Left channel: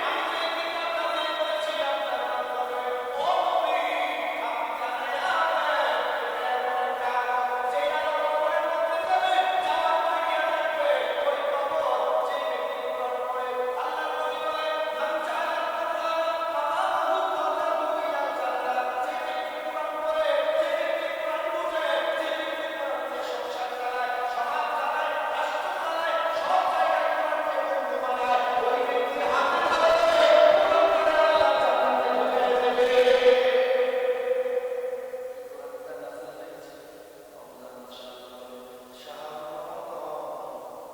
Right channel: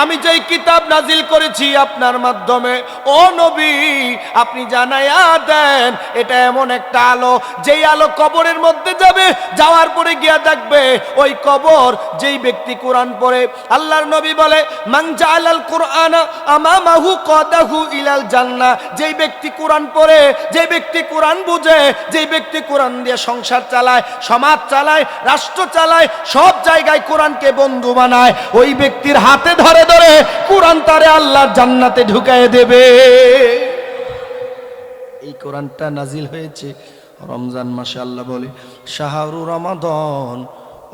আমি যেই কিতাব নাজিল করেছি আপনার মাধ্যমে, ও নবী আপনি জানায়া দেন এটা এমন একটা আলো, যেই আলো কবরের মধ্যে যাবে, যাওয়ার পরে গিয়া দেখবে ওই কবর, যেই ব্যক্তি কোরআন পড়ে, আল্লাহর নবী বলে মান জাআলাল কুরআনা আমামাহু কাদাহু ইলাল জান্নাহ, যেই ব্যক্তি কোরআন পড়ে, যেই ব্যক্তি কোরআন বুঝে, যেই ব্যক্তি কোরআন দিয়ে সংসার চালায়, সমাজ চালায়, রাষ্ট্র চালায়, সব জায়গায় কোরআনকে বন্ধু বানায়, ওই ব্যক্তির হাতে ধরে ধরে কোরআন তারে আল্লাহর জান্নাতে ঢুকায় দেবে। এই কোরআনটা নাজিল হয়েছে রমজান মাসে। আল্লাহ বলে শাহরু রমাদান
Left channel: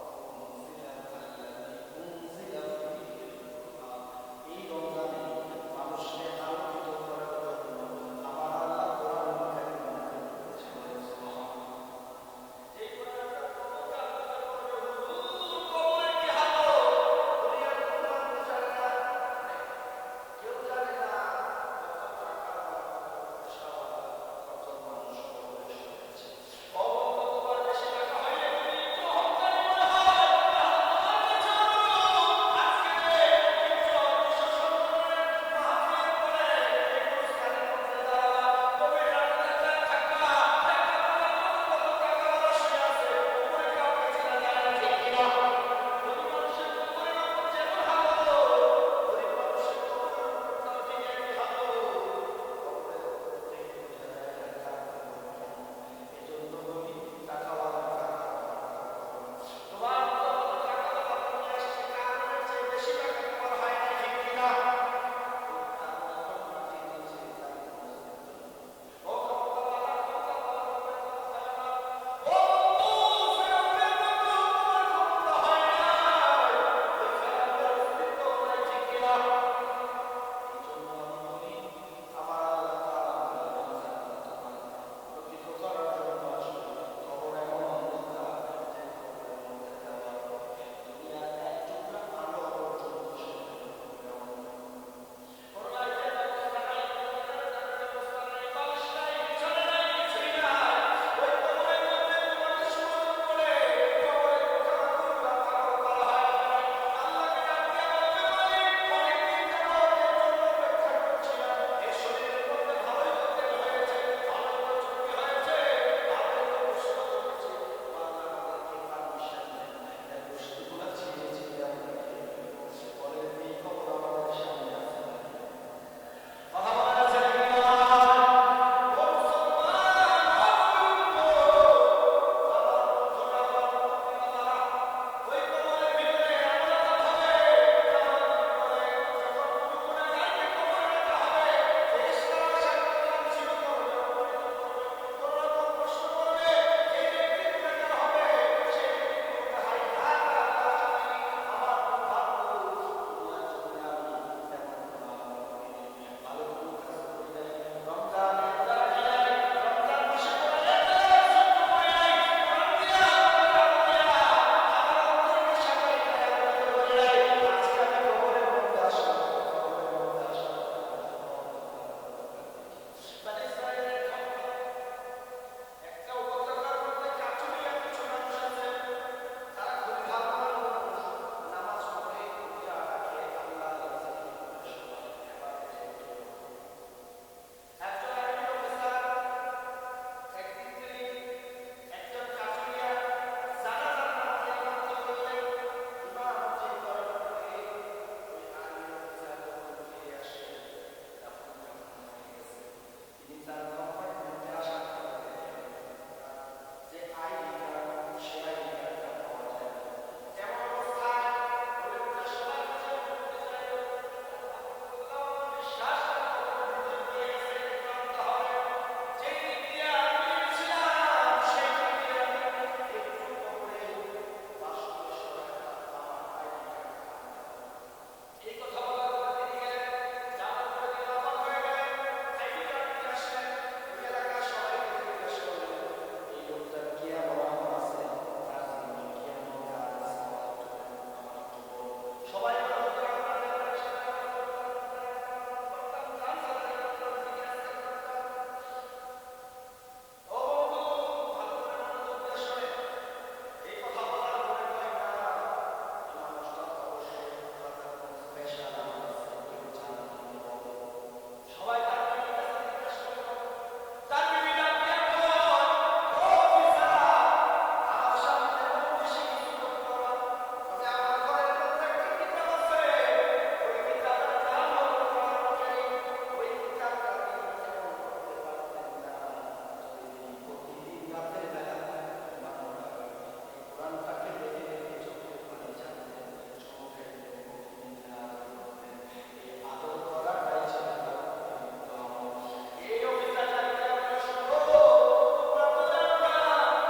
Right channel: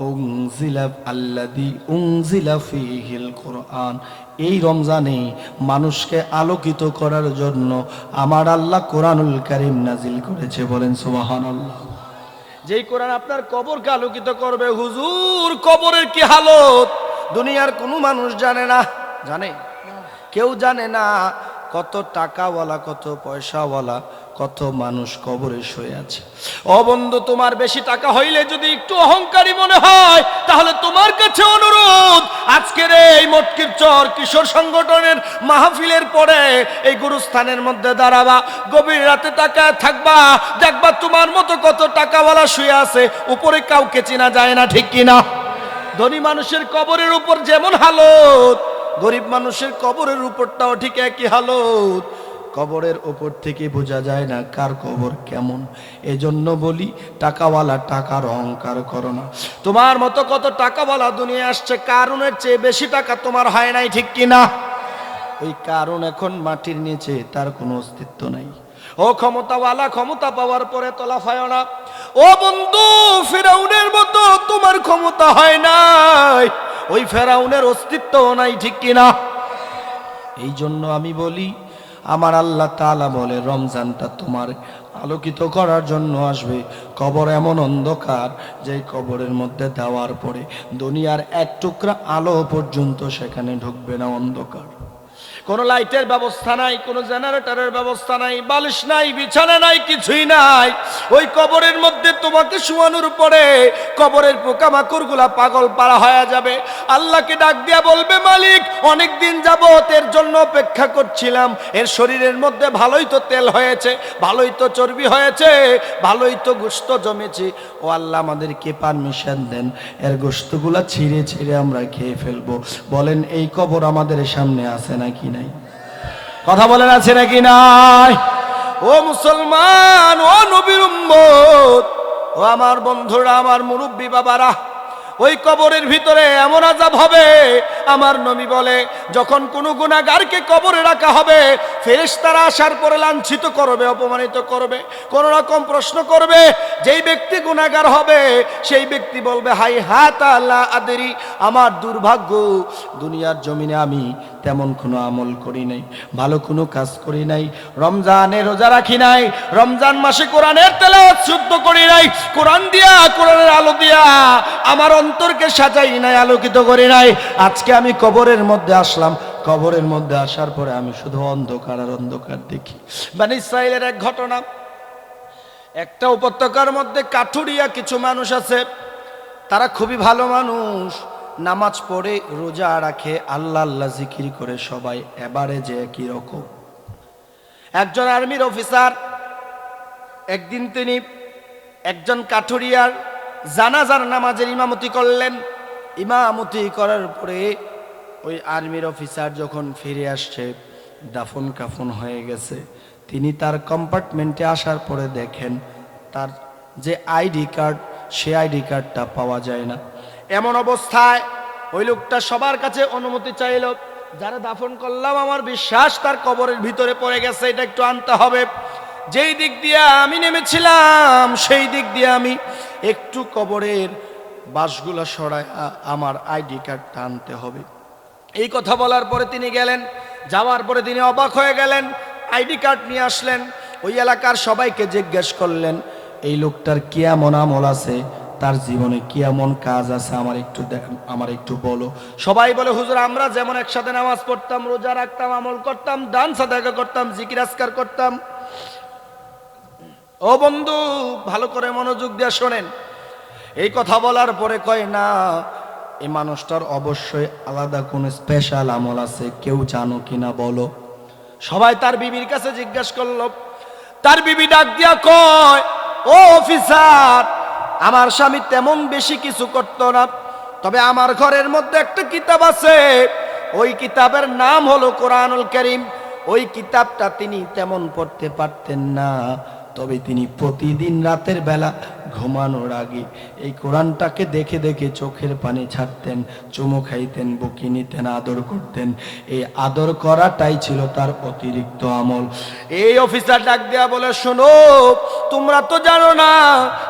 উনজিলা আল্লাযী উনজিলা ফীহিল কুরআন, এই রমজানে মানুষকে আলোকিত করার জন্য আমার আল্লাহ কোরআনুল কারীম নাজিল করেছে। বলেন সুবহানাল্লাহ। যেই কোরআন আপনার কবরকে আলোকিত করবে। হুজুর কবরের কি হালত দুনিয়ার কোনো মানুষ জানে না। জানে? কেউ জানে না। কত টাকাওয়ালা, কত পয়সাওয়ালা, কত মানুষ কবরে শুয়ে আছে। ও বন্ধু, তোমার বেশি টাকা হইলে যদি একটু অহংকারী মনে হয়, তাহলে তোমার কাছে অনুরোধ, আজকের এই মটকির চর কিশোর সংগঠনের মাহফিলের পরে এই গুরুস্থানের মধ্যে দাঁড়াবা, গভীর রাতে তাকায় থাকবা, দেখবা তোমার মতো কত টাকাওয়ালা শুয়ে আছে, উপরে কাউকে চেনা যায় না, ঠিক কিনা? ধনী মানুষের কবরের উপর যেমন হালত, গরিব মানুষের কবরের উপরটাও ঠিক একই হালত। কবরের উপর থেকে বোঝা যায় না কার কবর কেমন। এজন্য বলি টাকাওয়ালা টাকার অহংকার করো না। তোমার মতো কত টাকাওয়ালা দুনিয়া আসছে, কারণের চেয়ে বেশি টাকা তোমার হয় নাই, ঠিক কিনা? ওই কারণ এখন মাটির নিচে, তার কোনো অস্তিত্ব নাই। ও ক্ষমতাওয়ালা, ক্ষমতা পাওয়ার পরে তোলা হয় না। ও বন্ধু, ফিরাউনের মতো তোমার ক্ষমতা হয় নাই, ওই ফেরাউনের অস্তিত্ব নাই, ঠিক কিনা? এই জন্য আমি বলি, আমার আল্লাহ তাআলা বলে রমজানটা তোমার আলোকিত করার জন্য আসবে। কবর এমন অন্ধকার যে কবরের মধ্যে দেওয়ার পরে দুনিয়ার এক টুকরা আলো পর্যন্ত সেখানে ঢুকবে না, অন্ধকার। কোনো লাইটের ব্যবস্থা নাই, কোনো জেনারেটরের ব্যবস্থা নাই, বালিশ নাই, বিছানা নাই, কিছুই নাই। ওই কবরের মধ্যে তোমাকে শোয়ানোর পরে কবরের পোকামাকড় গুলা পাগল পাড়া হয়ে যাবে। আল্লাহকে ডাক দিয়া বলবে, মালিক অনেক দিন যাবত এর জন্য অপেক্ষা করছিলাম, এর শরীরের মধ্যে ভালোই তো তেল হয়েছে, ভালোই তো চর্বি হয়েছে, ভালোই তো গোশত জমেছে। ও আল্লাহ, আমাদেরকে পারমিশন দেন, এর গোশতগুলা ছিঁড়ে ছিঁড়ে আমরা খেয়ে ফেলবো। বলেন এই কবর আমাদের সামনে আছে নাকি নাই? কথা বলেন আছে নাকি নাই? ও মুসলমান, ও নবীর উম্মত, ও আমার বন্ধুরা, আমার মুরব্বী বাবারা, ওই কবরের ভিতরে এমন আযাব হবে, আমার নবী বলে যখন কোনো গুনাহগারকে কবরে রাখা হবে, ফেরেশতারা আসার পরে লাঞ্ছিত করবে, অপমানিত করবে, কোন রকম প্রশ্ন করবে। যেই ব্যক্তি গুনাহগার হবে সেই ব্যক্তি বলবে, হাই হাতা লা আদরি, আমার দুর্ভাগ্য, দুনিয়ার জমিনে আমি তেমন কোনো আমল করি নাই, ভালো কোনো কাজ করি নাই, রমজানে রোজা রাখি নাই, রমজান মাসে কোরআনের তেলাওয়াত শুদ্ধ করি নাই, কোরআন দিয়া, কোরআনের আলো দিয়া আমার অন্তরকে সাজাই নাই, আলোকিত করি নাই। আজকে আমি কবরের মধ্যে আসলাম, কবরের মধ্যে আসার পরে আমি শুধু অন্ধকার আর অন্ধকার দেখি। বনী ইসরাইলের এক ঘটনা, একটা উপত্যকার মধ্যে কাঠুরিয়া কিছু মানুষ আছে, তারা খুবই ভালো মানুষ, নামাজ পড়ে, রোজা রাখে, আল্লাহ আল্লাহ জিকির করে সবাই। এবারে যে একই রকম একজন আর্মির অফিসার, একদিন তিনি একজন কাঠুরিয়ার জানাজার নামাজের ইমামতি করলেন। ইমামতি করার পরে ওই আর্মির অফিসার যখন ফিরে আসছে, দাফন কাফন হয়ে গেছে, তিনি তার কম্পার্টমেন্টে আসার পরে দেখেন তার যে আইডি কার্ড, সে আইডি কার্ডটা পাওয়া যায় না। এমন অবস্থায় ওই লোকটা সবার কাছে অনুমতি চাইল, যারা দাফন করলাম আমার বিশ্বাস তার কবরের ভিতরে পড়ে গেছে, এটা একটু আনতে হবে। যেই দিক দিয়ে আমি নেমেছিলাম সেই দিক দিয়ে আমি একটু কবরের বাঁশগুলা সরায় আমার আইডি কার্ডটা আনতে হবে। এই কথা বলার পরে তিনি গেলেন, যাওয়ার পরে তিনি অবাক হয়ে গেলেন, আইডি কার্ড নিয়ে আসলেন। ওই এলাকার সবাইকে জিজ্ঞেস করলেন, এই লোকটার কি এমন আমল আছে, তার জীবনে কি এমন কাজ আছে, আমার একটু বলো। সবাই বলে, হুজুর আমরা যেমন একসাথে নামাজ পড়তাম, রোজা রাখতাম, আমল করতাম, দান সাদাকা করতাম, জিকির আজকার করতাম। ও বন্ধু, ভালো করে মনোযোগ দিয়ে শোনেন। এই কথা বলার পরে কয়, না, এই মানুষটার অবশ্যই আলাদা কোনো স্পেশাল আমল আছে, কেউ জানো কিনা বলো। সবাই তার বিবির কাছে জিজ্ঞাসা করলো। তার বিবি ডাক দিয়া কয়, ও অফিসার, আমার স্বামী তেমন বেশি কিছু করতো না, তবে আমার ঘরের মধ্যে একটা কিতাব আছে, ওই কিতাবের নাম হলো কোরআনুল কারীম। ওই কিতাবটা তিনি তেমন পড়তে পারতেন না, তবে তিনি প্রতিদিন রাতের বেলা ঘুমানোর আগে এই কোরআনটাকে দেখে দেখে চোখের পানি ছাড়তেন, চুমু খাইতেন, বুকে নিতেন, আদর করতেন। এই আদর করাটাই ছিল তার অতিরিক্ত আমল। এই অফিসার ডাক দেয়া বলে, শোনো, তোমরা তো জানো না,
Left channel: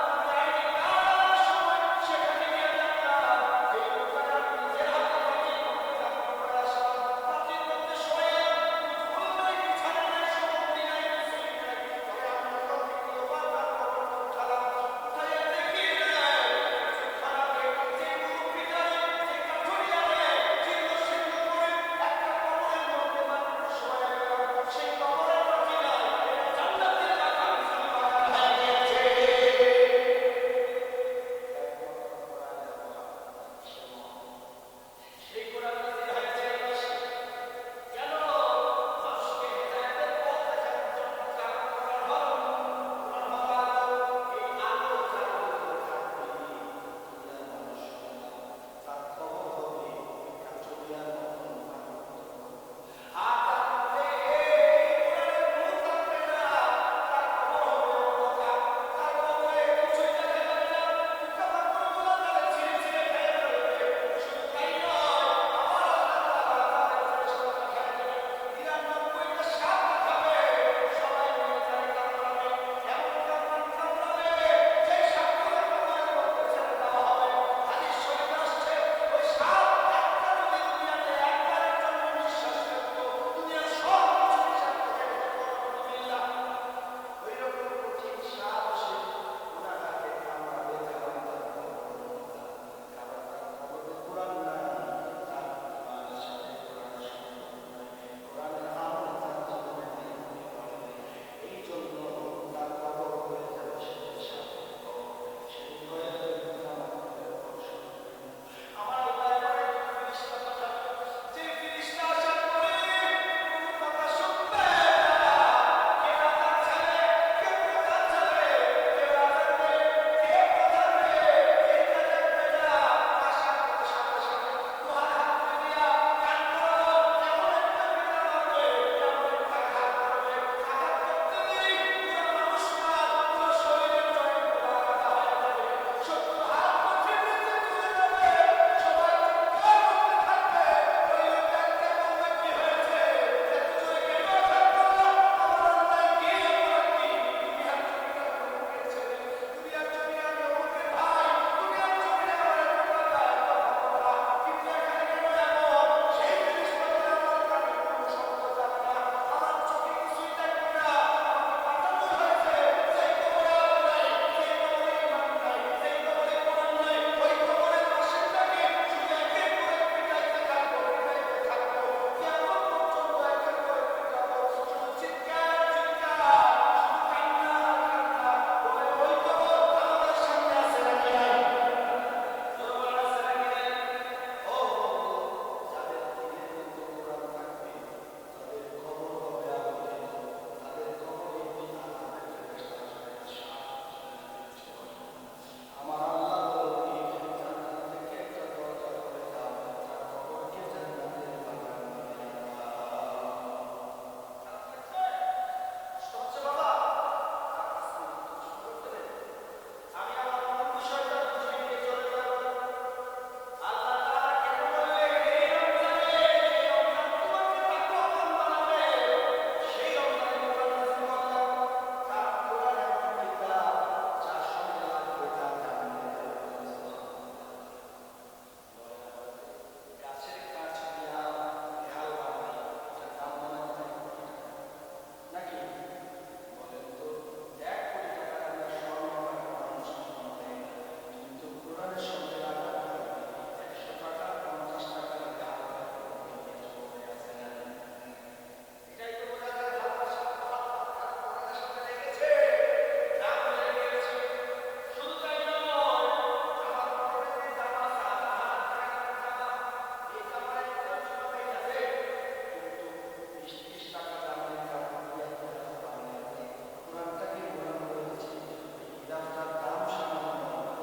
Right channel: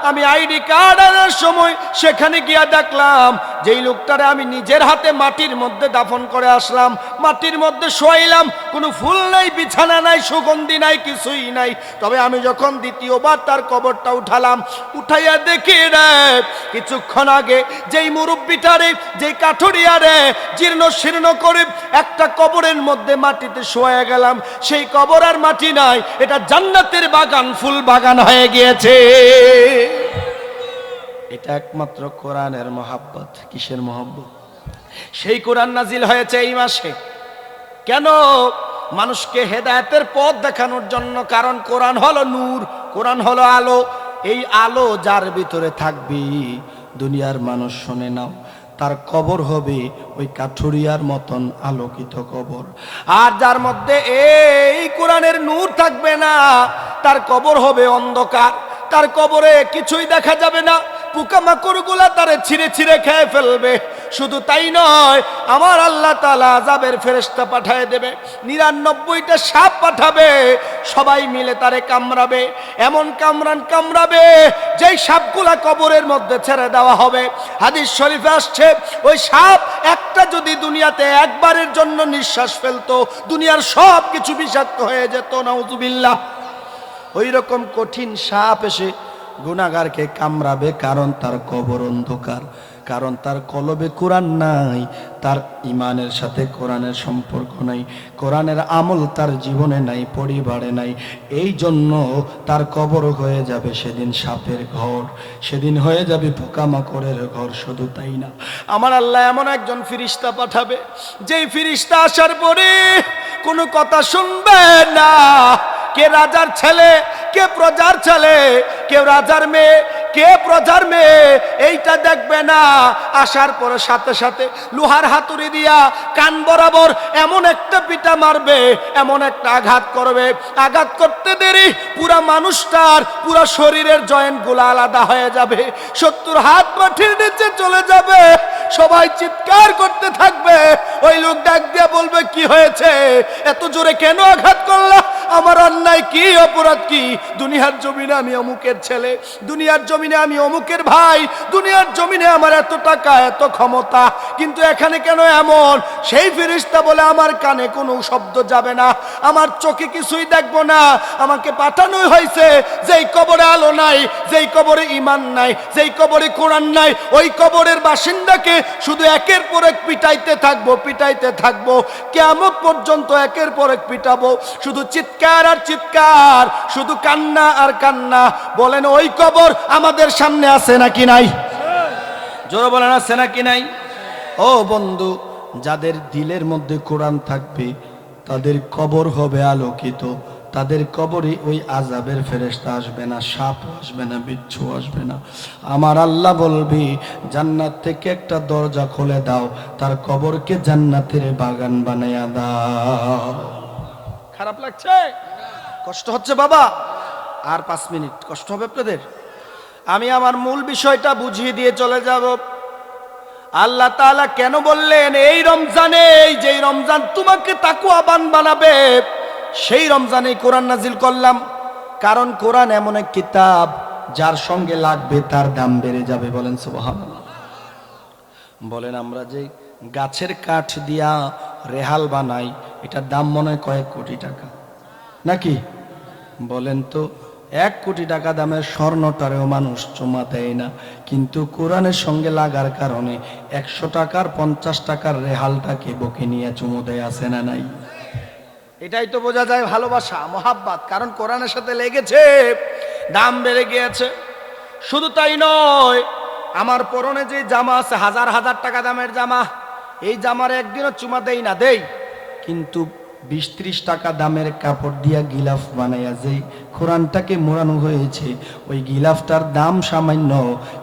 আমি আইডি কার্ড আনার সময় সেখানে গিয়া দেখলাম যেই লোকটারে আমি নিজের হাতে মাটির মধ্যে দাফন করে আসলাম, মাটির মধ্যে শোয়াইলাম, কোনো ফুল নাই, বিছানা নাই, সুগন্ধি নাই, কিছুই নাই। তবে আমি যখন দ্বিতীয়বার তার কবরটা উঠালাম, উঠাইয়া দেখি রে, কিছুক্ষণ আগে যেই মুরব্বিটারে, যেই কাঠুরিয়ারে জীর্ণ শীর্ণ করে একটা কবরের মধ্যে মাটিতে শোয়া গেলাম, সেই কবর আর মাটি নাই, এটা জান্নাতের বাগান, ফুল বাগান হয়ে গিয়েছে। এটা একমাত্র কোরআনের মহাব্বত। কিসের মহাব্বত? সেই কোরআন নাজিল হয়েছে এই মাসে। কেন? মানুষকে হেদায়েতের পথ দেখানোর জন্য। কারণ কোরআন হলো নূর, কোরআন হলো আলো। এই আলো যার ভিতরে থাকবে, দুনিয়ার মানুষ শুনে নাও, তার কবর হবে ওই কাঠুরিয়ার মতন আলোকিত কবর। আর যার মধ্যে এই কোরআনের নূর থাকবে না, তার কবর হবে অন্ধকার, তার কবরে কিছুই দেখা যাবে না, পোকামাকড়গুলা তারে ছিঁড়ে ছিঁড়ে খেয়ে ফেলবে। শুধু তাই নয়, আমার আল্লাহ তাআলা আযাবের ফেরেশতা পাঠিয়ে দেবে, 99টা সাপ পাঠাবে, সবাই মিলে তারে কামড়াবে, এমন কামড়াবে যেই সাপগুলা কবরের মধ্যে ছেড়ে দেওয়া হবে। হাদিস শরীফে আসছে, ওই সাপ একটা যদি দুনিয়াতে একবারের জন্য নিঃশ্বাস ফেলতো, দুনিয়ার সব কিছু বিষাক্ত হয়ে যেত। নাউযুবিল্লাহ। ওই রকম কঠিন সাপ এসে গুনাহগারকে কামড়াবে, কারণ তার কবর অন্ধকার, কারণ তার কলবে কোরআন নাই, তার ইমানের সাথে কোরআনের সম্পর্ক নাই, কোরআনের আমল তার জীবনে নাই, পরিবারে নাই। এই জন্য তার কবর হয়ে যাবে সেদিন সাপের ঘর, সেদিন হয়ে যাবে পোকামাকড়ের ঘর। শুধু তাই না, আমার আল্লাহ এমন একজন ফেরেশতা পাঠাবে, যেই ফেরেশতা আসার পরে কোনো কথা শুনবে না। কে রাজার ছেলে, কে প্রজার ছেলে, কেউ রাজার মেয়ে, কে প্রজার মেয়ে, এইটা দেখবে না। আসার পরে সাথে সাথে লোহার হাতুড়ি দিয়া কান বরাবর এমন একটা পিটা মারবে, এমন একটা আঘাত করবে, আঘাত করতে দেরি পুরা মানুষটার পুরা শরীরের জয়েন্ট গুলা আলাদা হয়ে যাবে, 70 হাত মাটির নিচে চলে যাবে। সবাই চিৎকার করতে থাকবে। ওই লোক ডাক দিয়ে বলবে, কি হয়েছে, এত জোরে কেন আঘাত করলা? আমার অন্যায় কি, অপরাধ কি? দুনিয়ার জমিনে আমি অমুকের ছেলে, দুনিয়ার জমিনে আমি অমুকের ভাই, দুনিয়ার জমিনে আমার এত টাকা, এত ক্ষমতা, কিন্তু এখানে কেন এমন? সেই ফেরেশতা বলে, আমার কানে কোনো শব্দ যাবে না, আমার চোখে কিছুই দেখবো না। আমাকে পাঠানোই হয়েছে যেই কবরে আলো নাই, যেই কবরে ঈমান নাই, যেই কবরে কোরআন নাই, ওই কবরের বাসিন্দাকে শুধু একের পর এক পিটাইতে থাকবো, পিটাইতে থাকবো, কিয়ামত পর্যন্ত একের পর এক পিটাবো। শুধু চিৎকার আর চিৎকার, শুধু কান্না আর কান্না। বলেন, ওই কবর আমাদের সামনে আছে নাকি নাই? জোরে বলেন, আছে নাকি নাই? ও বন্ধু, যাদের দিলের মধ্যে কোরআন থাকবে তাদের কবর হবে আলোকিত, তাদের কবরে ওই আযাবের ফেরেশতা আসবে না, সাপ আসবে না, বিচ্ছু আসবে না। আমার আল্লাহ বলবি, জান্নাত থেকে একটা দরজা খুলে দাও, তার কবরকে জান্নাতের বাগান বানায়া দাও। খারাপ লাগছে? কষ্ট হচ্ছে বাবা? আর 5 মিনিট কষ্ট হবে আপনাদের। আমি আমার মূল বিষয়টা বুঝিয়ে দিয়ে চলে যাব। আল্লাহ তাআলা কেন বললেন এই রমজানে, এই যে রমজান তোমাকে তাকওয়াবান বানাবে, সেই রমজানে কোরআন নাজিল করলাম। কারণ কোরআন এমন এক কিতাব, যার সঙ্গে লাগবে তার দাম বেড়ে যাবে। বলেন সুবহানাল্লাহ। বলেন, আমরা যে গাছের কাঠ দিয়া রেহাল বানাই, এটার দাম মনে হয় কয়েক কোটি টাকা, নাকি? বলেন তো, 1 কোটি টাকা দামের স্বর্ণটারেও মানুষ চুমা দেয় না, কিন্তু কোরআনের সঙ্গে লাগার কারণে 100 টাকার 50 টাকার রেহালটাকে বকে নিয়ে চুমু দেয়, আছে না নাই? এটাই তো বোঝা যায় ভালোবাসা, মহাব্বত। কারণ কোরআনের সাথে লেগেছে, দাম বেড়ে গিয়েছে। শুধু তাই নয়, আমার পরনে যে জামা আছে, হাজার হাজার টাকা দামের জামা, এই জামার একদিনও চুমা দেই না, দেই, কিন্তু 20-30 টাকা দামের কাপড় দিয়া গিলাফ বানাইয়া যেই কোরআনটাকে মোড়ানো হয়েছে, ওই গিলাফটার দাম সামান্য,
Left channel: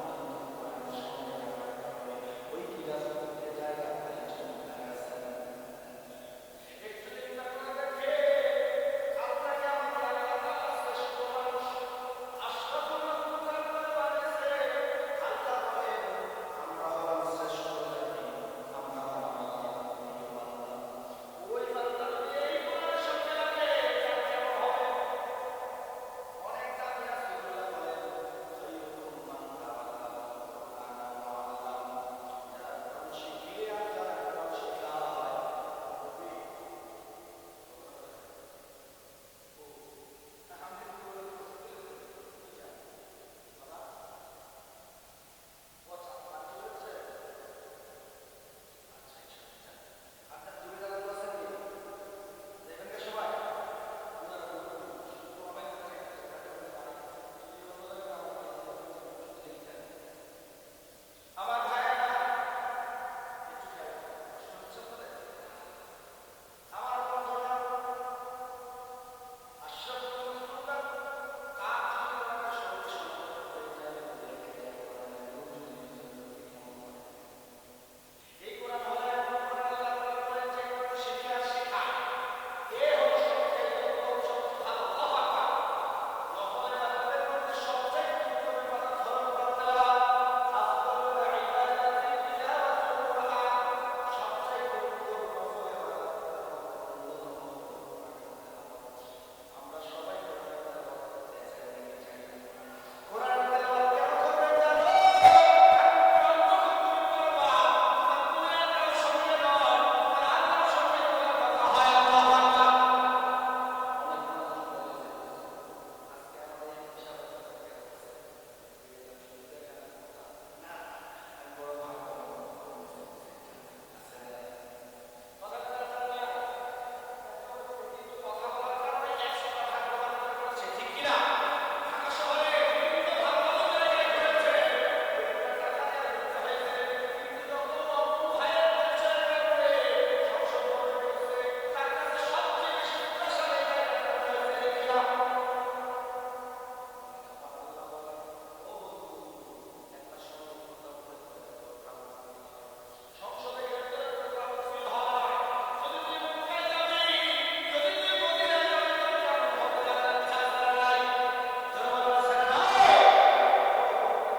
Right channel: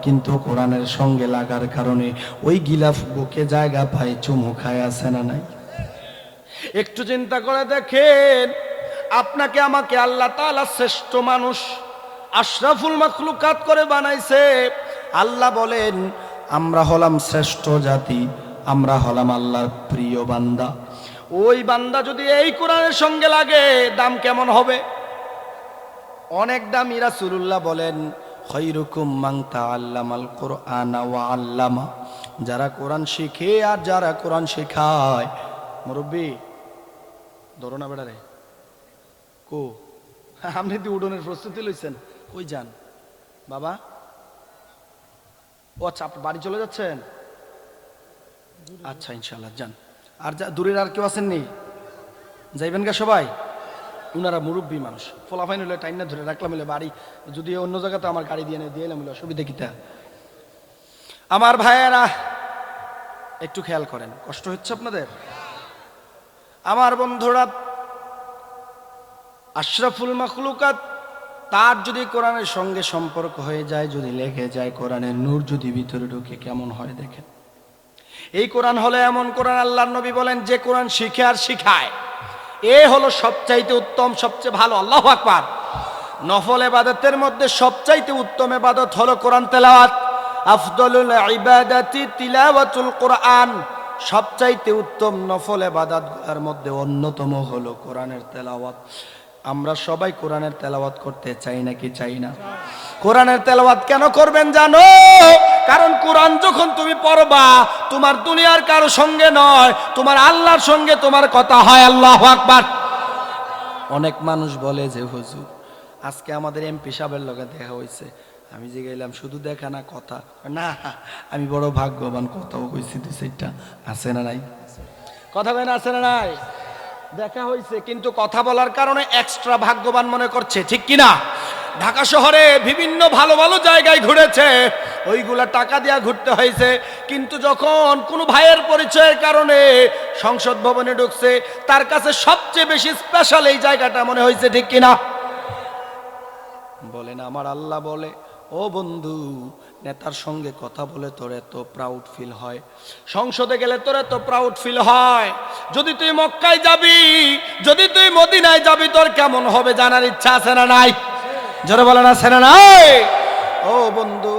কিন্তু কোরআনের সঙ্গে লাগার কারণে ওই গিলাফ বুকে জায়গা পায়, চুমু খায়, আছে না নাই? একটু চিন্তা করে দেখেন, আপনাকে আমাকে আল্লাহ তাআলা শ্রেষ্ঠ মানুষ, আশরাফুল মাখলুকাত করে বানাইছে। আল্লাহ বলেন আমরা হলাম শ্রেষ্ঠ জাতি, আমরা হলাম আল্লাহর প্রিয় বান্দা। ওই বান্দা যদি এই কোরআনের সঙ্গে লাগে, দাম কেমন হবে? অনেক দামি। রাসূলুল্লাহ বলেন খায়রুকুম মান তাআল্লামাল কুরআনা ওয়া আল্লামা, যারা কোরআন শিখে আর যারা কোরআন শেখায়। মুরব্বি ধরো না বেড়ারে, কো আপনি তো উডনের প্রস্তুতি লইছেন, কই যান বাবা? ও আচ্ছা, আপনি বাড়ি চলে যাচ্ছেন? আচ্ছা ইনশাআল্লাহ যান। আর দূরের আর কেউ আছেন নি? যাইবেন গা সবাই? উনারা মুরব্বী মানুষ, ফলাফাইন হলে টাইম না ধরে রাখলাম হলে বাড়ি, যদি অন্য জায়গাতে আমার গাড়ি দিয়ে দিয়ে এলাম হলে অসুবিধা কিতা? আমার ভাইয়েরা একটু খেয়াল করেন, কষ্ট হচ্ছে আপনাদের? আমার বন্ধুরা, আশরাফুল মাখলুকাত, তার যদি কোরআনের সঙ্গে সম্পর্ক হয়ে যায়, যদি লেগে যায়, কোরআনের নূর যদি ভিতরে ঢুকে, কেমন হয় দেখেন। এই কোরআন হলো এমন কোরআন, আল্লাহর নবী বলেন যে কোরআন শিখে আর শিখায়, এ হলো সবচাইতে উত্তম, সবচেয়ে ভালো। আল্লাহু আকবার। নফল ইবাদতের মধ্যে সবচাইতে উত্তম ইবাদত হলো কোরআন তেলাওয়াত। আফদলুল ইবাদাতি তিলাওয়াতুল কোরআন। সবচাইতে উত্তম নফল ইবাদতগুলোর মধ্যে অন্যতম হলো কোরআনের তেলাওয়াত। আমরা সবাই কোরআনের তেলাওয়াত করতে চাই নাকি চাই না? কোরআনের তেলাওয়াত কেন করবেন জানো? কারণ কোরআন যখন তুমি পড়বা, তোমার দুনিয়ার কারো সঙ্গে নয়, তোমার আল্লাহর সঙ্গে তোমার কথা হয়। আল্লাহু আকবার। অনেক মানুষ বলে যে হুজুর আজকে আমাদের এমপি সাহেবের লগে দেখা হয়েছে। আমি যে গেলাম, শুধু দেখা না কথা না, আমি বড় ভাগ্যবান, কথাও কইছি দুই চারটা, আছে না নাই? কথা কয় না, আছে না নাই? দেখা হয়েছে, কিন্তু কথা বলার কারণে এক্সট্রা ভাগ্যবান মনে করছে, ঠিক কিনা? ঢাকা শহরে বিভিন্ন ভালো ভালো জায়গায় ঘুরেছে, ওইগুলা টাকা দিয়া ঘুরতে হয়েছে, কিন্তু যখন কোনো ভাইয়ের পরিচয়ের কারণে সংসদ ভবনে ঢুকছে, তার কাছে সবচেয়ে বেশি স্পেশাল এই জায়গাটা মনে হয়েছে, ঠিক কিনা? বলে না, আমার আল্লাহ বলে, ও বন্ধু, নেতার সঙ্গে কথা বলে তোর এত প্রাউড ফিল হয়, সংসদে গেলে তোর এত প্রাউড ফিল হয়, যদি তুই মক্কায় যাবি, যদি তুই মদিনায় যাবি, তোর কেমন হবে জানার ইচ্ছা আছে না নাই? জোরে বলেন, আছে না নাই? ও বন্ধু,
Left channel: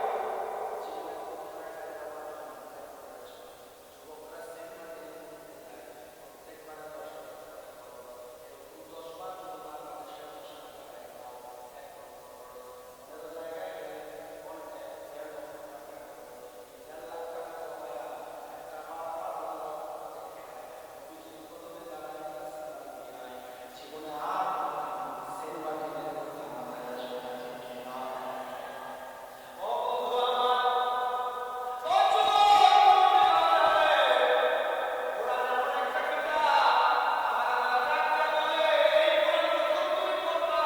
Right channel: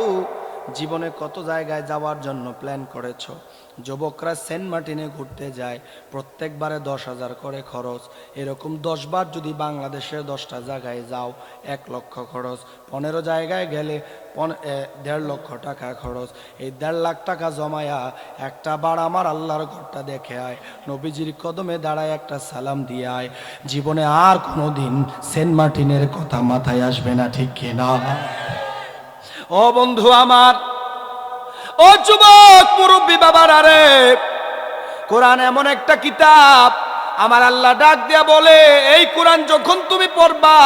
জীবনে কত জায়গায় যাওয়ার জন্য প্ল্যান করেছো? যুবকরা সেন্ট মার্টিনে ঘুরতে যায়, প্রত্যেকবারে 10,000 করে খরচ। এরকম 10 বার যদি বাংলাদেশের 10টা জায়গায় যাও, 1 লক্ষ খরচ। 15 জায়গায় গেলে 1.5 লক্ষ টাকা খরচ। এই 1.5 লাখ টাকা জমায়া একটা বার আমার আল্লাহর ঘরটা দেখে আয়, নবীজির কদমে দাঁড়ায় একটা সালাম দিয়ে আয়, জীবনে আর কোনোদিন সেন্ট মার্টিনের কথা মাথায় আসবে না, ঠিক কিনা? ও বন্ধু আমার, ও যুবক মুরব্বী বাবারা রে, কোরআন এমন একটা কিতাব, আমার আল্লাহ ডাক দিয়া বলে, এই কোরআন যখন তুমি পড়বা,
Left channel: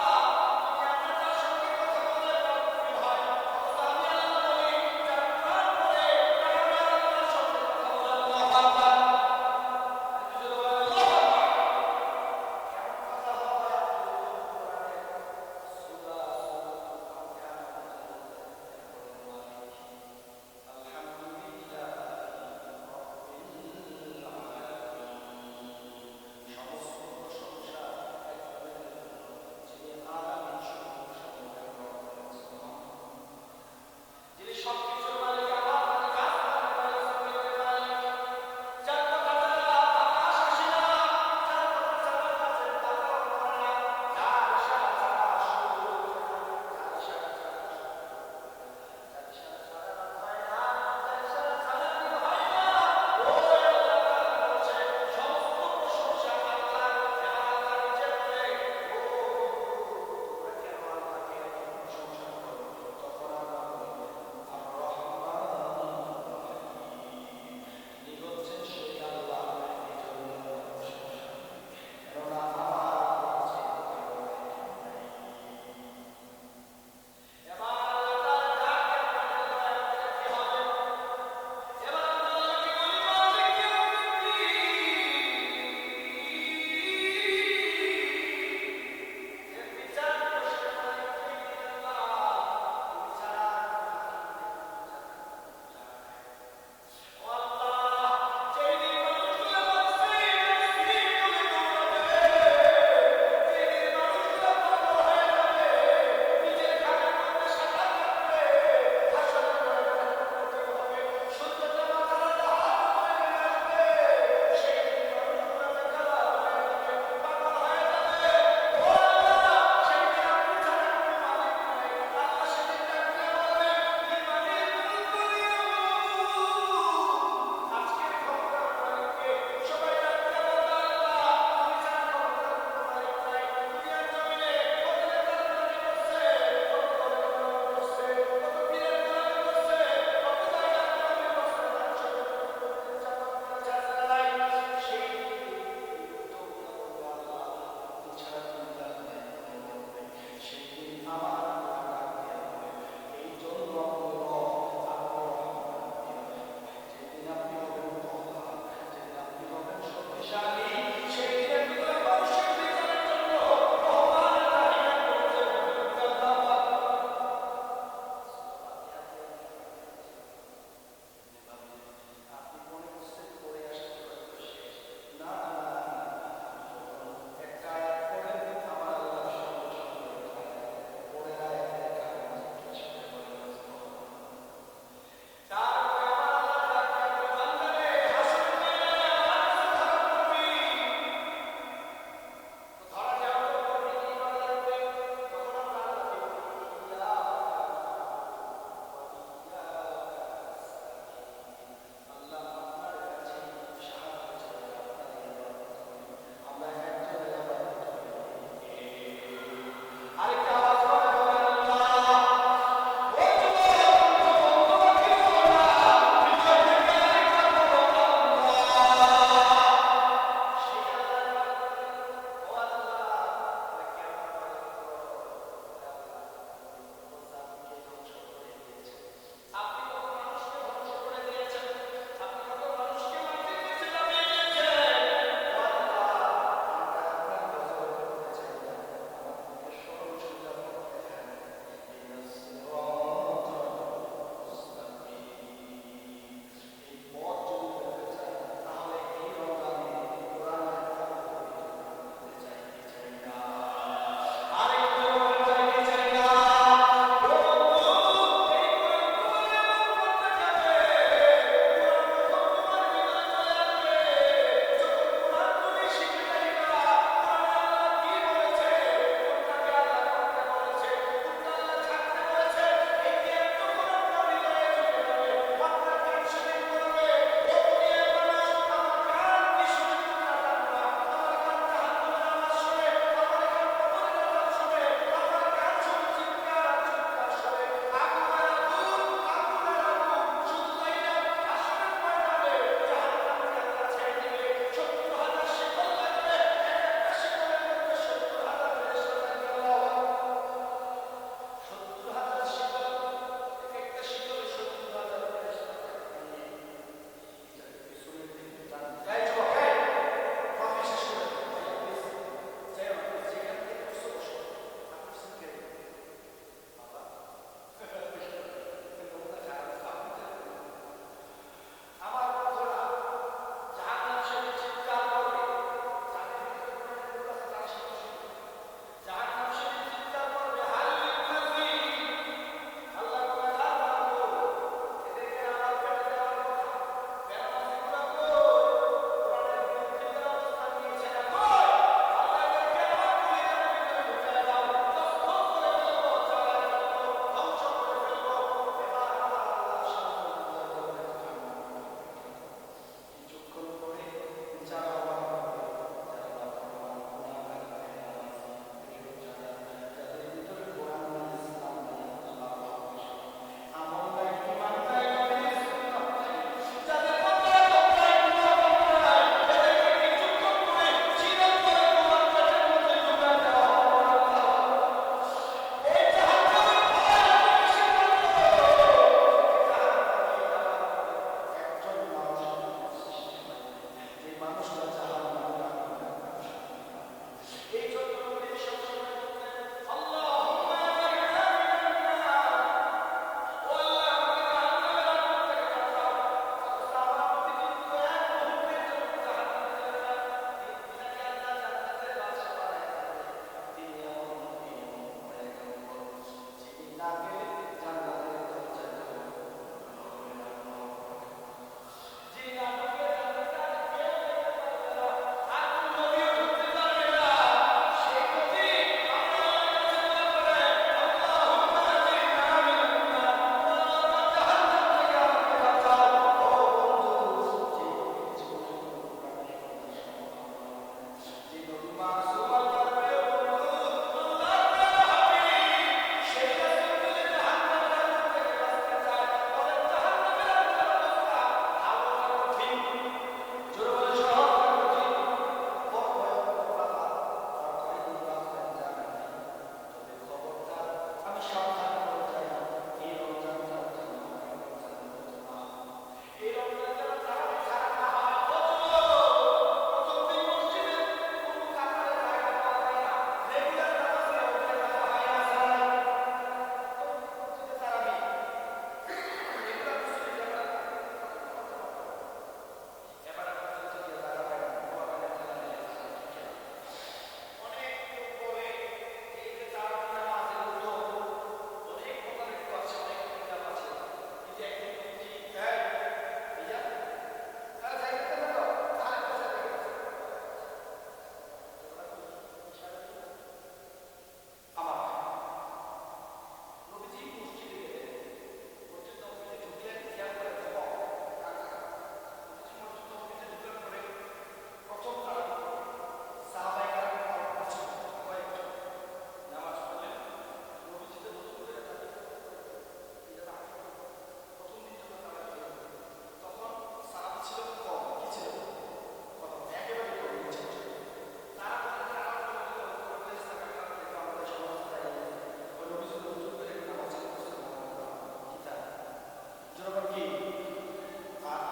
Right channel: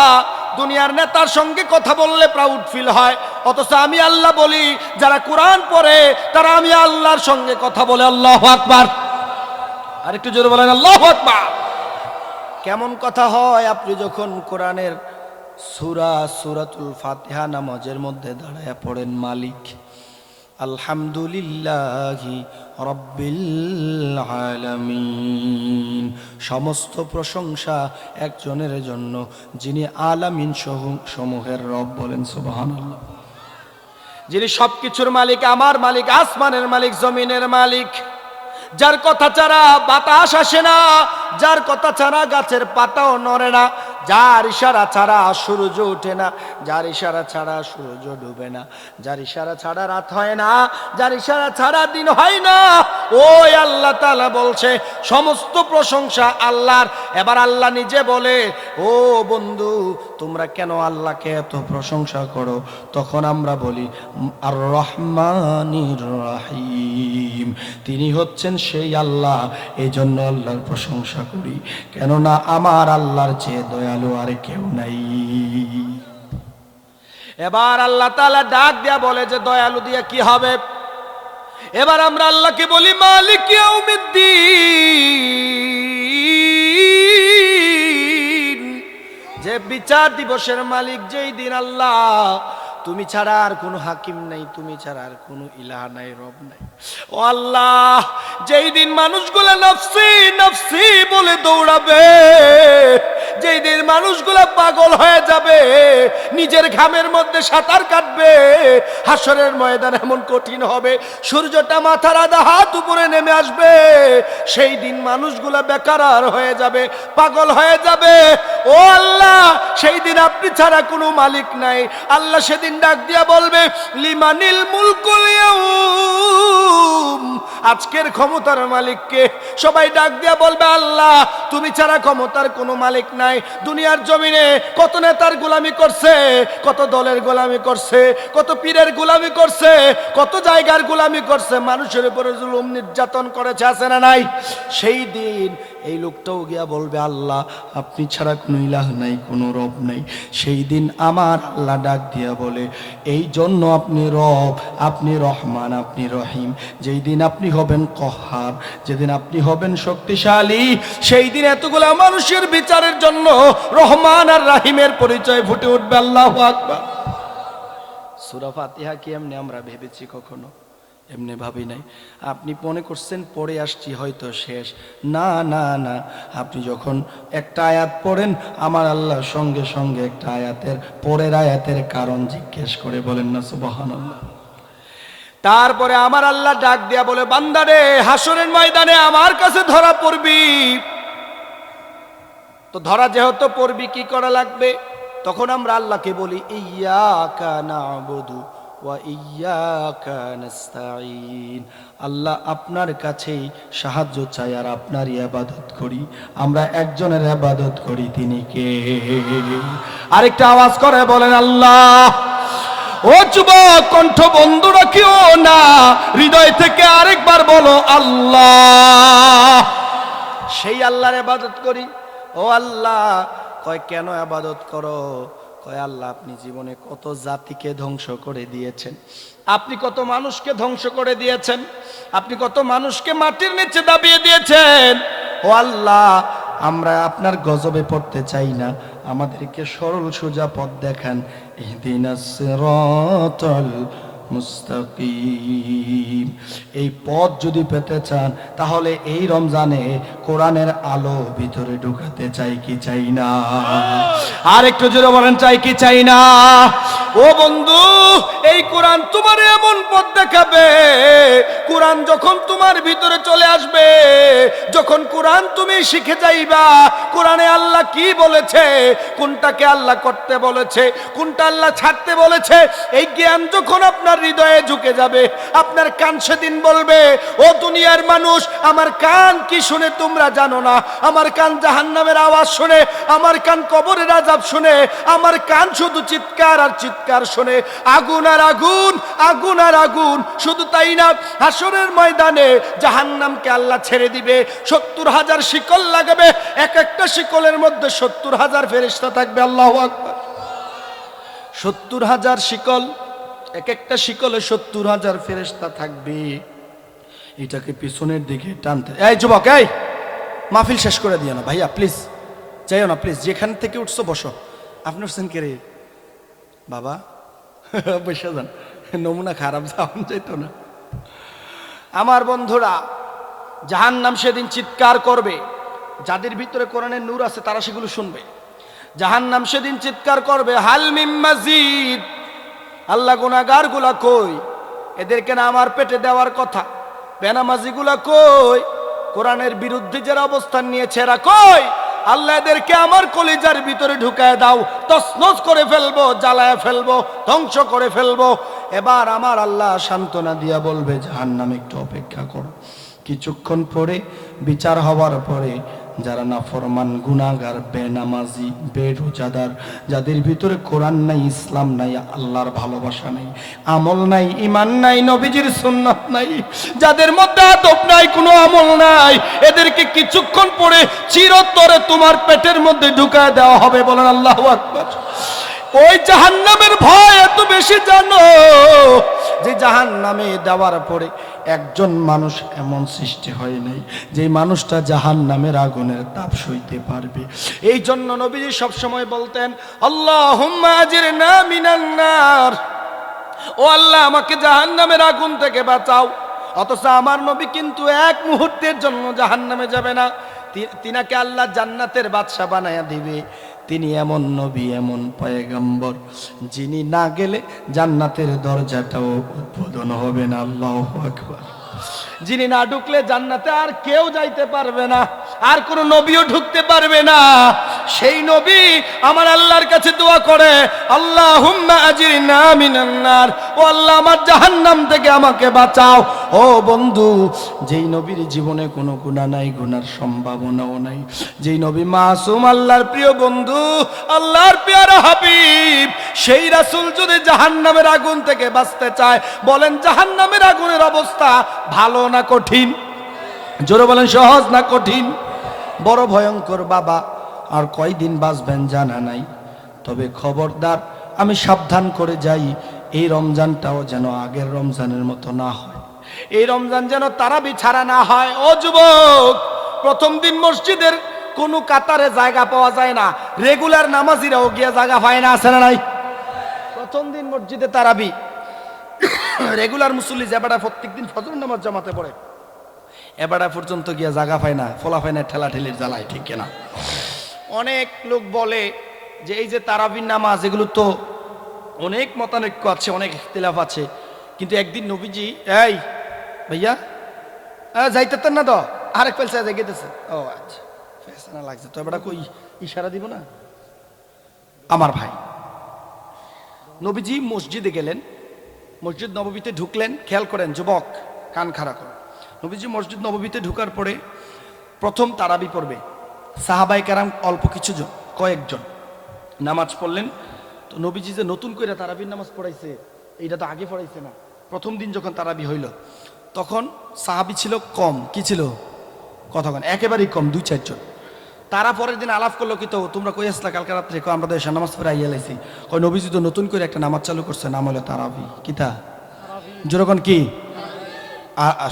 দুনিয়ার নেতার সঙ্গে কথা বললে প্রাউড ফিল হয়, অথচ আমি আল্লাহ বলি, যারা কোরআন পড়ে তারা আমি আল্লাহর সঙ্গে কথা বলে। আল্লাহু আকবার। আর একটু জোরে বলেন আল্লাহু আকবার। কেমন কথা হয় আপনি যখন কোরআনের সূরাতুল ফাতিহা নামাজের মধ্যে দাঁড়ায়া পড়েন, মালিক আলহামদুলিল্লাহি রাব্বিল আলামিন, সমস্ত প্রশংসা একজনের জন্য, যিনি আলামিন সমূহের রব। বলেন সুবহানাল্লাহ। যিনি সবকিছুর মালিক, আমার মালিক, আসমানের মালিক, জমিনের মালিক, যার কথা ছাড়া বাতাস আসে না, যার কথা ছাড়া গাছের পাতাও নড়ে না, যার ইশারা ছাড়া সূর্য ওঠে না, যার ইশারা ছাড়া সূর্য ডুবে না, যার ইশারা ছাড়া রাত হয় না, যার ইশারা ছাড়া দিন হয় না, ওই আল্লাহ তাআলা বলছে সমস্ত প্রশংসা আল্লাহর। এবার আল্লাহ নিজে বলে, ও বন্ধু, তোমরা কেন আল্লাহকে এত প্রশংসা করো? তখন আমরা বলি আর রহমানির রহিম, তিনি হচ্ছেন সেই আল্লাহ, এই জন্য আল্লাহর প্রশংসা করি, কেননা আমার আল্লাহর চেয়ে দয়ালু আর কেউ নাই। এবার আল্লাহ তাআলা ডাক দিয়া বলে যে দয়ালু দিয়ে কি হবে? এবার আমরা আল্লাহকে বলি মালিক ইয়াউমিদ্দিন, যে বিচার দিবসের মালিক যেই দিন আল্লাহ তুমি ছাড়া আর কোনো হাকিম নাই, তুমি ছাড়া আর কোনো ইলাহ নাই, রব নাই। ও আল্লাহ, যেই দিন মানুষগুলা নফসি নফসি বলে দৌড়াবে, যেই দিন মানুষগুলা পাগল হয়ে যাবে, নিজের ঘামের মধ্যে সাঁতার কাটবে, হাসরের ময়দান এমন কঠিন হবে, সূর্যটা মাথার আধা হাত উপরে নেমে আসবে, সেই দিন মানুষগুলা বেকার হয়ে যাবে, পাগল হয়ে যাবে। ও আল্লাহ, সেই দিন আপনি ছাড়া কোনো মালিক নাই। আল্লাহ সেদিন ডাক দিয়া বলবে লিমানিল মুলকুল ইয়াউম, আজকের ক্ষমতার মালিককে? সবাই ডাক দিয়া বলবে আল্লাহ তুমি ছাড়া ক্ষমতার কোনো মালিক নাই। দুনিয়ার জমিনে কত নেতার গোলামি করছে, কত দলের গোলামি করছে, কত পীরের গোলামি করছে, কত জায়গার গোলামি করছে, মানুষের উপরে জুলুম নির্যাতন করেছে, আছে না নাই? সেই দিন এই লোকটাও গিয়া বলবে আল্লাহ আপনি ছাড়া কোনো ইলাহ নাই, কোনো রব নাই। সেই দিন আমার আল্লাহ ডাক দিয়া বলে এই জন্য আপনি রব, আপনি রহমান, আপনি রহিম। যেই দিন আপনি হবেন কহার, যেদিন আপনি হবেন শক্তিশালী, সেই দিন এতগুলা মানুষের বিচারের জন্য রহমান আর রাহিমের পরিচয় ফুটে উঠবে। আল্লাহু আকবার। সূরা ফাতিহা কি এমনি আমরা ভেবেছি কখনো? এমনি ভাবি নাই। আপনি মনে করছেন পড়ে আসছি হয়তো শেষ, না না না, আপনি যখন একটা আয়াত পড়েন আমার আল্লাহ সঙ্গে সঙ্গে একটা আয়াতের পরের আয়াতের কারণ জিজ্ঞেস করে, বলেন না সুবহানাল্লাহ। তারপরে আমার আল্লাহ ডাক দিয়া বলে বান্দারে হাসরের ময়দানে আমার কাছে ধরা পড়বি। তো ধরা যেহেতু পড়বি কি করা লাগবে? তখন আমরা আল্লাহকে বলি ইয়্যাকা না'বুদু ওয়া ইয়্যাকা নাস্তাঈন, আল্লাহ আপনার কাছেই সাহায্য চাই আর আপনারই ইবাদত করি। আমরা একজনের ইবাদত করি, তিনি কে? আরেকটা আওয়াজ করে বলেন আল্লাহ। ও যুবক, কণ্ঠ বন্ধ রাখিও না, হৃদয় থেকে আরেকবার বলো আল্লাহ। সেই আল্লাহর ইবাদত করি। ও আল্লাহ, কয় কেন ইবাদত করো? কয় আল্লাহ আপনি জীবনে কত জাতিকে ধ্বংস করে দিয়েছেন, আপনি কত মানুষকে ধ্বংস করে দিয়েছেন, আপনি কত মানুষকে মাটির নিচে দাবিয়ে দিয়েছেন। ও আল্লাহ, আমরা আপনার গজবে পড়তে চাই না, আমাদেরকে সরল সোজা পথ দেখান। ইহদিনাস সিরাতাল মুস্তাকিম। এই পথ যদি পেতে চান তাহলে এই রমজানে কোরআনের আলো ভিতরে ঢুকাতে চাই কি চাই না? আর একটু জোরে বলেন চাই কি চাই না? ও বন্ধু, এই কোরআন তোমার এমন পথ দেখাবে, কোরআন যখন তোমার ভিতরে চলে আসবে, যখন কোরআন তুমি শিখে যাইবা কোরআনে আল্লাহ কি বলেছে, কোনটাকে আল্লাহ করতে বলেছে, কোনটা আল্লাহ ছাড়তে বলেছে, এই জ্ঞান যখন আপনার হৃদয়ে ঝুঁকে যাবে, আপনার কান সেদিন বলবে ও দুনিয়ার মানুষ, আমার কান কি শুনে তোমরা জানো না? আমার কান জাহান্নামের আওয়াজ শুনে, আমার কান কবরের আযাব শুনে, আমার কান শুধু চিৎকার আর চিৎকার শুনে, আগুন আর আগুন, আগুন আর আগুন। শুধু তাই না, হাসরের ময়দানে জাহান্নামকে আল্লাহ ছেড়ে দিবে, ৭০,০০০ শিকল লাগাবে, এক একটা শিকলের মধ্যে ৭০,০০০ ফেরেশতা থাকবে। আল্লাহু আকবার। ৭০,০০০ শিকল, এক একটা শিকলে ৭০,০০০ ফেরেশতা থাকবে। এটাকে পিছনের দিকে টানতে, এই যুবক, এই মাহফিল শেষ করে দিও না ভাইয়া, প্লিজ যাইও না, প্লিজ। যেখান থেকে উঠছো বসো। আপনি উঠছেন কে রে বাবা? বসে যান, নমুনা খারাপ, যাওয়া যেত না। আমার বন্ধুরা, জাহান্নাম সেদিন চিৎকার করবে। যাদের ভিতরে কোরআনের নূর আছে তারা সেগুলো শুনবে। জাহান্নাম সেদিন চিৎকার করবে হাল মিম মাজিদ। আল্লাহ, গুনাহগার গুলা কই? এদেরকে না আমার পেটে দেওয়ার কথা। বেনামাজি গুলা কই? কোরআনের বিরুদ্ধে যারা অবস্থান নিয়েছে এরা কই? আল্লাহ, এদেরকে আমার কলিজার ভিতরে ঢুকায় দাও, তছনছ করে ফেলবো, জ্বালায় ফেলবো, ধ্বংস করে ফেলবো। এবার আমার আল্লাহ সান্ত্বনা দিয়া বলবে জাহান্নাম একটু অপেক্ষা করো, কিছুক্ষণ পরে বিচার হওয়ার পরে যারা নাফরমান, গুনাহগার, বেনামাজি, বেরোজাদার, যাদের ভিতরে কোরআন নাই, ইসলাম নাই, আল্লাহর ভালোবাসা নাই, আমল নাই, ঈমান নাই, নবীজির সুন্নাত নাই, যাদের মধ্যে আদব নাই, কোনো আমল নাই, এদেরকে কিছুক্ষণ পরে চিরতরে তোমার পেটের মধ্যে ঢুকায় দেওয়া হবে। বলেন আল্লাহু আকবার। ওই জাহান্নামের ভয় এত বেশি জানো যে জাহান্নামে দেওয়ার পরে একজন মানুষ এমন সৃষ্টি হয় নাই যে মানুষটা জাহান্নামের আগুনের তাপ সইতে পারবে। এই জন্য নবীজি সবসময় বলতেন, আল্লাহুম্মা আজিরনা মিনান নার, ও আল্লাহ আমাকে জাহান্নামের আগুন থেকে বাঁচাও। অথচ আমার নবী কিন্তু এক মুহূর্তের জন্য জাহান্নামে যাবে না, তিনাকে আল্লাহ জান্নাতের বাদশা বানায়া দিবে। তিনি এমন নবী, এমন পয়গম্বর, যিনি না গেলে জান্নাতের দরজাটাও উদ্বোধন হবে না। আল্লাহু আকবার। যিনি না ঢুকলে জান্নাতে আর কেউ যাইতে পারবে না, আর কোন নবীও ঢুকতে পারবে না। সেই নবী আমার আল্লাহর কাছে দোয়া করে, আল্লাহুম্মা আজিরনা মিনান নার, ও আল্লাহ আমার জাহান্নাম থেকে আমাকে বাঁচাও। ও বন্ধু, যেই নবীর জীবনে কোনো গুনাহ নাই, গুনার সম্ভাবনাও নাই, যেই নবী মাসুম, আল্লাহর প্রিয় বন্ধু, আল্লাহর পেয়ারা হাবিব, সেই রাসূল যদি জাহান্নামের আগুন থেকে বাঁচতে চায়, বলেন জাহান্নামের আগুনের অবস্থা ভালো না কঠিন? জোরে বলেন, সহজ না কঠিন? বড় ভয়ঙ্কর বাবা। আর কয়দিন বাঁচবেন জানা নাই, তবে খবরদার আমি সাবধান করে যাই, এই রমজানটাও যেন আগের রমজানের মতো না হয়, এই রমজান যেন তারাবি ছাড়া না হয়। ও যুবক, প্রথম দিন মসজিদের কোনো কাতারে জায়গা পাওয়া যায় না, রেগুলার নামাজিরাও গিয়া জায়গা পায় না, আছে না নাই? প্রথম দিন মসজিদে তারাবি, রেগুলার মুসল্লি যেবাটা প্রত্যেকদিন ফজর নামাজ জামাতে পড়ে, এবারে পর্যন্ত গিয়া জায়গা পায় না, ফোলা পায় না, ঠেলা ঠেলির জ্বালায়, ঠিক কিনা? অনেক লোক বলে যে এই যে তারাবির নামাজ, এগুলো তো অনেক মতানৈক্য আছে, অনেক ইখতিলাফ আছে, কিন্তু একদিন নবীজি, এই ভাইয়া যাইতেন না তো, আরেক পেলসা গেতেছে, ও আচ্ছা ফেসনা লাগছে তো, এবারে কই ইশারা দিব না? আমার ভাই, নবীজি মসজিদে গেলেন, মসজিদ নববীতে ঢুকলেন। খেয়াল করেন যুবক, কান খাড়া করেন। নবীজি মসজিদ নববীতে ঢুকার পরে প্রথম তারাবি পড়বে, সাহাবায়ে কেরাম অল্প কিছু জন, কয়েকজন নামাজ পড়লেন। তো নবীজি যে নতুন করে তারাবির নামাজ পড়াইছে, এইটা তো আগে পড়াইছে না। প্রথম দিন যখন তারাবি হইল, তখন সাহাবি ছিল কম, কি ছিল? কতক্ষণ? একেবারেই কম, 2-4 জন। তারা পরের দিন আলাপ করলো, কি তো তোমরা কই আসলা কালকে রাত্রে? আমরা তো এসে নামাজ পড়ে আইয়া লাইছি। কই নবীজি তো নতুন করে একটা নামাজ চালু করছে, নাম হলো তারাবি। কিতা? যেরকম কি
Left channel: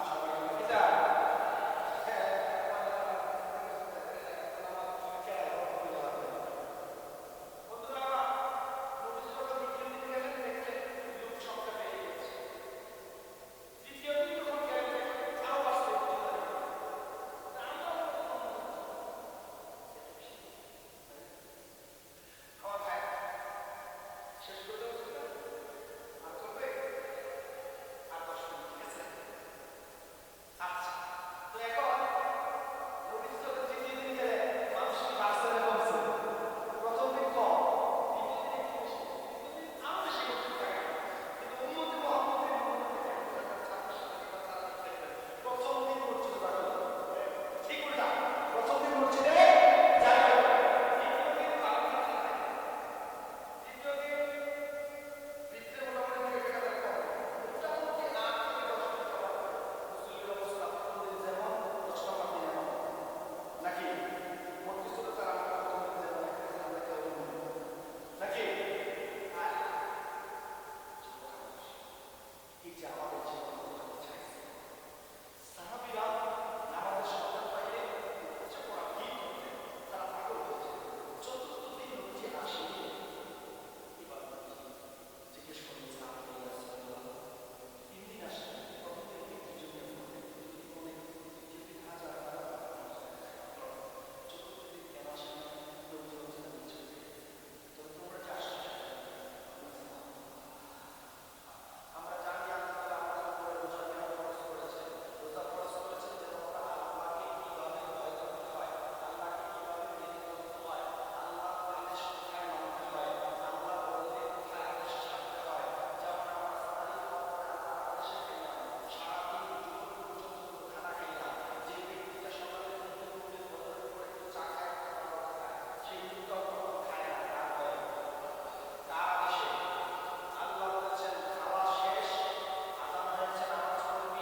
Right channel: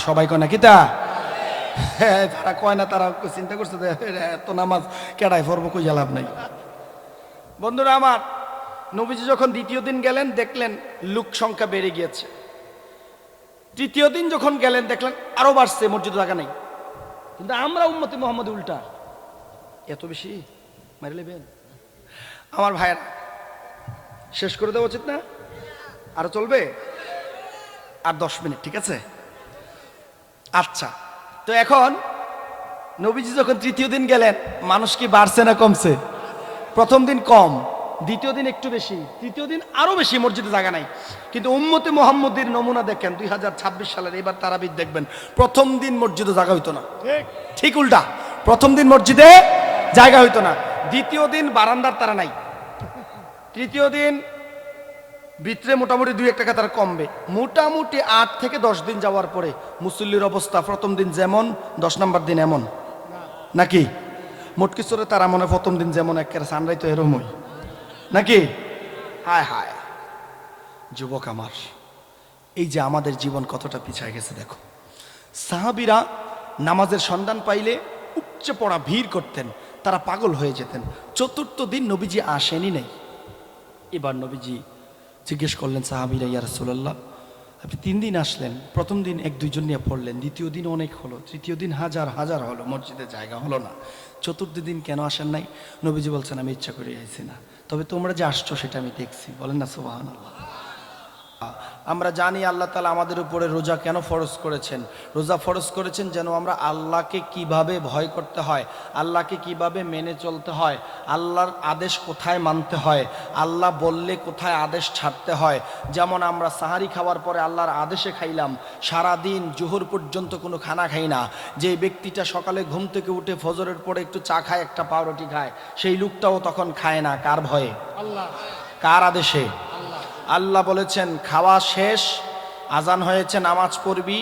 সবাই কয় না কিতা? হ্যাঁ, তারা কয় না, তারা চিন্তা করছে এত নামাজ কেডায় পড়বো, কই লাভ নাই। বন্ধুরা আমার, নবীজি যখন দ্বিতীয় দিন গেলেন, দেখলেন লোক সংখ্যা বেড়ে গিয়েছে। তৃতীয় দিন যখন গেলেন, দেখলেন আরো বাড়ছে, মসজিদে জায়গা নেই। কিন্তু আমরা উম্মতে মুহাম্মদ উল্টা, এত বেশি মারি লেবেন। আমার ভাইয়ের শেষ করে দেওয়া উচিত না? আরো চলবে আর 10 মিনিট, ঠিক আছে? আচ্ছা, তো এখন নবীজি যখন তৃতীয় দিন গেলেন, মানুষ কি বাড়ছে না কমছে? প্রথম দিন কম, দ্বিতীয় দিন একটু বেশি, তৃতীয় দিন আরো বেশি, মসজিদে জায়গা নাই। কিন্তু উম্মতে মুহাম্মদের নমুনা দেখেন, 2026 সালের এবার তারাবির দেখবেন, প্রথম দিন মসজিদে জায়গা হইতো না, ঠিক উল্টা। প্রথম দিন মসজিদে জায়গা হইতো না, দ্বিতীয় দিন বারান্দার তারা নাই, তৃতীয় দিন ভিতরে মোটামুটি 2-1 টাকা তারা কমবে। মোটামুটি 8 থেকে 10 দিন যাওয়ার পরে মুসল্লির অবস্থা প্রথম দিন যেমন, 10 নম্বর দিন এমন, নাকি? মোটকিশোরে তারা মনে প্রথম দিন যেমন, একেবারে সানরাই তো এরমই, নাকি? হায় হায় যুবক আমার, এই যে আমাদের জীবন কতটা পিছায় গেছে দেখো। সাহাবীরা নামাজের সন্ধান পাইলে উপচে পড়া ভিড় করতেন, তারা পাগল হয়ে যেতেন। চতুর্থ দিন নবীজি আসেনি নাই। এবার নবীজি জিজ্ঞেস করলেন সাহাবীরা, ইয়া রাসূলুল্লাহ, আপনি 3 দিন আসলেন, প্রথম দিন 1-2 জন নিয়ে পড়লেন, দ্বিতীয় দিন অনেক হলো, তৃতীয় দিন হাজার হাজার হলো, মসজিদে জায়গা হলো না, চতুর্থ দিন কেন আসেন নাই? নবীজি বলছেন, আমি ইচ্ছা করে আইছি না, তবে তোমরা যে আসছো সেটা আমি দেখছি। বলেন না সুবহানাল্লাহ। আমরা জানি আল্লাহ তাআলা আমাদের উপরে রোজা কেন ফরজ করেছেন। রোজা ফরজ করেছেন যেন আমরা আল্লাহকে কিভাবে ভয় করতে হয়, আল্লাহকে কিভাবে মেনে চলতে হয়, আল্লাহর আদেশ কোথায় মানতে হয়, আল্লাহ বললে কোথায় আদেশ ছাড়তে হয়। যেমন আমরা সাহারি খাওয়ার পরে আল্লাহর আদেশে খাইলাম, সারাদিন জোহর পর্যন্ত কোনো খানা খাই না। যে ব্যক্তিটা সকালে ঘুম থেকে উঠে ফজরের পরে একটু চা খায়, একটা পাউরুটি খায়, সেই লোকটাও তখন খায় না। কার ভয়ে? আল্লাহ। কার আদেশে? আল্লাহ বলেছেন খাওয়া শেষ, আজান হয়েছে, নামাজ পড়বি,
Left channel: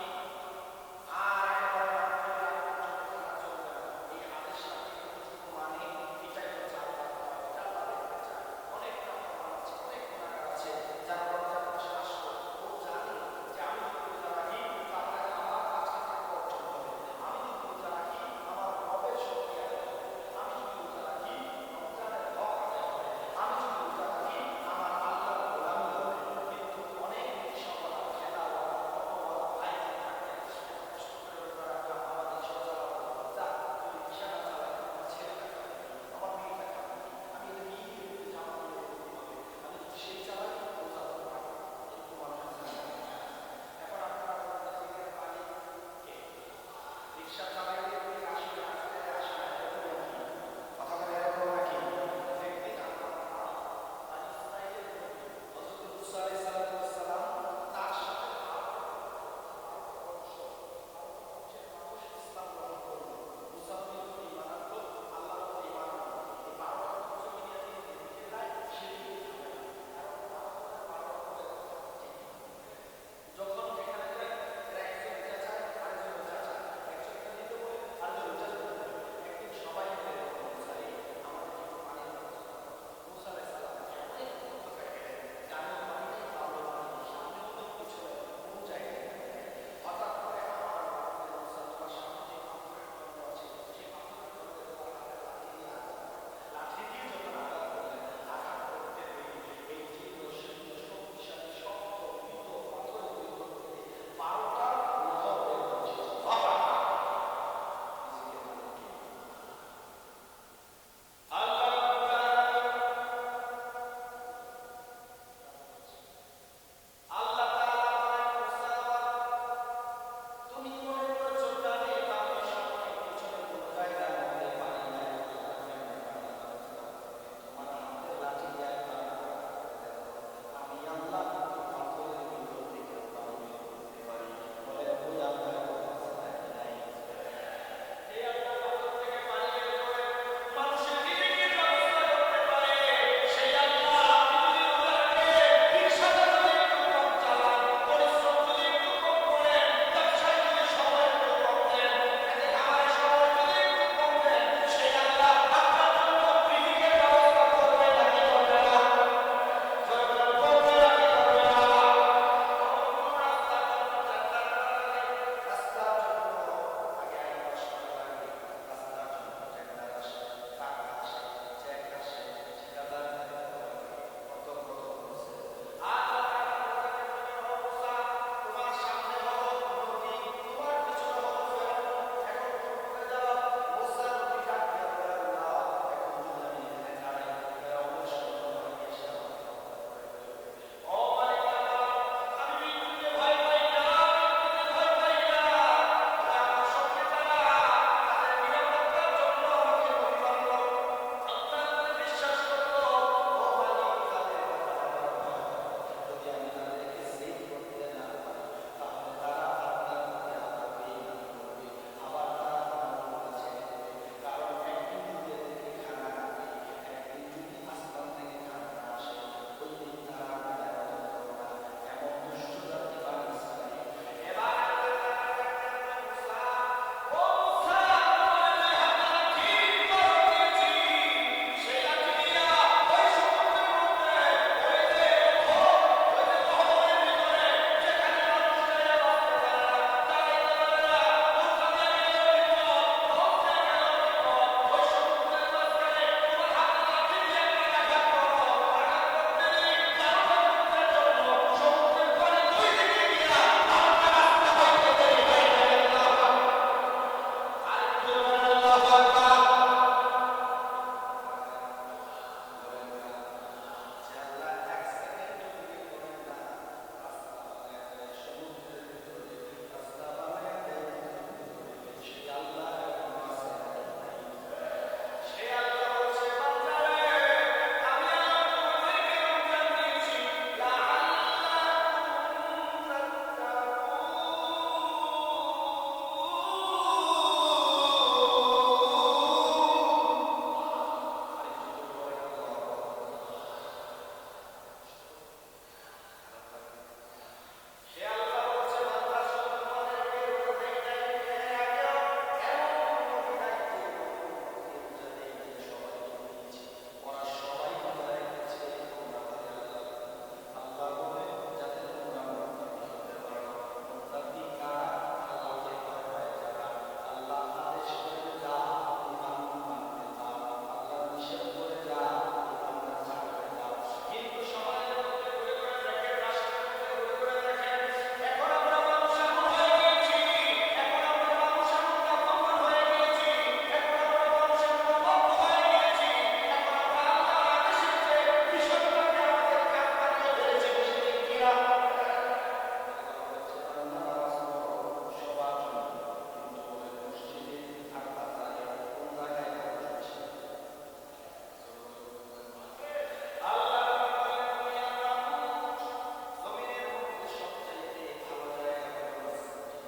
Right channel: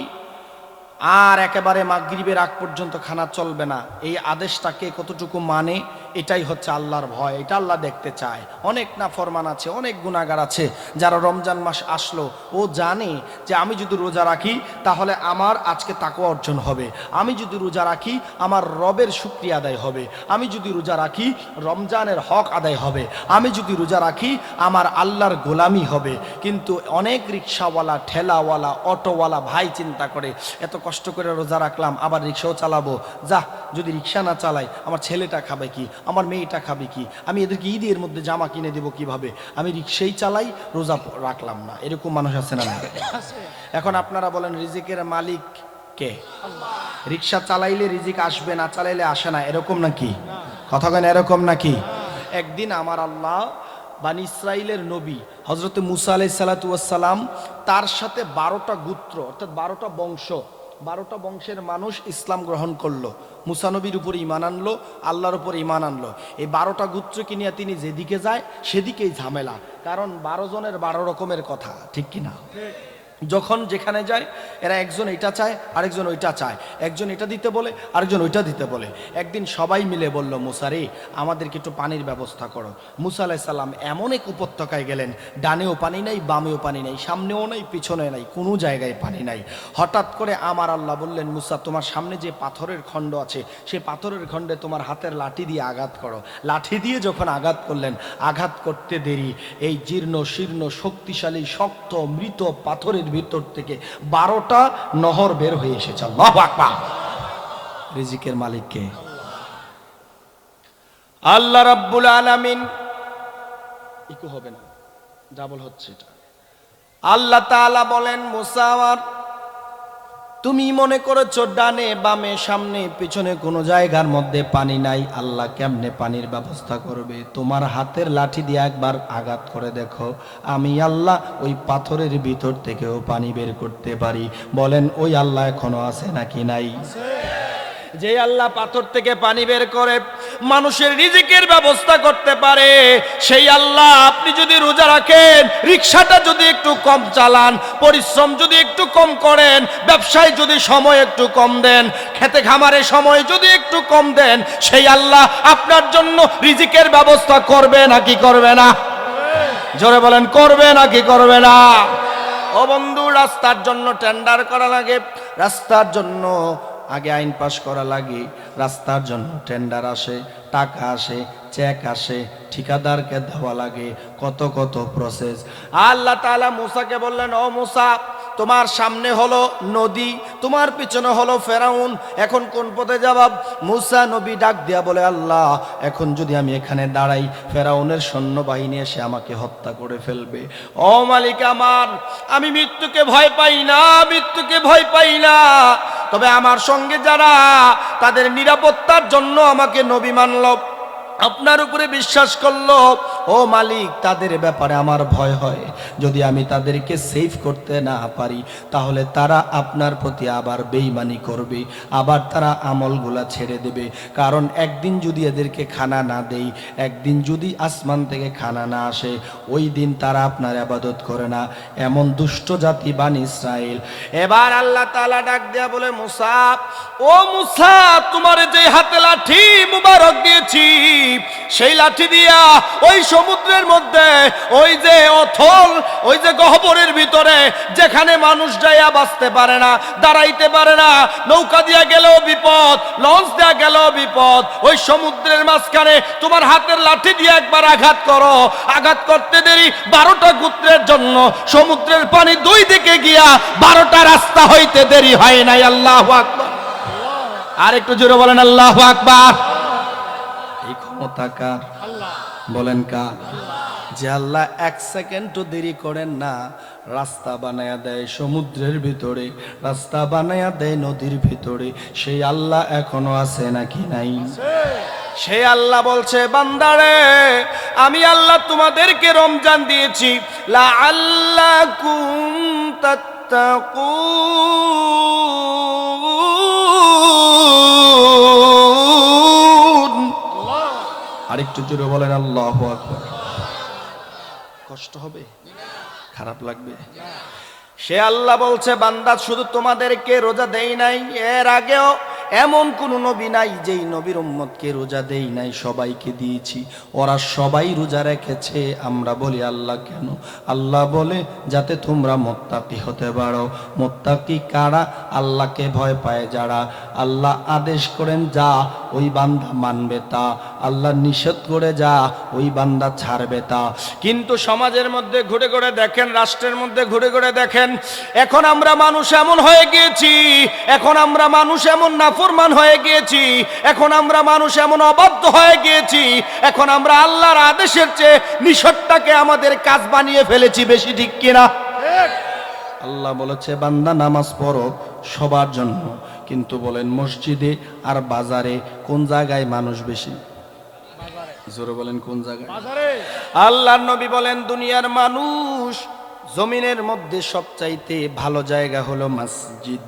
আর একেবারে মাগরিবের আগ পর্যন্ত খানা চলবে না। এই আদেশটাকে কতটুকু মানে, এটাই হচ্ছে আল্লাহর ভয়, এটা আল্লাহ দেখতে চায়। অনেক নাফরমান আছে, অনেক গুনাহগার আছে যারা রমজান মাস আসলো ও জানে যে আমি যদি রোজা রাখি তাহলে আমার আজকে তাকওয়া অর্জন হবে, আমি যদি রোজা রাখি আমার রবের শুকরিয়া আদায় হবে, আমি যদি রোজা রাখি রমজানের হক আদায় হবে, আমি যদি রোজা রাখি আমার আল্লাহর গোলামি হবে। কিন্তু অনেক রিক্সাওয়ালা, ঠেলাওয়ালা, অটোওয়ালা ভাই চিন্তা করে এত কষ্ট করে রোজা রাখলাম আবার রিক্সাও চালাবো, যা যদি রিক্সা না চালাই আমার ছেলেটা খাবে কি, আমার মেয়েটা খাবে কি, আমি এদেরকে ঈদের মধ্যে জামা কিনে দেবো কিভাবে, আমি রিক্সাই চালাই রোজা রাখলাম না। এরকম মানুষ আছে না? এখন আপনারা বলেন রিজিকের মালিক কে? রিক্সা চালাইলে রিজিক আসবে, না চালাইলে আসে না, এরকম নাকি? কথা কেন এরকম নাকি? একদিন আমার আল্লাহ বানি ইসরাইলের নবী হযরত মুসা আলাইহিস সালাতু ওয়াস সালাম তার সাথে 12টা গোত্র অর্থাৎ 12টা বংশ, 12টা বংশের মানুষ ইসলাম গ্রহণ করলো, মুসা নবীর উপরে ঈমান আনলো, আল্লাহর উপরে ঈমান আনলো। এই 12টা গোত্রকে নিয়ে তিনি যেদিকে যায় সেদিকেই ঝামেলা, কারণ 12 জনের 12 রকমের কথা, ঠিক কিনা? যখন যেখানে যায় এরা একজন এটা চায় আরেকজন ওইটা চায়, একজন এটা দিতে বলে আরেকজন ওইটা দিতে বলে। একদিন সবাই মিলে বলল, মুসা রে আমাদেরকে একটু পানির ব্যবস্থা করো। মুসা আলাইহিস সালাম এমন এক উপত্যকায় গেলেন, ডানেও পানি নাই, বামেও পানি নাই, সামনেও নাই, পিছনে নাই, কোনো জায়গায় পানি নাই। হঠাৎ করে আমার আল্লাহ বললেন, মুসা তোমার সামনে যে পাথরের খণ্ড আছে সেই পাথরের খণ্ডে তোমার হাতের লাঠি দিয়ে আঘাত করো। লাঠি দিয়ে যখন আঘাত করলেন, আঘাত করতে দেরি এই জীর্ণ শীর্ণ শক্তিশালী শক্ত মৃত পাথরের ভিতর থেকে 12টা নহর বের হয়ে এসেছে। আল্লাহু আকবার। রিজিকের মালিক কে? আল্লাহ রাব্বুল আলামিন। ইকো হবে না, ডাবল হচ্ছে এটা। আল্লাহ তাআলা বলেন, মুসা তুমি মনে করেছো ডানে বামে সামনে পিছনে কোনো জায়গার মধ্যে পানি নাই, আল্লাহ কেমনে পানির ব্যবস্থা করবে? তোমার হাতের লাঠি দিয়ে একবার আঘাত করে দেখো, আমি আল্লাহ ওই পাথরের ভিতর থেকেও পানি বের করতে পারি। বলেন ওই আল্লাহ এখনো আছে নাকি নাই? যে আল্লাহ পাথর থেকে পানি বের করে মানুষের রিজিকের ব্যবস্থা করতে পারে, সেই আল্লাহ আপনি যদি রোজা রাখেন, রিক্সাটা যদি একটু কম চালান, পরিশ্রম যদি একটু কম করেন, ব্যবসায় যদি সময় একটু কম দেন, খেতে খামারে সময় যদি একটু কম দেন, সেই আল্লাহ আপনার জন্য রিজিকের ব্যবস্থা করবে নাকি করবে না? জোরে বলেন, করবে নাকি করবে না? ও বন্ধু, রাস্তার জন্য টেন্ডার করা লাগে, রাস্তার জন্য আগে আইন পাস করা লাগে, রাস্তার জন্য টেন্ডার আসে, টাকা আসে, চেক আসে, ঠিকাদারকে দেওয়া লাগে, কত কত প্রসেস। আল্লাহ তাআলা মুসাকে বললেন, ও মুসা তোমার সামনে হলো নদী, তোমার পিছনে হলো ফেরাউন, এখন কোন পথে যাবা? মুসা নবী ডাক দিয়া বলে, আল্লাহ এখন যদি আমি এখানে দাঁড়াই ফেরাউনের সৈন্যবাহিনী এসে আমাকে হত্যা করে ফেলবে। ও মালিক আমার, আমি মৃত্যুকে ভয় পাই না, মৃত্যুকে ভয় পাই না, তবে আমার সঙ্গে যারা তাদের নিরাপত্তার জন্য আমাকে নবী মানল, আপনার উপরে বিশ্বাস করলো, ও মালিক তাদের ব্যাপারে আমার ভয় হয়, যদি আমি তাদেরকে সেভ করতে না পারি তাহলে তারা আপনার প্রতি আবার বেঈমানি করবে, আবার তারা আমলগুলা ছেড়ে দেবে। কারণ একদিন যদি এদেরকে খানা না দেই, একদিন যদি আসমান থেকে খানা না আসে, ওই দিন তারা আপনার ইবাদত করে না। এমন দুষ্ট জাতি বানি ইসরাইল। এবার আল্লাহ তাআলা ডাক দেয়া বলে, মুসা ও মুসা, তোমার যে হাতে লাঠি মুবারক দিয়েছি সেই লাঠি দিয়া ওই সমুদ্রের মধ্যে, ওই যে অথল, ওই যে গহ্বরের ভিতরে যেখানে মানুষ যাইয়া বাঁচতে পারে না, দাঁড়াইতে পারে না, নৌকা দিয়া গেলেও বিপদ, লঞ্চ দিয়া গেলেও বিপদ, ওই সমুদ্রের মাঝখানে তোমার হাতের লাঠি দিয়ে একবার আঘাত করো। আঘাত করতে দেরি 12টা গোত্রের জন্য সমুদ্রের পানি দুই দিকে গিয়া 12টা রাস্তা হইতে দেরি হয় নাই। আল্লাহু আকবার। আর একটু জোরে বলেন আল্লাহু আকবার। এই ক্ষমতা কার? বলেন কার? যে আল্লাহ 1 সেকেন্ডও দেরি করেন না, রাস্তা বানায়া দেয় সমুদ্রের ভিতরে, রাস্তা বানায়া দেয় নদীর ভিতরে, সেই আল্লাহ এখনো আছে নাকি নাই? সেই আল্লাহ বলছে, বান্দারে আমি আল্লাহ তোমাদেরকে রমজান দিয়েছি লাআল্লাকুম তাত্তাকুন। আরেকটু জোরে বলেন আল্লাহু আকবার। কষ্ট হবে? খারাপ লাগবে? সে আল্লাহ বলছে, বান্দা শুধু তোমাদেরকে রোজা দেই নাই, এর আগেও এমন কোন নবী নাই যেই নবীর উম্মতকে রোজা দেই নাই, সবাইকে দিয়েছি। ওরা সবাই রোজা রেখেছে। আমরা বলি আল্লাহ কেন? আল্লাহ বলে যাতে তোমরা মুত্তাকি হতে পারো। মুত্তাকি কারা? আল্লাহকে ভয় পায় যারা। আল্লাহ আদেশ করেন যা, ওই বান্দা মানবে তা। আল্লাহ নিষেধ করে যা, ওই বান্দা ছাড়বে তা। কিন্তু সমাজের মধ্যে ঘুরে ঘুরে দেখেন, রাষ্ট্রের মধ্যে ঘুরে ঘুরে দেখেন, এখন আমরা মানুষ এমন হয়ে গিয়েছি, এখন আমরা মানুষ এমন নাফরমান হয়ে গিয়েছি, এখন আমরা মানুষ এমন অবাধ্য হয়ে গিয়েছি, এখন আমরা আল্লাহর আদেশের চেয়ে নিষেধটাকে আমাদের কাজ বানিয়ে ফেলেছি। বেশি ঠিক কিনা? আল্লাহ বলেছে বান্দা নামাজ পড়ো সবার জন্য, কিন্তু বলেন মসজিদে আর বাজারে কোন জায়গায় মানুষ বেশি? জোরে বলেন কোন জায়গায়? আল্লাহর নবী বলেন দুনিয়ার মানুষ জমিনের মধ্যে সবচাইতে ভালো জায়গা হলো মসজিদ,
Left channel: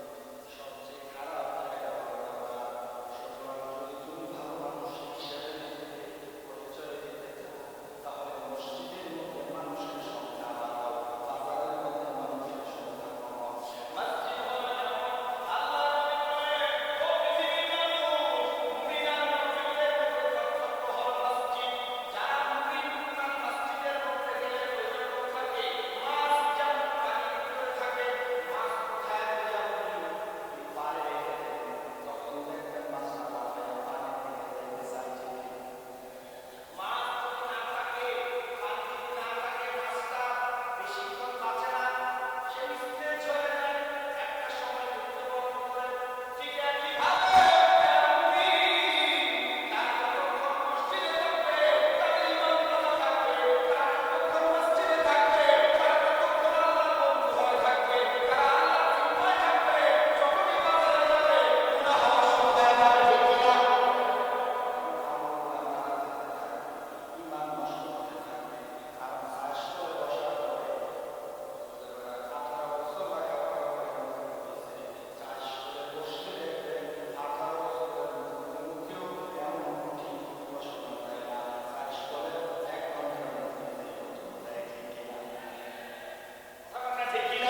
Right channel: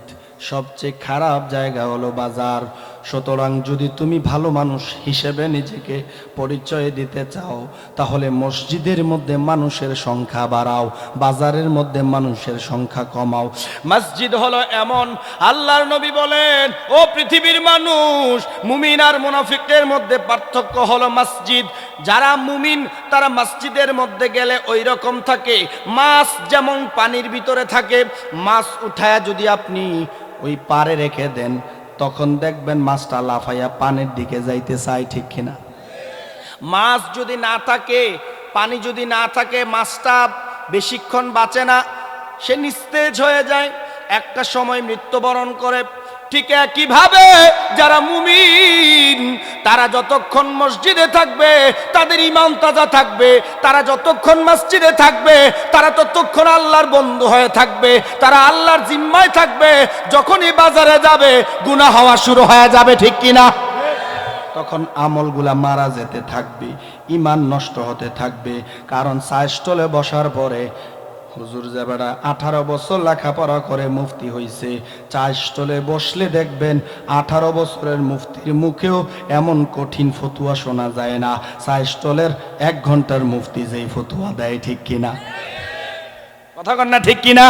সবচেয়ে খারাপ জায়গা হলো বাজার। সুতরাং যদি তুমি ভালো মানুষ হিসেবে নিজেকে পরিচয় দিতে চাও, তাহলে মসজিদের মধ্যে মানুষের সংখ্যা বাড়াও, বাজারের মধ্যে মানুষের সংখ্যা কমাও। মসজিদ হলো এমন, আল্লাহর নবী বলেন ও পৃথিবীর মানুষ, মুমিন আর মুনাফিকের মধ্যে পার্থক্য হলো মসজিদ। যারা মুমিন তারা মসজিদের মধ্যে গেলে ওই রকম থাকে, মাছ যেমন পানির ভিতরে থাকে, মাছ উঠায়া যদি আপনি ওই পারে রেখে দেন, তখন দেখবেন মাছটা লাফাইয়া পানির দিকে যাইতে চায়। ঠিক কিনা? মাছ যদি না থাকে, পানি যদি না থাকে, মাছটা বেশিক্ষণ বাঁচে না, সে নিস্তেজ হয়ে যায়, একটা সময় মৃত্যুবরণ করে। ঠিক একইভাবে যারা মুমিন তারা যতক্ষণ মসজিদে থাকবে তাদের ঈমান তাজা থাকবে, তারা যতক্ষণ মসজিদে থাকবে তারা ততক্ষণ আল্লাহর বন্ধু হয়ে থাকবে, তারা আল্লাহর জিম্মায় থাকবে। যখনই বাজারে যাবে গুনাহ হওয়া শুরু হয়ে যাবে। ঠিক কিনা? তখন আমলগুলা মারা যেতে থাকবে, ঈমান নষ্ট হতে থাকবে। কারণ চায়ের বসার পরে হুজুর যাবেরা 18 বছর লেখাপড়া করে মুফতি হইছে, চায়ের স্টলে বসলে দেখবেন 18 বছরের মুফতির মুখেও এমন কঠিন ফতুয়া শোনা যায় না, চায়ের স্টলের 1 ঘন্টার মুফতি যেই ফতুয়া দেয়। ঠিক কিনা? কথা কন না ঠিক কিনা?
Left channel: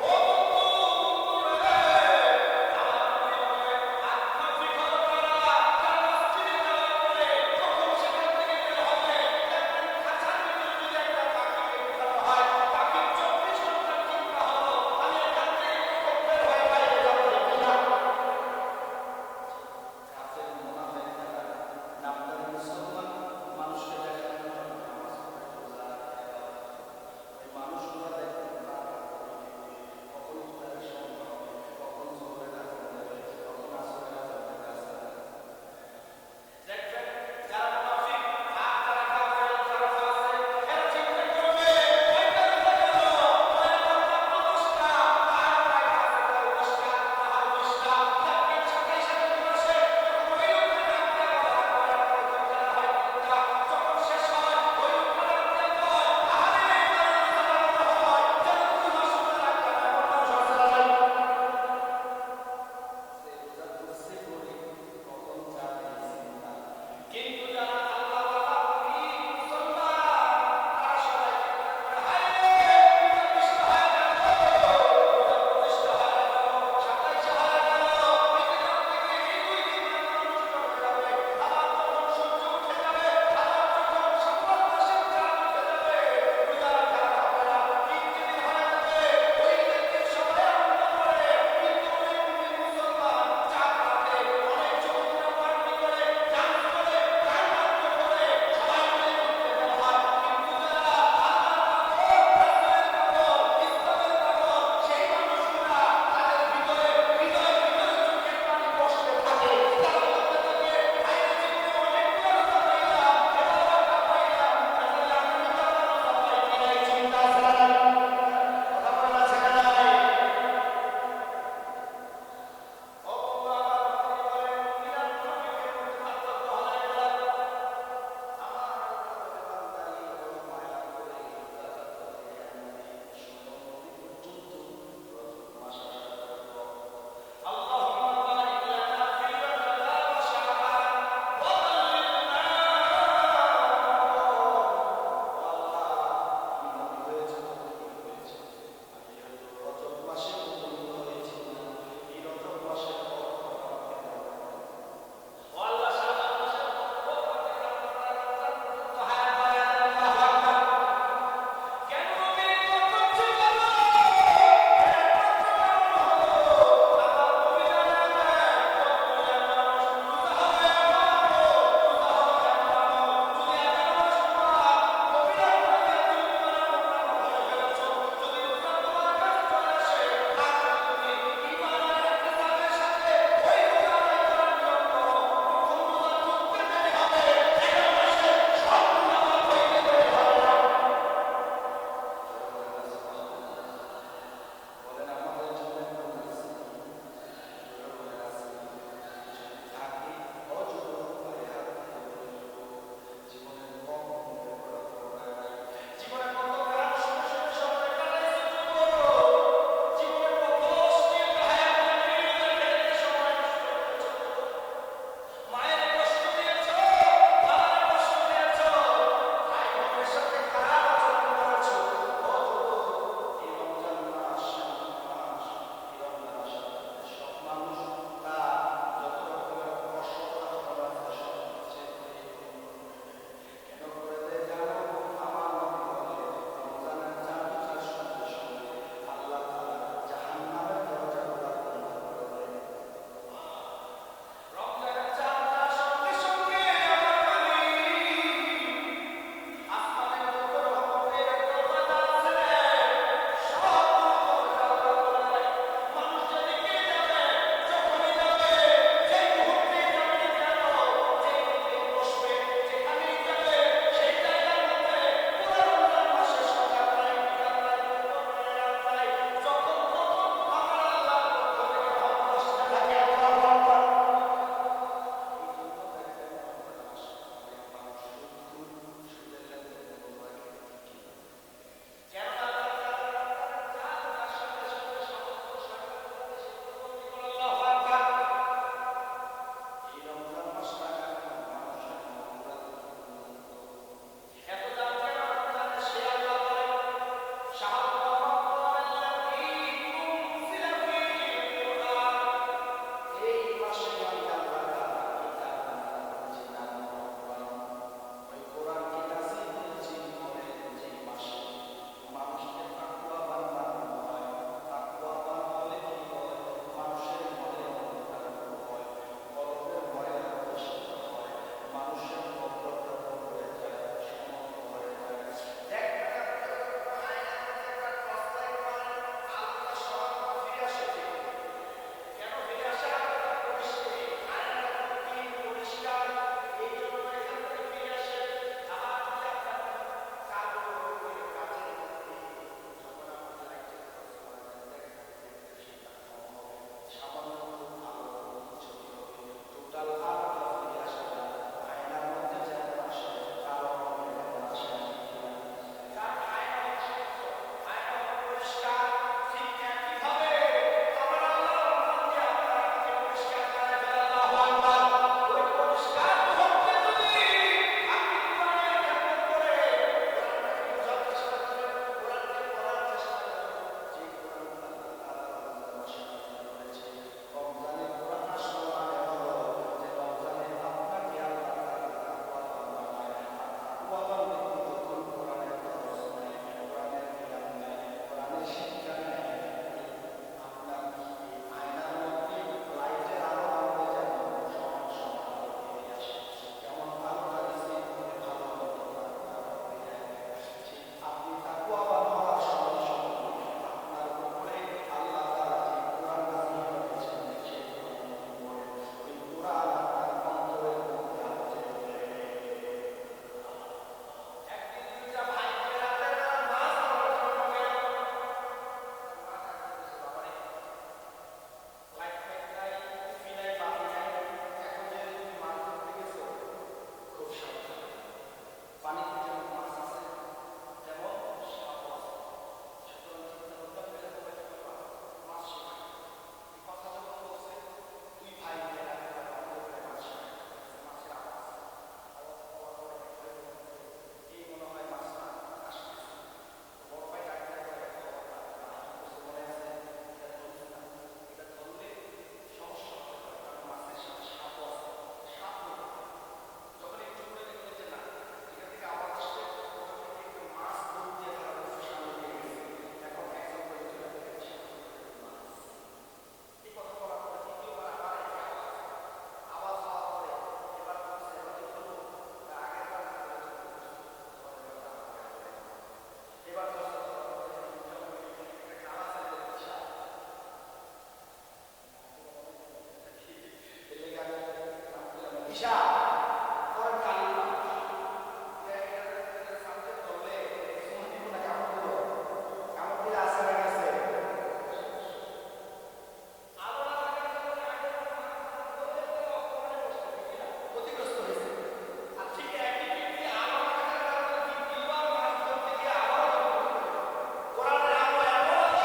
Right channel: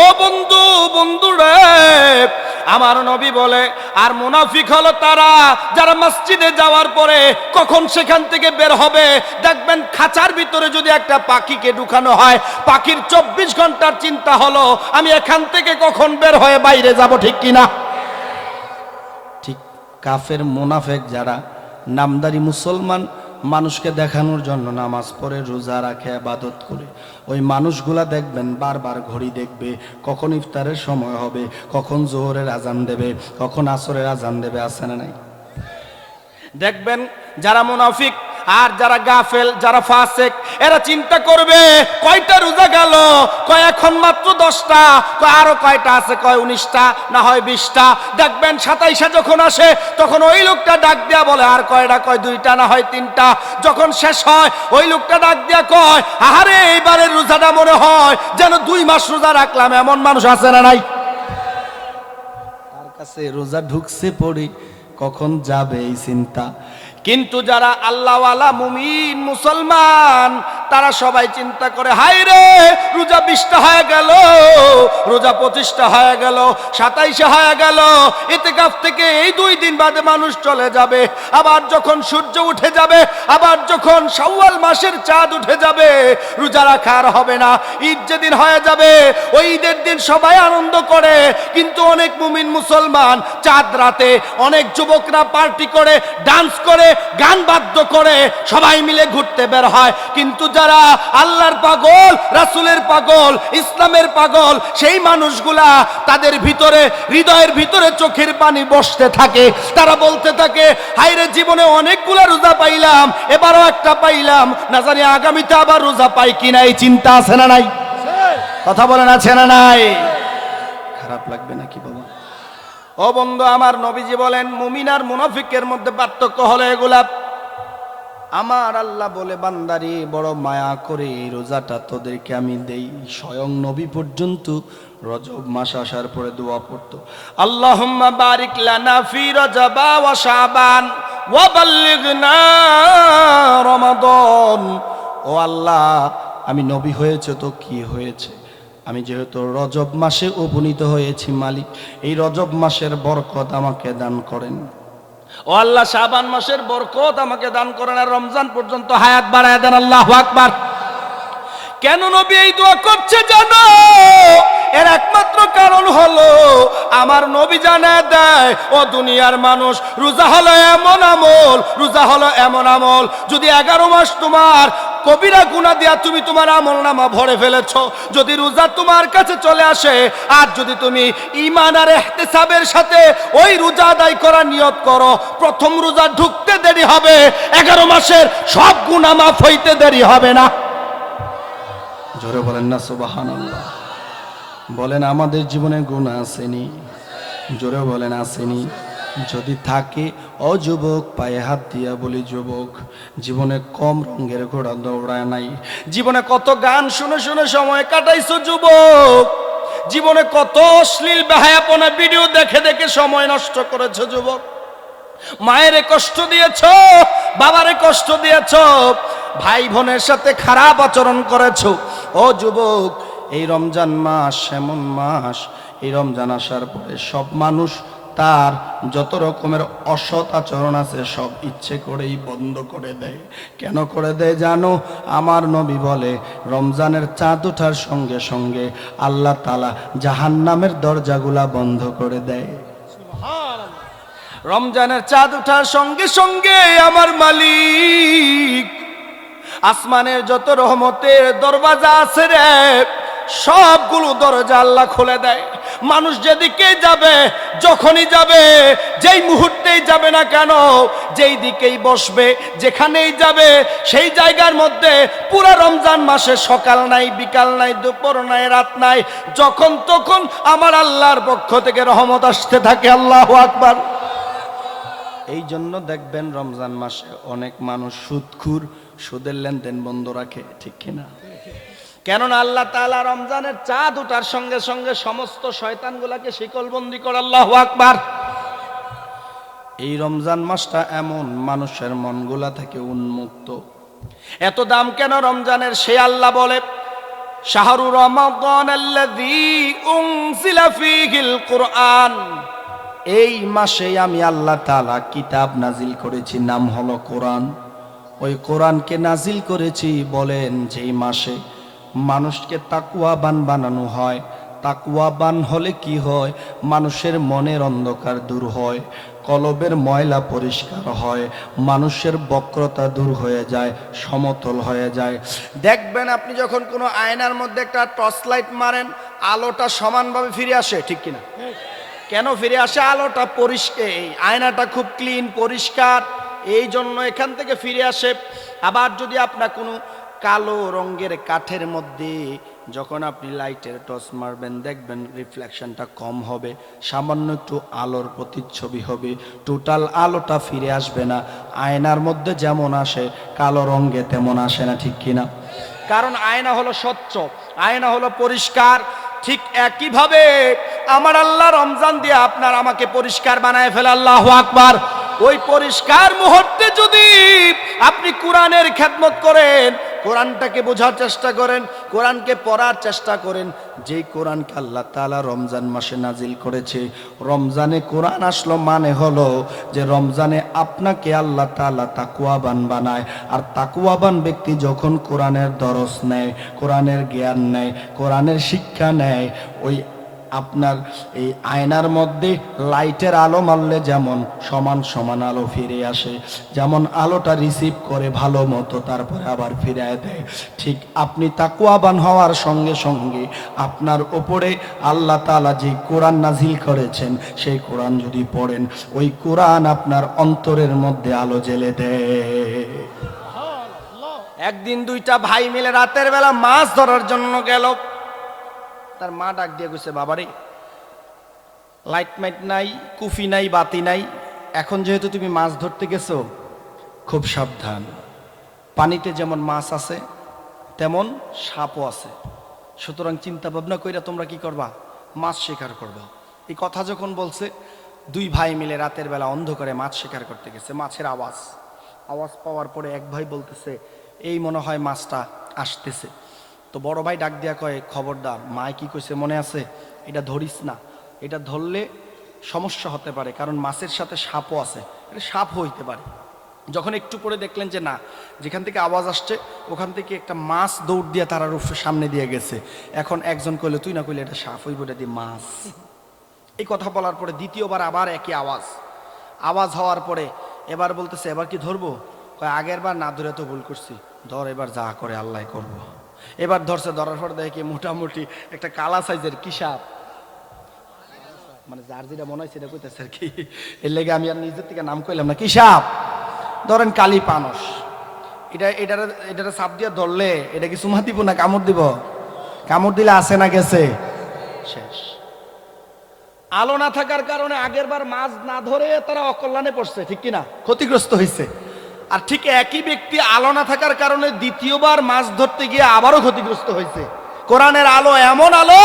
ও বন্ধু, বন্ধুরে আমার নবী বলে আর মুনাফিক হলো তারা যারা মসজিদে যাওয়ার পরে কখন সেখান থেকে বের হবে। দেখবেন খাঁচার ভিতরে যদি একটা পাখিকে ঢুকানো হয়, পাখির 24 ঘন্টার চিন্তা হলো আমি এখান থেকে কখন বের হয়ে বাইরে যাব। ঠিক কিনা? ঠিক কাফের মুনাফিক যারা নামদারি মুসলমান, মানুষকে দেখানোর জন্য নামাজ পড়ে, রোজা রাখে, ইবাদত করে, ওই মানুষগুলা দেখবেন বারবার ঘড়ি দেখবে, কখন ইফতারের সময় হবে, কখন জোহরের আজান দেবে, কখন আসরের আজান দেবে। আছে না নাই? দেখবেন যারা মুনাফিক আর যারা গাফেল, যারা ফাসেক, এরা চিন্তা করবে কয়টা রোজা গেল, কয় এখন মাত্র 10টা, কয় আরো কয়টা আছে, কয় 19টা, না হয় 20টা। দেখবেন 27 যখন আসে তখন ওই লোকটা ডাক দিয়া বলে আর কয়টা, কয় 2টা, না হয় 3টা। যখন শেষ হয় ওই লোকটা ডাক দিয়া কয় আহারে এইবারের রোজাটা মনে হয় যেন 2 মাস রোজা রাখলাম। এমন মানুষ আছে না নাই? তার কাছে রোজা ঢুকছে পড়ি, কখন যাবে এই চিন্তা। কিন্তু যারা আল্লাহওয়ালা মুমিন মুসলমান তারা সবাই চিন্তা করে হায় রে রোজা 20টা হয়ে গেল, রোজা 25টা হয়ে গেল, 27 হয়ে গেল, ইতিকাফ থেকে এই 2 দিন বাদে মানুষ চলে যাবে। আবার যখন সূর্য উঠে যাবে, আবার যখন শাওয়াল মাসের চাঁদ উঠে যাবে, রোজা রাখা আর হবে না। ঈদ যেদিন হয়ে যাবে ওই ঈদের দিন সবাই আনন্দ করে, কিন্তু অনেক মুমিন মুসলমান চাঁদ রাতে অনেক যুবকরা পার্টি করে, ডান্স করে, গান বাদ্য করে সবাই মিলে ঘুরতে বের হয়। কিন্তু যারা আল্লাহর পাগল, রাসূলের পাগল, ইসলামের পাগল, সেই মানুষগুলা তাদের ভিতরে, হৃদয়ের ভিতরে চোখের পানি বসতে থাকে। তারা বলতে থাকে হায়রে জীবনে অনেকগুলা রোজা পাইলাম, এবারও একটা পাইলাম, না জানি আগামীতে আবার রোজা পাই কিনা। এই চিন্তা আছে না নাই? কথা বলেন আছে না নাই? খারাপ লাগবে নাকি বাবা? ও বন্ধু আমার, নবীজি বলেন মুমিন আর মুনাফিকের মধ্যে পার্থক্য হলো এগুলা। আমার আল্লাহ বলে বান্দারি বড় মায়া করে এই রোজাটা তোদেরকে আমি দেই। স্বয়ং নবী পর্যন্ত রজব মাস আসার পরে দোয়া পড়তো, আল্লাহুম্মা বারিক লানা ফি রজবা ওয়া শাবান ওয়া বাল্লিগনা রমাদান। ও আল্লাহ, আমি নবী হয়েছে তো কি হয়েছে, আমি যেহেতু রজব মাসে উপনীত হয়েছি, মালিক এই রজব মাসের বরকত আমাকে দান করেন। ও আল্লাহ, শাবান মাসের বরকত আমাকে দান করেন, আর রমজান পর্যন্ত হায়াত বাড়ায় দেন। আল্লাহু আকবার। কেন নবী এই দোয়া করছে জানো? এর একমাত্র কারণ হলো আমার নবী জানায় দেয়, ও দুনিয়ার মানুষ, রোজা হলো এমন আমল, রোজা হলো এমন আমল, যদি 11 মাস তোমার কবিরা গুনাহ দিয়া তুমি তোমার আমলনামা ভরে ফেলেছো, যদি রোজা তোমার কাছে চলে আসে, আর যদি তুমি ঈমান আর ইহতিসাবের সাথে ওই রোজা আদায় করার নিয়ত করো, প্রথম রোজা ঢুকতে দেরি হবে, 11 মাসের সব গুনাহ মাফ হইতে দেরি হবে না। জোরে বলেন না সুবহানাল্লাহ। বলেন আমাদের জীবনে গুনাহ আসেনি? জোরে বলেন আসেনি? যদি থাকে, ও যুবক পায়ে হাত দিয়া বলি, যুবক জীবনে কম রঙের ঘোড়া দৌড়ায় নাই, জীবনে কত গান শুনে শুনে সময় কাটাইছো যুবক, জীবনে কত অশ্লীল বেহায়াপনা ভিডিও দেখে দেখে সময় নষ্ট করেছো যুবক, মায়েরে কষ্ট দিয়েছো, বাবারে কষ্ট দিয়েছো, ভাই বোনের সাথে খারাপ আচরণ করেছো। ও যুবক, এই রমজান মাস এমন মাস, এই রমজান আসার পরে সব মানুষ তার যত রকমের অসৎ আচরণ আছে সব ইচ্ছে করেই বন্ধ করে দেয়। কেন করে দেয় জানো? আমার নবী বলে, রমজানের চাঁদ ওঠার সঙ্গে সঙ্গে আল্লাহ তাআলা জাহান্নামের দরজাগুলা বন্ধ করে দেয়। রমজানের চাঁদ ওঠার সঙ্গে সঙ্গে আমার মালিক আসমানের যত রহমতের দরওয়াজা আছে রে, সবগুলো দরজা আল্লাহ খুলে দেয়। মানুষ যেদিকে যাবে, যখনই যাবে, যেই মুহূর্তেই যাবে না কেন, যেই দিকেই বসবে, যেখানেই যাবে, সেই জায়গার মধ্যে পুরো রমজান মাসে সকাল নাই, বিকাল নাই, দুপুর নাই, রাত নাই, যখন তখন আমার আল্লাহর পক্ষ থেকে রহমত আসতে থাকে। আল্লাহু আকবার। এই জন্য দেখবেন রমজান মাসে অনেক মানুষ সুদখোর, সুদের লেনদেন বন্ধ রাখে, ঠিক কিনা? কেননা আল্লাহ তাআলা রমজানের চাঁদ ওঠার সঙ্গে সঙ্গে সমস্ত শয়তানগুলাকে শিকলবন্দি করে। আল্লাহু আকবার। এই রমজান মাসটা এমন, মানুষের মনগুলা থেকে উন্মুক্ত। এত দাম কেন রমজানের? সে আল্লাহ বলে, শাহরু রমাদানাল্লাযী উনজিলা ফীহিল কুরআন, এই মাসে আমি আল্লাহ তাআলা কিতাব নাজিল করেছি, নাম হলো কোরআন। ওই কোরআনকে নাজিল করেছি বলেন যেই মাসে মানুষকে তাকওয়াবান বানানো হয়। তাকওয়াবান হলে কি হয়? মানুষের মনের অন্ধকার দূর হয়, কলবের ময়লা পরিষ্কার হয়, মানুষের বক্রতা দূর হয়ে যায়, সমতল হয়ে যায়। দেখবেন আপনি যখন কোনো আয়নার মধ্যে একটা টর্চ লাইট মারেন, আলোটা সমানভাবে ফিরে আসে, ঠিক কিনা? কেন ফিরে আসে? আলোটা পরিষ্কার, আয়নাটা খুব ক্লিন পরিষ্কার, এই জন্য এখান থেকে ফিরে আসে। আবার যদি আপনার কোনো কালো রঙের কাঠের মধ্যে যখন আপনি লাইটের টর্চ মারবেন, দেখবেন রিফ্লেকশনটা কম হবে, সামান্য একটু আলোর প্রতিচ্ছবি হবে, টোটাল আলোটা ফিরে আসবে না। আয়নার মধ্যে যেমন আসে কালো রঙে তেমন আসে না, ঠিক কিনা? কারণ আয়না হলো স্বচ্ছ, আয়না হলো পরিষ্কার। ঠিক একইভাবে আমার আল্লাহ রমজান দিয়ে আপনার আমাকে পরিষ্কার বানায় ফেলে। আল্লাহু আকবার। ওই পরিষ্কার মুহূর্তে যদি আপনি কোরআনের খেদমত করেন, কোরআনটাকে বোঝার চেষ্টা করেন, কোরআনকে পড়ার চেষ্টা করেন, যেই কোরআনকে আল্লাহ তাআলা রমজান মাসে নাজিল করেছে। রমজানে কোরআন আসলো মানে হলো যে রমজানে আপনাকে আল্লাহ তাআলা তাকওয়াবান বানায়। আর তাকওয়াবান ব্যক্তি যখন কোরআনের দরস নেয়, কোরআনের জ্ঞান নেয়, কোরআনের শিক্ষা নেয়, ওই আপনার এই আয়নার মধ্যে লাইটের আলো মারলে যেমন সমান সমান আলো ফিরে আসে, যেমন আলোটা রিসিভ করে ভালো মতো তারপরে আবার ফিরিয়ে দেয়, ঠিক আপনি তাকওয়াবান হওয়ার সঙ্গে সঙ্গে আপনার ওপরে আল্লাহ তাআলা যে কোরআন নাজিল করেছেন সেই কোরআন যদি পড়েন, ওই কোরআন আপনার অন্তরের মধ্যে আলো জ্বেলে দেয়। একদিন দুইটা ভাই মিলে রাতের বেলা মাছ ধরার জন্য গেল। তার মা ডাক দিয়ে কইছে, বাবারে লাইট মাইট নাই, কুফি নাই, বাতি নাই, এখন যেহেতু তুমি মাছ ধরতে গেছো খুব সাবধান, পানিতে যেমন মাছ আছে তেমন সাপও আছে, সুতরাং চিন্তা ভাবনা কইরা তোমরা কি করবা? মাছ শিকার করবা। এই কথা যখন বলছে, দুই ভাই মিলে রাতের বেলা অন্ধকারে মাছ শিকার করতে গেছে। মাছের আওয়াজ পাওয়ার পরে এক ভাই বলতেছে, এই মনে হয় মাছটা আসতেছে। তো বড় ভাই ডাক দিয়া কয়, খবরদার, মায় কি কইছে মনে আছে, এটা ধরিস না, এটা ধরলে সমস্যা হতে পারে, কারণ মাছের সাথে সাপও আছে, এটা সাপ হইতে পারে। যখন একটু পরে দেখলেন যে না, যেখান থেকে আওয়াজ আসছে ওখান থেকে একটা মাছ দৌড় দিয়ে তার সামনে দিয়ে গেছে। এখন একজন কইলে, তুই না কইলে এটা সাপ হইব, এটা দিয়ে মাছ। এই কথা বলার পরে দ্বিতীয়বার আবার একই আওয়াজ হওয়ার পরে এবার বলতেছে, এবার কি ধরবো? কয়, আগের বার না ধরে তো ভুল করছি, ধর এবার যা করে আল্লাহ করবো। এবার ধরছে, ধরার পর দেখে মোটামুটি একটা কালা সাইজের কি সাপ, মানে যার যেটা মনে হয় সেটা কইতেছে আর কি, এর লেগে আমি আর নিজের থেকে নাম কইলাম না। কি সাপ? ধরেন কালী পানস। এটা সাপ দিয়ে ধরলে এটা কি চুমা দিব না কামড় দিব? কামড় দিলে আসে না গেছে, শেষ। আলো না থাকার কারণে আগের বার মাছ না ধরে তারা অকল্যাণে পড়ছে, ঠিক কিনা, ক্ষতিগ্রস্ত হয়েছে। আর ঠিক একই ব্যক্তি আলো না থাকার কারণে দ্বিতীয়বার মাছ ধরতে গিয়ে আবারও ক্ষতিগ্রস্ত হয়েছে। কোরআনের আলো এমন আলো,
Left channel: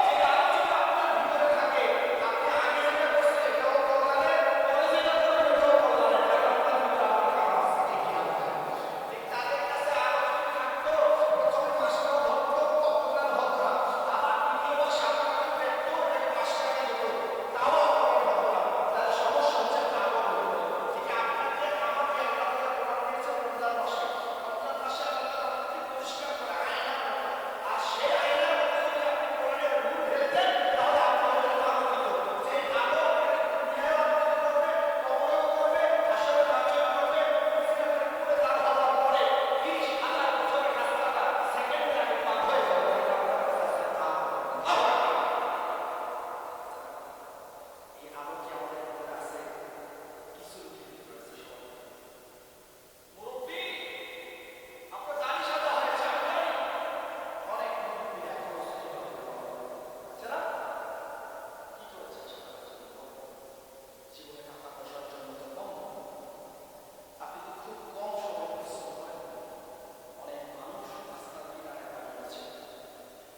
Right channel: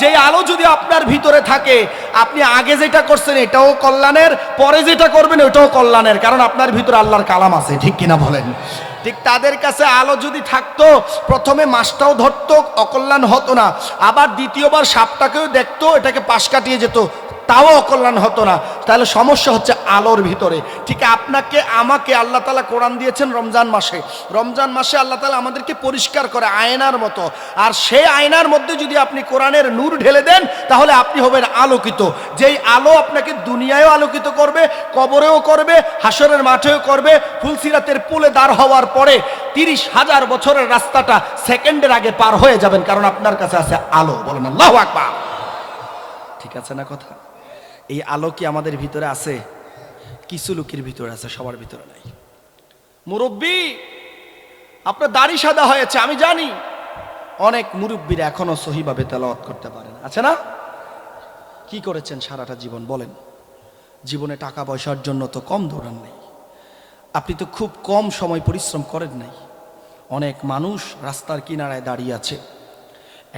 যে আলো যদি আপনার ভিতরে থাকে, আপনি আগে যেটা করছেন এটাও কল্যাণের, পরে যেটা করবেন ওটাও কল্যাণের, কারণ আপনার ভিতরে আল্লাহর কালাম আছে, ঠিক কিনা বলেন? ঠিক তাদের কাছে আলো যদি থাকতো, প্রথমে মাছটাও ধরতো, অকল্যাণ হতো না, আবার দ্বিতীয়বার সাপটাকেও দেখতো, এটাকে পাশ কাটিয়ে যেত, তাও অকল্যাণ হতো না। তাহলে সমস্যা হচ্ছে আলোর ভিতরে। ঠিক আপনাকে আমাকে আল্লাহ তাআলা কোরআন দিয়েছেন রমজান মাসে। রমজান মাসে আল্লাহ তাআলা আমাদেরকে পরিষ্কার করে আয়নার মতো, আর সেই আয়নার মধ্যে যদি আপনি কোরআনের নূর ঢেলে দেন, তাহলে আপনি হবেন আলোকিত। যেই আলো আপনাকে দুনিয়ায়ও আলোকিত করবে, কবরেও করবে, হাসরের মাঠেও করবে, ফুলসিরাতের পুলে দাঁড় হওয়ার পরে 30,000 বছরের রাস্তাটা সেকেন্ডের আগে পার হয়ে যাবেন, কারণ আপনার কাছে আছে আলো। বলেন আল্লাহু আকবার। ঠিক আছে না কথা? এই আলো কি আমাদের ভিতরে আছে? কিছু লোকের ভিতরে আছে, সবার ভিতরে নাই। মুরব্বী, আপনার দাড়ি সাদা হয়েছে, আমি জানি অনেক মুরব্বীরা এখনো সহিভাবে তেলাওয়াত করতে পারে না, আছে না? কি করেছেন সারাটা জীবন বলেন? জীবনে টাকা পয়সার জন্য তো কম দৌড়ান নাই, আপনি তো খুব কম সময় পরিশ্রম করেন নাই। অনেক মানুষ রাস্তার কিনারায় দাঁড়িয়ে আছে,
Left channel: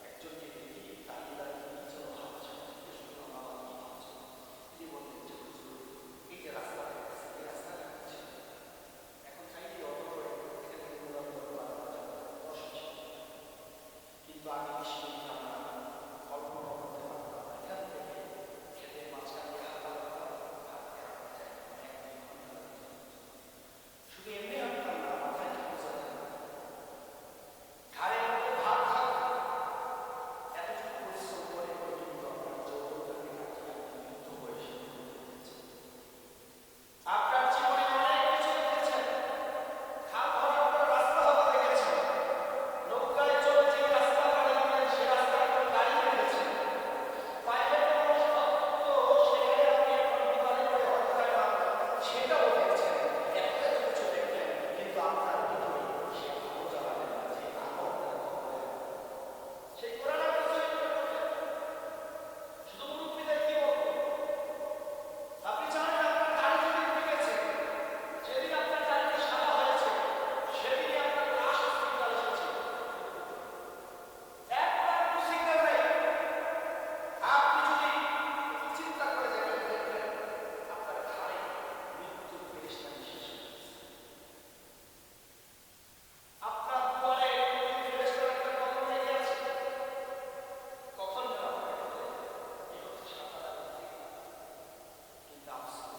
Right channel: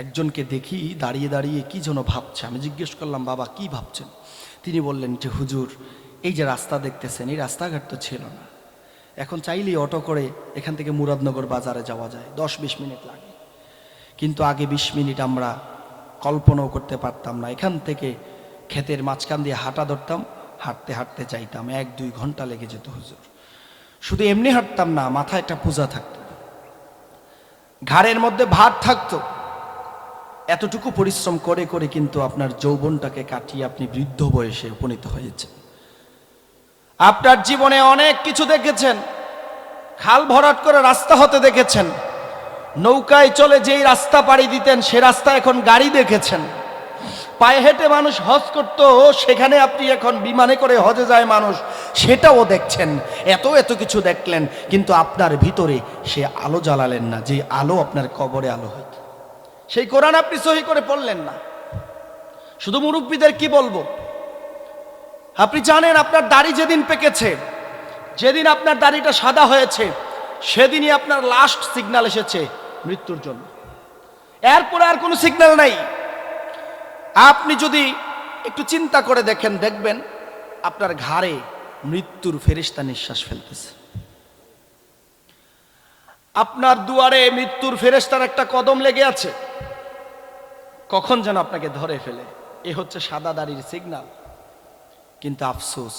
একজনকে দেখি দাঁড়িয়ে দাঁড়িয়ে কি যেন ভাবছে। আমি জিজ্ঞেস করলাম, বাবা কি ভাবছেন? তিনি বললেন যে, হুজুর, এই যে রাস্তা দেখতেছেন, এই রাস্তাঘাট তো ছিল না, এখন চাইলেই অটো করে এখান থেকে মুরাদনগর বাজারে যাওয়া যায়, 10-20 মিনিট লাগে, কিন্তু আগে 20 মিনিট আমরা কল্পনাও করতে পারতাম না। এখান থেকে ক্ষেতের মাঝখান দিয়ে হাঁটা ধরতাম, হাঁটতে হাঁটতে যাইতাম, 1-2 ঘন্টা লেগে যেত হুজুর। শুধু এমনি হাঁটতাম না, মাথায় একটা পূজা থাকতো, ঘাড়ের মধ্যে ভার থাকতো। এতটুকু পরিশ্রম করে করে কিন্তু আপনার যৌবনটাকে কাটিয়ে আপনি বৃদ্ধ বয়সে উপনীত হয়েছে। আপনার জীবনে অনেক কিছু দেখেছেন, খাল ভরাট করে রাস্তা হতে দেখেছেন, নৌকায় চলে যেই রাস্তা পাড়ি দিতেন সে রাস্তা এখন গাড়ি দেখেছেন, পায়ে হেঁটে মানুষ হজ করত, সেখানে আপনি এখন বিমানে করে হজে যায় মানুষ, সেটাও দেখছেন। এত কিছু দেখলেন, কিন্তু আপনার ভিতরে সে আলো জ্বালালেন না, যে আলো আপনার কবরে আলো হইত। সেই কোরআন আপনি সহি করে পড়লেন না। শুধু মুরব্বীদের কি বলবো, আপনি জানেন আপনার দাড়ি যেদিন পেকেছে, যেদিন আপনার দাড়িটা সাদা হয়েছে, সেদিনই আপনার লাস্ট সিগন্যাল এসেছে মৃত্যুর জন্য। এরপরে আর কোনো সিগন্যাল নাই। আপনি যদি একটু চিন্তা করে দেখেন, দেখবেন আপনার ঘাড়ে মৃত্যুর ফেরেশতা নিঃশ্বাস ফেলতেছে, আপনার দুয়ারে মৃত্যুর ফেরেশতার একটা কদম লেগে আছে, কখন যেন আপনাকে ধরে ফেলে। এ হচ্ছে সাদা দাড়ির সিগন্যাল। কিন্তু আফসোস,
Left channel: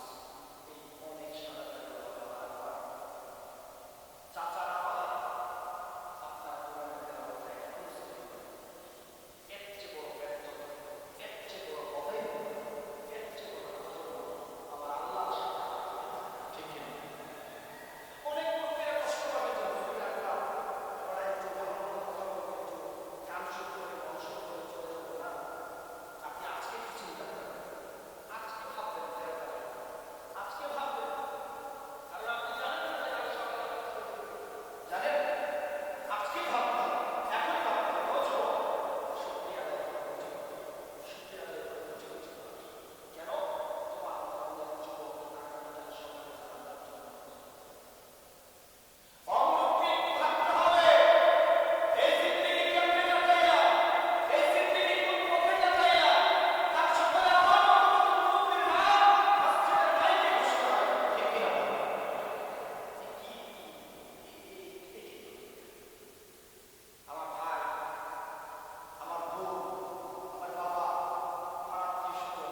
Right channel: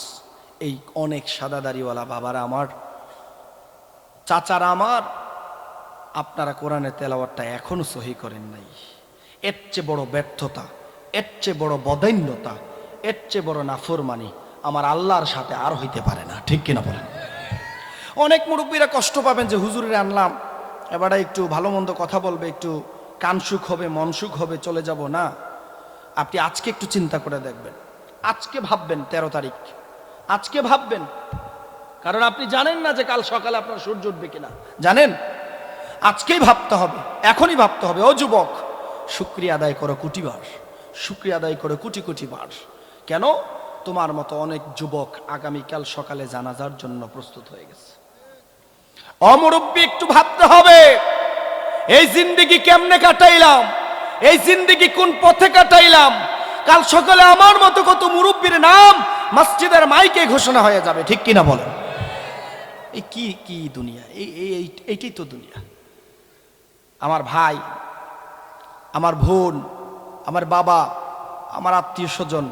এই অনেক সাদা দাড়িওয়ালা বাবারা আমার, চাচারা আমার, আপনারা কোরআনের তেলাওয়াতটা এখনো সহি করেন নাই। এর চেয়ে বড় ব্যর্থতা, এর চেয়ে বড় বদান্যতা, এর চেয়ে বড় নাফরমানি আমার আল্লাহর সাথে আর হইতে পারে না, ঠিক কিনা বলেন? অনেক মুরব্বীরা কষ্ট পাবেন যে হুজুরে আনলাম, এবারে একটু ভালো মন্দ কথা বলবে, একটু কান সুখ হবে, মন সুখ হবে, চলে যাব না। আপনি আজকে একটু চিন্তা করে দেখবেন, আজকে ভাববেন 13 তারিখ, আজকে ভাববেন, কারণ আপনি জানেন না যে কাল সকালে আপনার সূর্য উঠবে কিনা, জানেন? আজকেই ভাবতে হবে, এখনই ভাবতে হবে। ও যুবক, শুকরিয়া আদায় করো কোটিবার, শুকরিয়া আদায় করো কোটি কোটি বার। কেন? তোমার মতো অনেক যুবক আগামীকাল সকালে জানাজার জন্য প্রস্তুত হয়ে গেছে। অমুরব্বী, একটু ভাবতে হবে, এই জিন্দেগি কেমনে কাটাইলাম, এই জিন্দেগি কোন পথে কাটাইলাম। কাল সকালে আমার মতো কত মুরব্বীর নাম মসজিদের মাইকে ঘোষণা হয়ে যাবে, ঠিক কিনা বলেন? এই কি দুনিয়া, এইটাই তো দুনিয়া। আমার ভাই আমার বোন, আমার বাবা, আমার আত্মীয় স্বজন,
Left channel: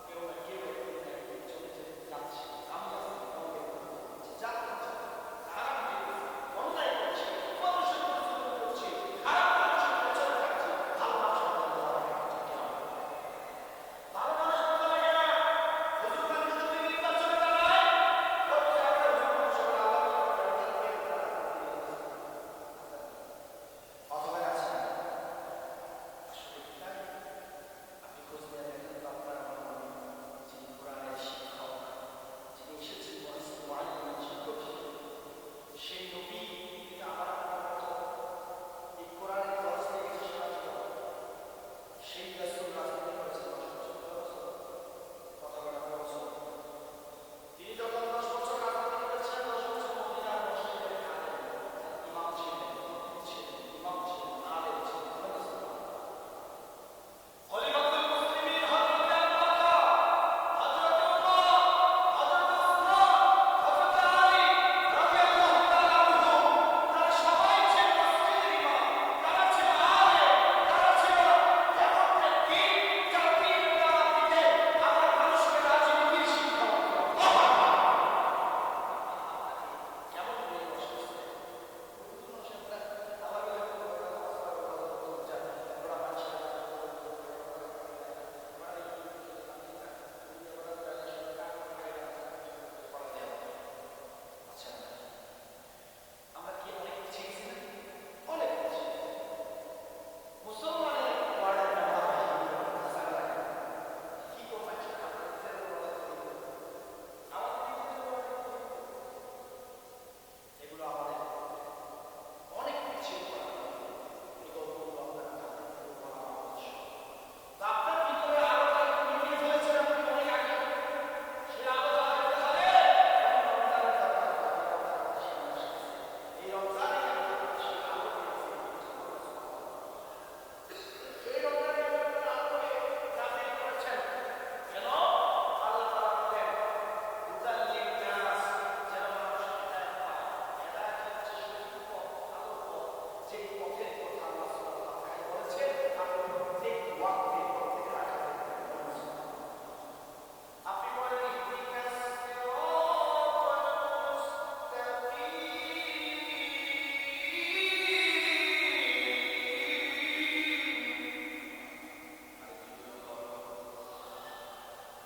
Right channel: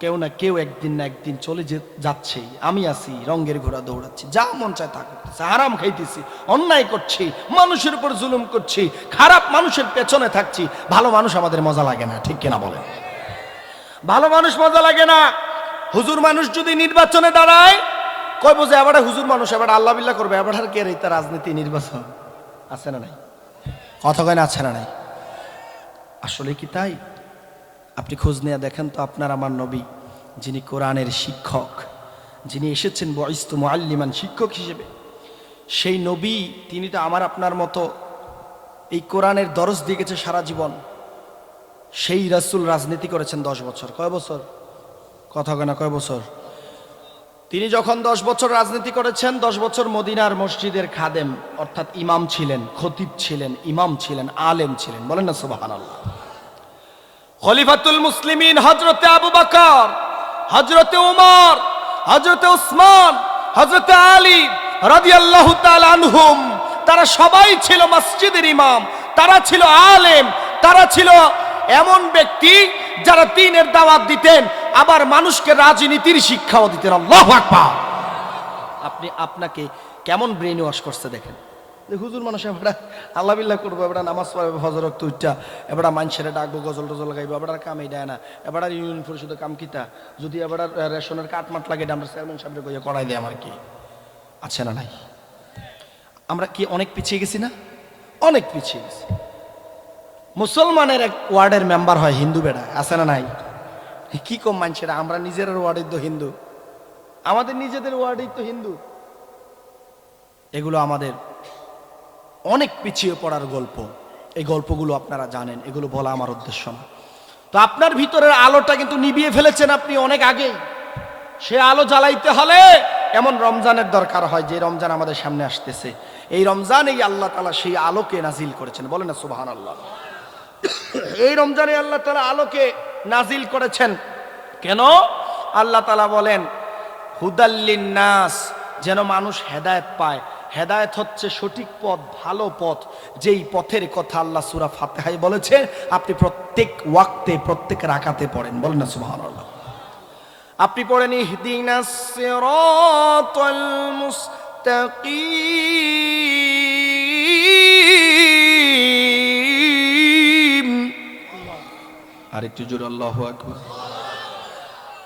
কেউ না কেউ একদিন না একদিন চলে যাচ্ছে। আমি আছি রঙের ঘোড়া দৌড়াচ্ছি, যা মন চায় তা করতেছি, হারাম খাইতেছি, অন্যায় করছি, মানুষের উপর জুলুম করছি, খারাপ মানুষের পেছনে থাকছি। ভালো মানুষ আমাদের মজা লাগে না, ঠিক কিনা বলেন? ভালো মানুষ মজা লাগে না। হুজুর মানুষ যদি নির্বাচনে দাঁড়ায়, কই বোঝে এবার হুজুর মানুষ, এবার আল্লাহ বিল্লাহ করবে, এবার আর কে তা রাজনীতি নির্বাচন আছে না নাই? কথা কয় না আছে না নাই? আসলে কি তাই? আপনি খোঁজ নিয়ে দেখেন তো, আপনার আমার নবী, যিনি কোরআনের শিক্ষক, যিনি এসেছেন বুইস্তু মুআল্লিমান, শিক্ষক হিসেবে, সেই নবী, তিনি তো আমার আপনার মতো এই কোরআনের দরস দিয়ে গেছে সারা জীবন। সেই রাসূল রাজনীতি করেছেন 10 বছর। কয় বছর? কথা কয় না, কয় বছর? তিনি যখন 10 বছর রাজনীতি করেছেন, 10 বছর মদিনার মসজিদের খাদেম অর্থাৎ ইমাম ছিলেন, খতিব ছিলেন, ইমাম ছিলেন, আলেম ছিলেন। বলেন না সুবহানাল্লাহ। খলিফাতুল মুসলিমিন হযরতে আবু বকর, হযরতে উমর, হযরতে উসমান, হযরতে আলী রাদিয়াল্লাহু তাআলা আনহুম, তারা সবাই ছিল মসজিদের ইমাম, তারা ছিল আলেম, তারা ছিল এমন ব্যক্তি যারা দ্বীনের দাওয়াত দিতেন, আবার মানুষকে রাজনীতির শিক্ষাও দিতেন। আল্লাহু আকবার। আপনি আপনাকে কেমন ব্রেন ওয়াশ করছে দেখেন। হুজুর মানুষ এবার আল্লাহ বিল্লাহ করবো, এবার নামাজ পড়বে, ফজর ওয়াক্ত উঠা, এবার মানুষের ডাকবো, গজল টজল গাইবো, এবার কামই দেয় না, এবার ইউনিয়ন পরিষদের কাম কিতা, যদি এবার রেশনের কাটমাট লাগে আমরা চেয়ারম্যান সাহেবের কইয়া করাই দেয়, আমার কি আছে না নাই? আমরা কি অনেক পিছিয়ে গেছি না? অনেক পিছিয়ে গেছি। মুসলমানের এক ওয়ার্ডের মেম্বার হয় হিন্দু বেড়া, আছে না নাই? কি কম মানুষেরা, আমরা নিজের ওয়ার্ডের তো হিন্দু, আমাদের নিজেদের ওয়ার্ডেই তো হিন্দু। এগুলো আমাদের অনেক পিছিয়ে পড়ার গল্প। এই গল্পগুলো আপনারা জানেন, এগুলো বলা আমার উদ্দেশ্য না। তো আপনার ভিতরের আলোটা কিন্তু নিভিয়ে ফেলেছেন আপনি অনেক আগেই। সে আলো জ্বালাইতে হলে এমন রমজানের দরকার হয়, যে রমজান আমাদের সামনে আসতেছে। এই রমজানেই আল্লাহ তাআলা সেই আলোকে নাজিল করেছেন। বলেন না সুবহানাল্লাহ। এই রমজানে আল্লাহ তাআলা আলোকে নাজিল করেছেন। কেন? আল্লাহ তাআলা বলেন হুদাল্লিন নাস, যেন মানুষ হেদায়েত পায়। হেদায়েত হচ্ছে সঠিক পথ, ভালো পথ, যেই পথের কথা আল্লাহ সূরা ফাতিহায় বলেছে। আপনি প্রত্যেক ওয়াক্তে, প্রত্যেক রাকাতে পড়েন। বলেন না সুবহানাল্লাহ। আপনি পড়েন ইহদিনাস সিরাতাল মুস্তাকিম। আর একটু জোরে আল্লাহু আকবার।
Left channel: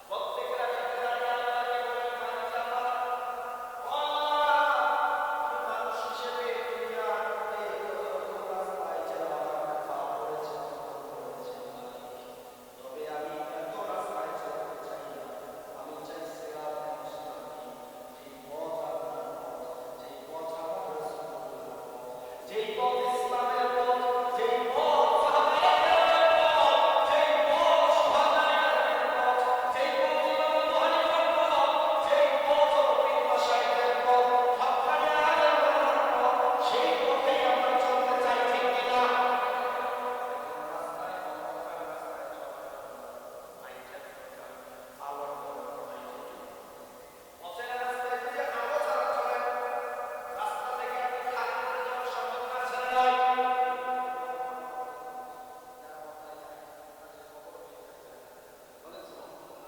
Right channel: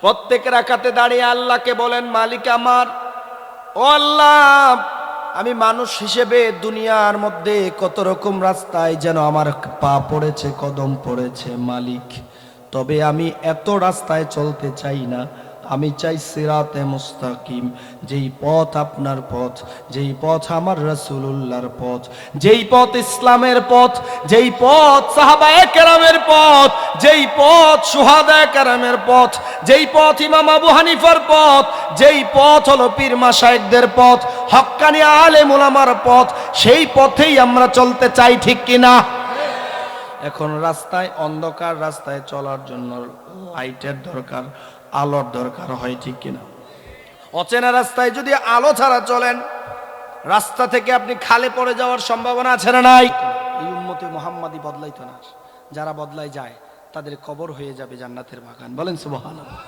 প্রত্যেক রাকাতে দাঁড়িয়ে আল্লাহকে বলেন, মালিক আমার, ও আল্লাহ, আমি মানুষ হিসেবে দুনিয়ার মধ্যে কত রকম রাস্তায় যেন আমার পা পড়েছে, কদম পড়েছে মালিক, তবে আমি এত রাস্তায় চলতে চাই না। আমি চাই সিরাতে মুস্তাকিম, যেই পথ আপনার পথ, যেই পথ আমার রাসূলুল্লাহর পথ, যেই পথ ইসলামের পথ, যেই পথ সাহাবায়ে কেরামের পথ, যেই পথ শুহাদায়ে কেরামের পথ, যেই পথ ইমাম আবু হানিফার পথ, যেই পথ হলো পীর মাশায়েখদের পথ, হক্কানি আলেম উলামার পথ, সেই পথেই আমরা চলতে চাই, ঠিক কিনা? এখন রাস্তায় অন্ধকার, রাস্তায় চলার জন্য লাইটের দরকার, আলোর দরকার হয়, ঠিক কিনা? অচেনা রাস্তায় যদি আলো ছাড়া চলেন, রাস্তা থেকে আপনি খালে পড়ে যাওয়ার সম্ভাবনা আছে না নাই? এই উম্মতে মুহাম্মাদি বদলাইতো না, যারা বদলাই যায় তাদের কবর হয়ে যাবে জান্নাতের বাগান। বলেন সুবহানাল্লাহ।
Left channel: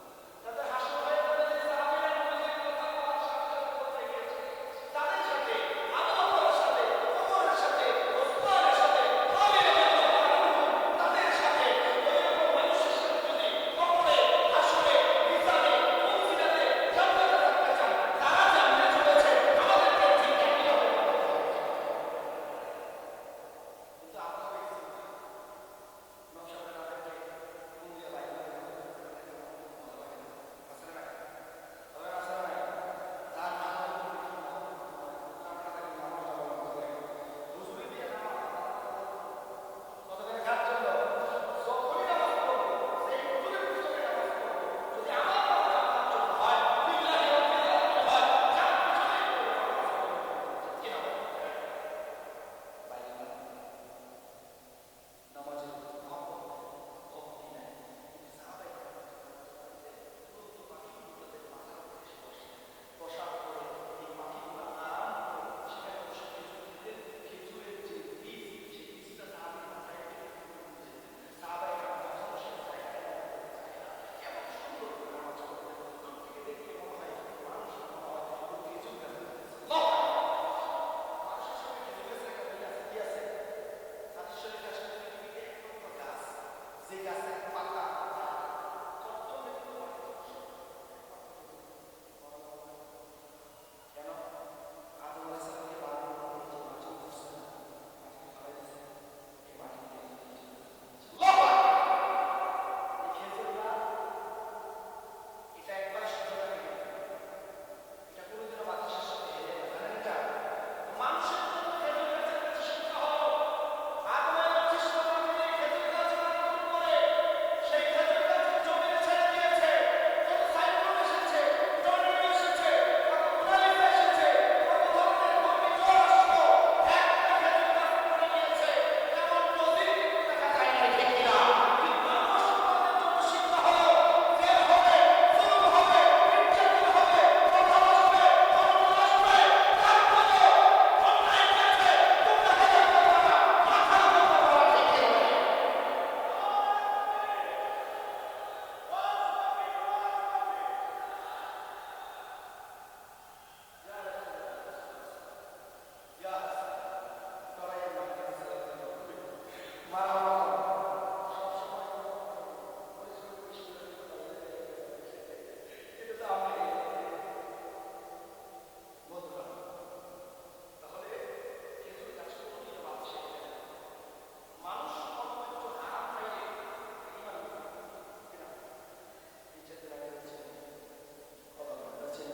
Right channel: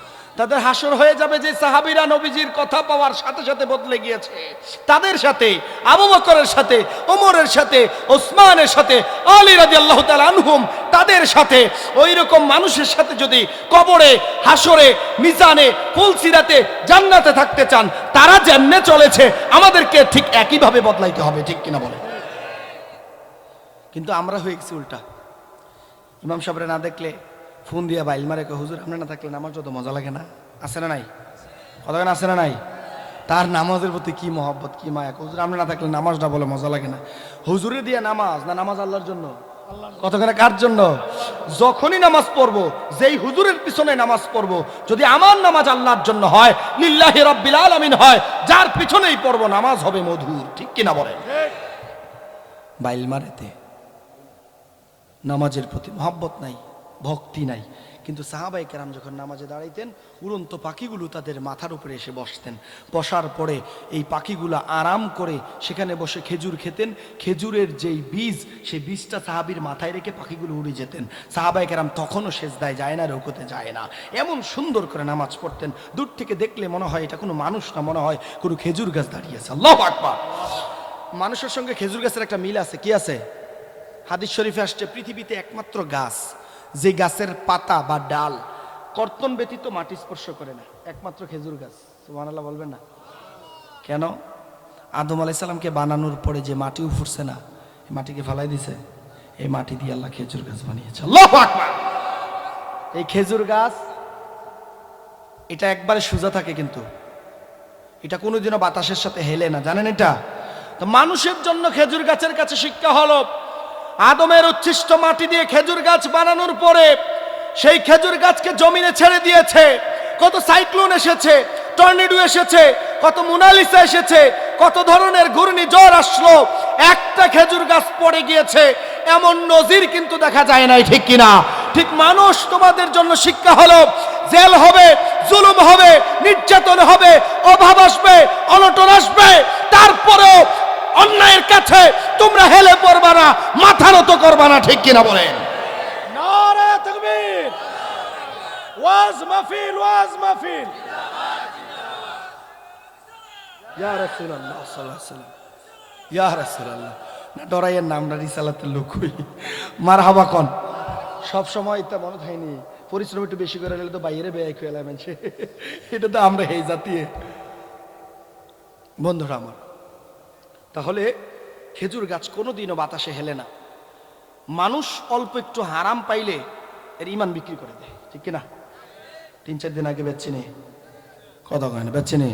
তাদের হাসর হয়ে যাবে যে সাহাবীরা নবীজির কথা পাওয়ার সাথে সাথে বদলে গিয়েছে, তাদের সাথে, আবু বকরের সাথে, ওমরের সাথে, ওসমানের সাথে, আলী রাদিয়াল্লাহু তাআলা আনহুম, তাদের সাথে, ওই রকম মানুষের সাথে যদি কবরে, হাসরে, মিজানে, ফুলসিরাতে, জান্নাতে থাকতে চান, তারা যেমনে চলেছে আমাদেরকে ঠিক একইভাবে বদলাইতে হবে, ঠিক কিনা বলে? কিন্তু আমরা হয়ে গেছি উল্টা। ইমাম সাহেবরে না দেখলে ফোন দিয়া বাইল মারে, হুজুর আপনি না থাকলে নামাজ যত মজা লাগে না, আছে না নাই? কথা আছে না নাই? তার নামাজের প্রতি কি মহব্বত, কি মায়া। হুজুর আপনি না থাকলে নামাজটা বলে মজা লাগে না। হুজুরে দিয়া নামাজ না, নামাজ আল্লাহর জন্য। কতখানে কার জন্য? যখনই নামাজ পড়বো, যেই হুজুরের পিছনে নামাজ পড়বো, যদি আমার নামাজ আল্লাহর জন্য হয়, লিল্লাহি রাব্বিল আলামিন হয়, যার পিছনেই পড়বো নামাজ হবে মধুর, ঠিক কিনা বলে? বাইল মারেতে নামাজের প্রতি মহব্বত নাই, ভক্তি নাই। কিন্তু সাহাবায়ে কেরাম যখন নামাজে দাঁড়াইতেন উড়ন্ত পাখিগুলো তাদের মাথার উপরে এসে বসতেন, বসার পরে এই পাখিগুলো আরাম করে সেখানে বসে খেজুর খেতেন। খেজুরের যেই বীজ, সেই বীজটা সাহাবীর মাথায় রেখে পাখিগুলো উড়ে যেতেন। সাহাবায়ে কেরাম তখনও সেজদায় যায় না, রুকুতে যায় না, এমন সুন্দর করে নামাজ পড়তেন। দূর থেকে দেখলে মনে হয় এটা কোনো মানুষ না, মনে হয় কোনো খেজুর গাছ দাঁড়িয়েছে। আল্লাহু আকবার। মানুষের সঙ্গে খেজুর গাছের একটা মিল আছে। কি আছে? হাদিস শরীফে আসছে পৃথিবীতে একমাত্র গাছ যে গাছের পাতা বা ডাল কর্তন ব্যতীত মাটি স্পর্শ করে না, একমাত্র খেজুর গাছ। সুবহানাল্লাহ বলবেন না? কেন? আদম আলাইহিস সালামকে বানানোর পরে যে মাটি উফরছে না, এই মাটিকে ফালাই দিছে, এই মাটি দিয়ে আল্লাহ খেজুর গাছ বানিয়েছে। আল্লাহু আকবার। এই খেজুর গাছ এটা একবারে সোজা থাকে, কিন্তু এটা কোনোদিনও বাতাসের সাথে হেলে না, জানেন এটা? তো মানুষের জন্য খেজুর গাছের কাছে শিক্ষা হলো, আদমের উচ্ছিষ্ট মাটি দিয়ে খেজুর গাছ বানানোর পরে সেই খেজুর গাছকে জমিনে ছেড়ে দিয়েছে। কত সাইক্লোন এসেছে, টর্নেডো এসেছে, কত মোনালিসা এসেছে, কত ধরনের ঘূর্ণিঝড় আসলো, একটা খেজুর গাছ পড়ে গিয়েছে, এমন নজির কিন্তু দেখা যায় নাই, ঠিক কিনা? ঠিক মানুষ তোমাদের জন্য শিক্ষা হলো, জেল হবে, জুলুম হবে, নির্যাতন হবে, অভাব আসবে, অনটন আসবে, তারপরেও অন্যায়ের কাছে তোমরা হেলে পড়বা না, মাথা নত করবা না, ঠিক কিনা বলেন? নারে তাকবীর, ওয়াজ মাহফিল, ওয়াজ মাহফিল। ইয়া রাসূলুল্লাহ সাল্লাল্লাহু আলাইহি ওয়াসাল্লাম, ইয়া রাসূলুল্লাহ। না ডরাইয়ের নাম না, রিসালাতের লোক হই, মারহাবা কোন। সব সময় এটা মনে থাইনি, পরিশ্রম একটু বেশি করে নিলে তো বাইরে বেয়াই খেলা মানছে, এটা তো আমরা এই জাতীয়। বন্ধুরা আমার, তাহলে খেজুর গাছ কোনোদিনও বাতাসে হেলে না। মানুষ অল্প একটু হারাম পাইলে এর ইমান বিক্রি করে দেয়, ঠিক কিনা? 3-4 দিন আগে বেচছি নি, কথা কয় না, বেচছি নি